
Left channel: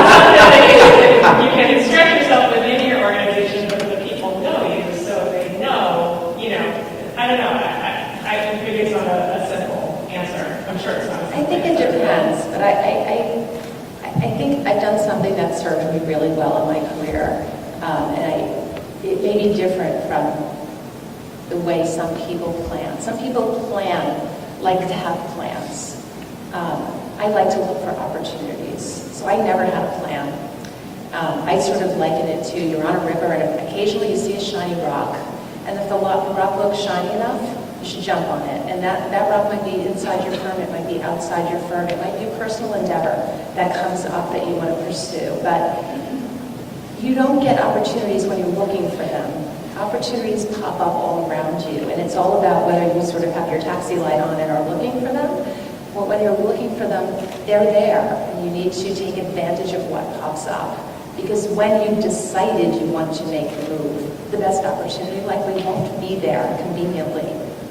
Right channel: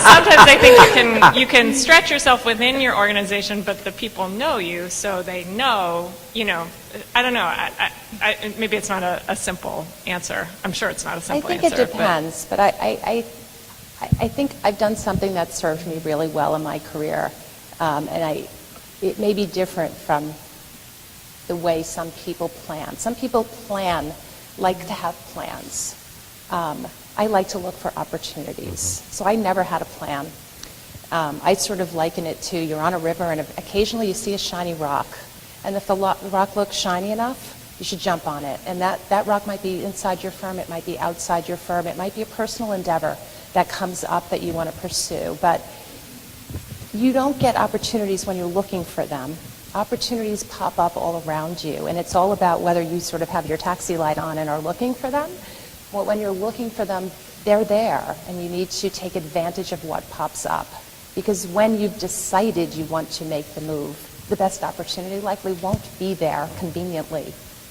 Sometimes I think you can stretch yourself within your organization, but the people know you, so they know, I don't know, maybe it's not a simple answer. I'm sure it's not a simple I think answer. it depends, but I think I've done something that served me really well in my career, it may be different from the way some people plan. Some people like to have plans. I like to look for opportunities, so I never had a plan. I sort of liken it to you're on a river and occasionally you see a shiny rock, and if the rock looks shiny enough, you should jump on it. And that rock might be inside your firm, it might be outside your firm, it might be a personal endeavor that comes up that you want to pursue. But you don't get opportunities when you're looking for them. Opportunities pop up all around you, and it's all about whether you sort of have your taxi light on and are looking for them, or when you're looking for them, they're there, and you need to take advantage of what pops up. Because when you've decided you want to make the move, the best opportunity likely won't be there conveniently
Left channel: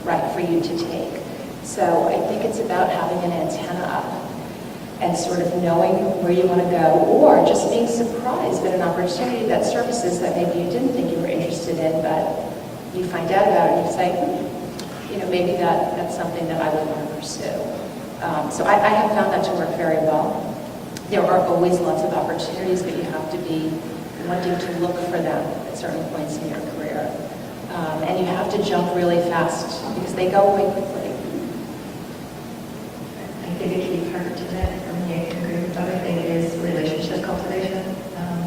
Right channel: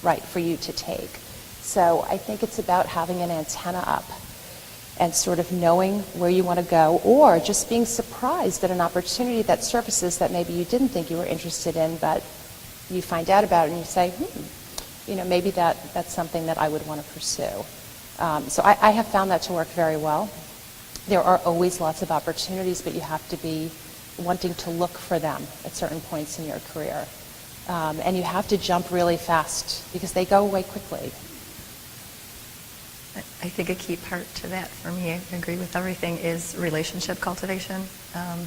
right for you to take. So I think it's about having an antenna up and sort of knowing where you want to go, or just being surprised at an opportunity that surfaces that maybe you didn't think you were interested in, but you find out about it and you say, maybe that's something that I would want to pursue. So I have found that to work very well. There are always lots of opportunities, but you have to be wanting to look for them at certain points in your career. And you have to jump really fast because they go away quickly. I think a key part to that, for me, I agree with everything, is relationship cultivation.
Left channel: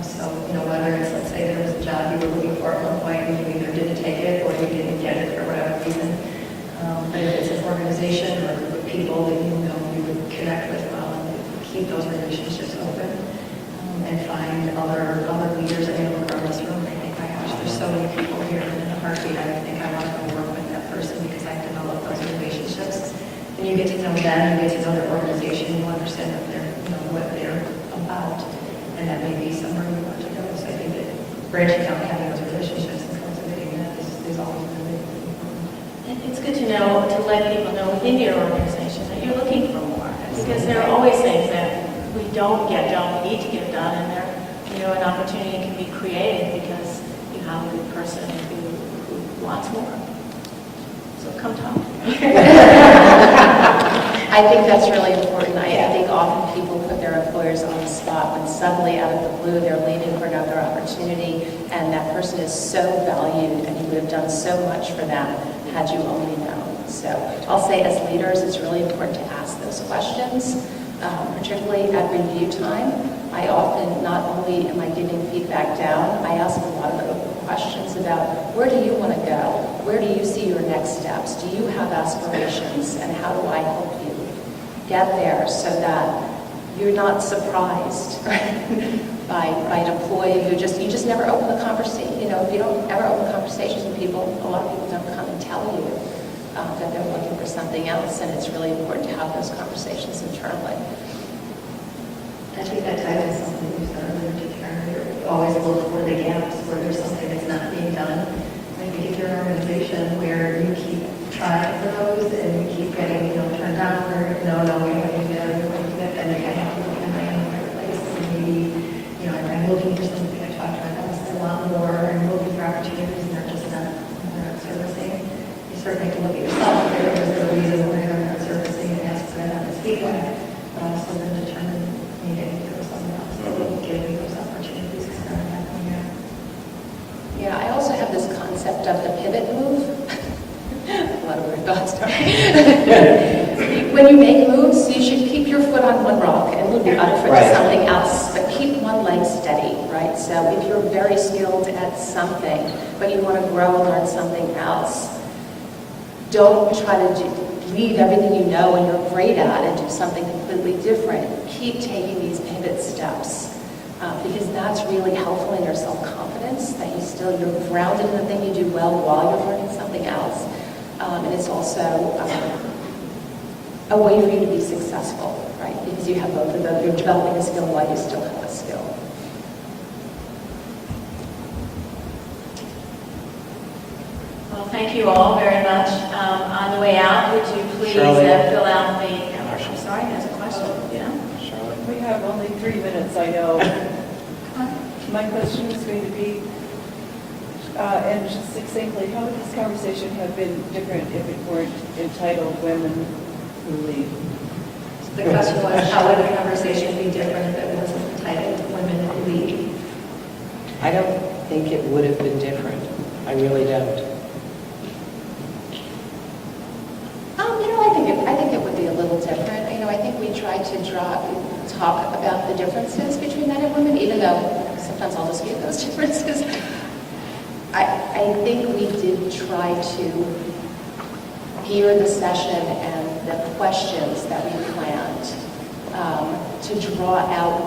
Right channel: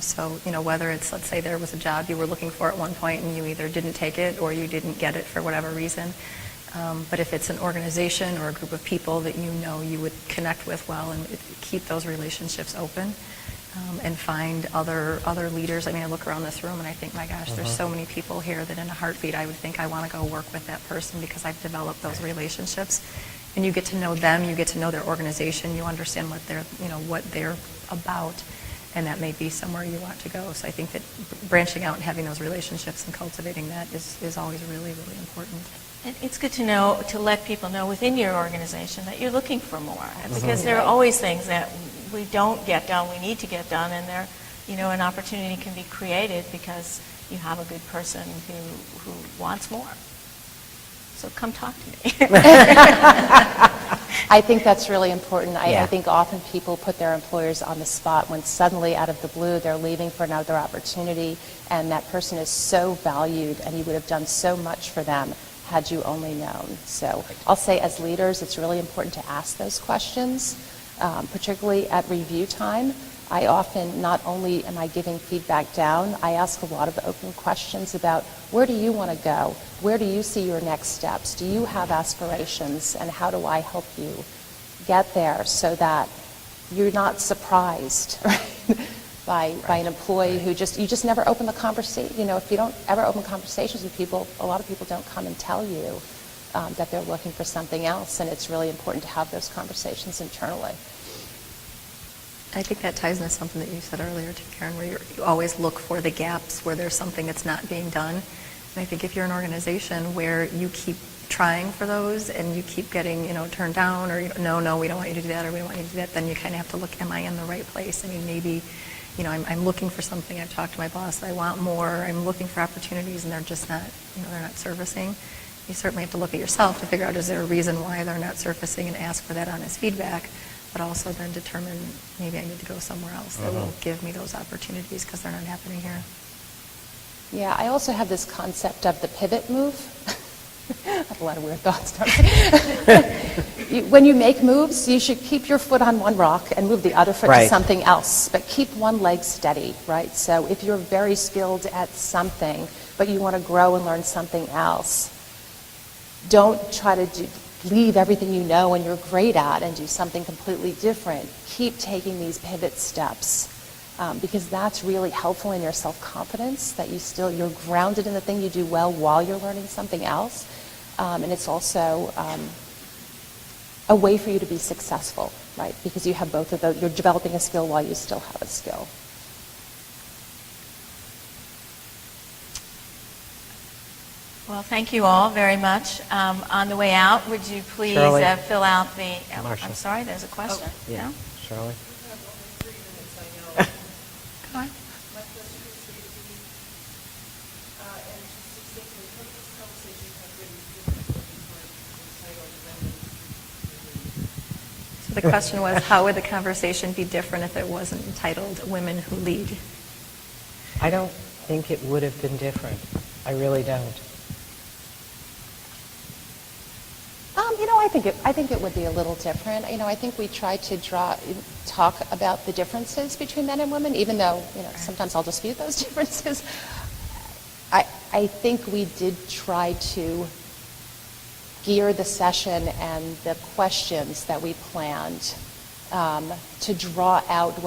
So, whether it's, let's say there was a job you were looking for at one point and you either didn't take it or you didn't get it for whatever reason. But if it's an organization or a group of people that you would connect with well and keep those relationships open, and find other leaders. I mean, I look around this room and I think, my gosh, there's so many people here that in a heartbeat I would think I want to go work with that person because I've developed those relationships. And you get to know them, you get to know their organization, you understand what they're about, and that may be somewhere you want to go. So I think that branching out and having those relationships and cultivating that is always really important. It's good to know, to let people know within your organization that you're looking for more, because there are always things that we don't get done, we need to get done, and there, an opportunity can be created because you have a good person who wants more. So come talk to me. I think that's really important. I think often people put their employers on the spot when suddenly out of the blue they're leaving for another opportunity, and that person is so valued and you would have done so much for them had you only known. So I'll say as leaders it's really important to ask those questions, particularly at review time. I often, not only am I giving feedback down, I ask a lot of open questions about where do you want to go? Where do you see your next steps? Do you have aspirations? And how do I help you get there so that you're not surprised by an employee who you just never open the conversation. If you don't ever open conversations with people, a lot of people don't come and tell you that they're looking for something else, and it's really important to have those conversations internally. I think that ties into something that you said earlier too, Karen, where you always look for the gaps where there's something that's not being done. I think if you're an organization where you keep trying for those and you keep getting, turned down, or no, we don't want to do that, or we don't want to do that, then you kind of have to look, am I in the right place? And maybe, I'm looking for something. I talked to my boss, I want more, and looking for opportunities, and they're not surfacing. You certainly have to look at yourself and figure out, is there a reason why they're not surfacing, and ask for that honest feedback, but also then determine maybe I need to go somewhere else that will give me those opportunities because they're not happening here. Yeah, I also have this concept of the pivot move. A lot of weird thoughts. when you make moves, you should keep your foot on one rock and move the other foot Right. to something else, but keep one leg steady, right? So if you're very skilled at something, but you want to grow and learn something else, don't try to leave everything you know and you're great at and do something completely different. Keep taking these pivot steps. Because that's really helpful in your self-confidence, that you're grounded in the thing you do well while you're learning something else. And it's also a way for you to be successful, right? Because you have both of them. You're developing a skill while you still have a skill. Well, thank you all very much. On the way out, would you please Shirley. fill out the, I'm sorry, there's a question. Yeah. Charlotte? We have only 3 minutes, I know. My question is going to be, and just succinctly, how would this conversation have been different if it weren't entitled Women Who Lead? The question was, how would the conversation be different if it wasn't titled Women Who Lead? I don't think it would have been different. I really don't. I think it would be a little different. I think we try to talk about the differences between men and women, even though sometimes I'll dispute those differences. I think we did try to gear the session and the questions that we planned to draw out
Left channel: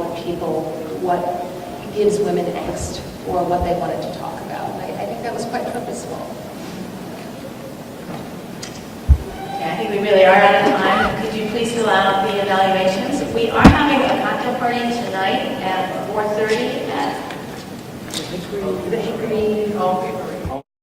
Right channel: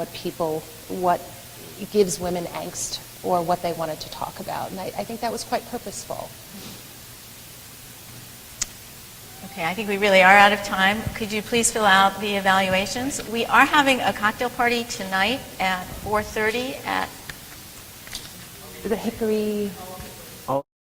what gives women angst or what they wanted to talk about. And I think that was quite purposeful. Okay, I think we really are out of time. Could you please fill out the evaluations? We are having a cocktail party tonight at 4:30 at the Hickory.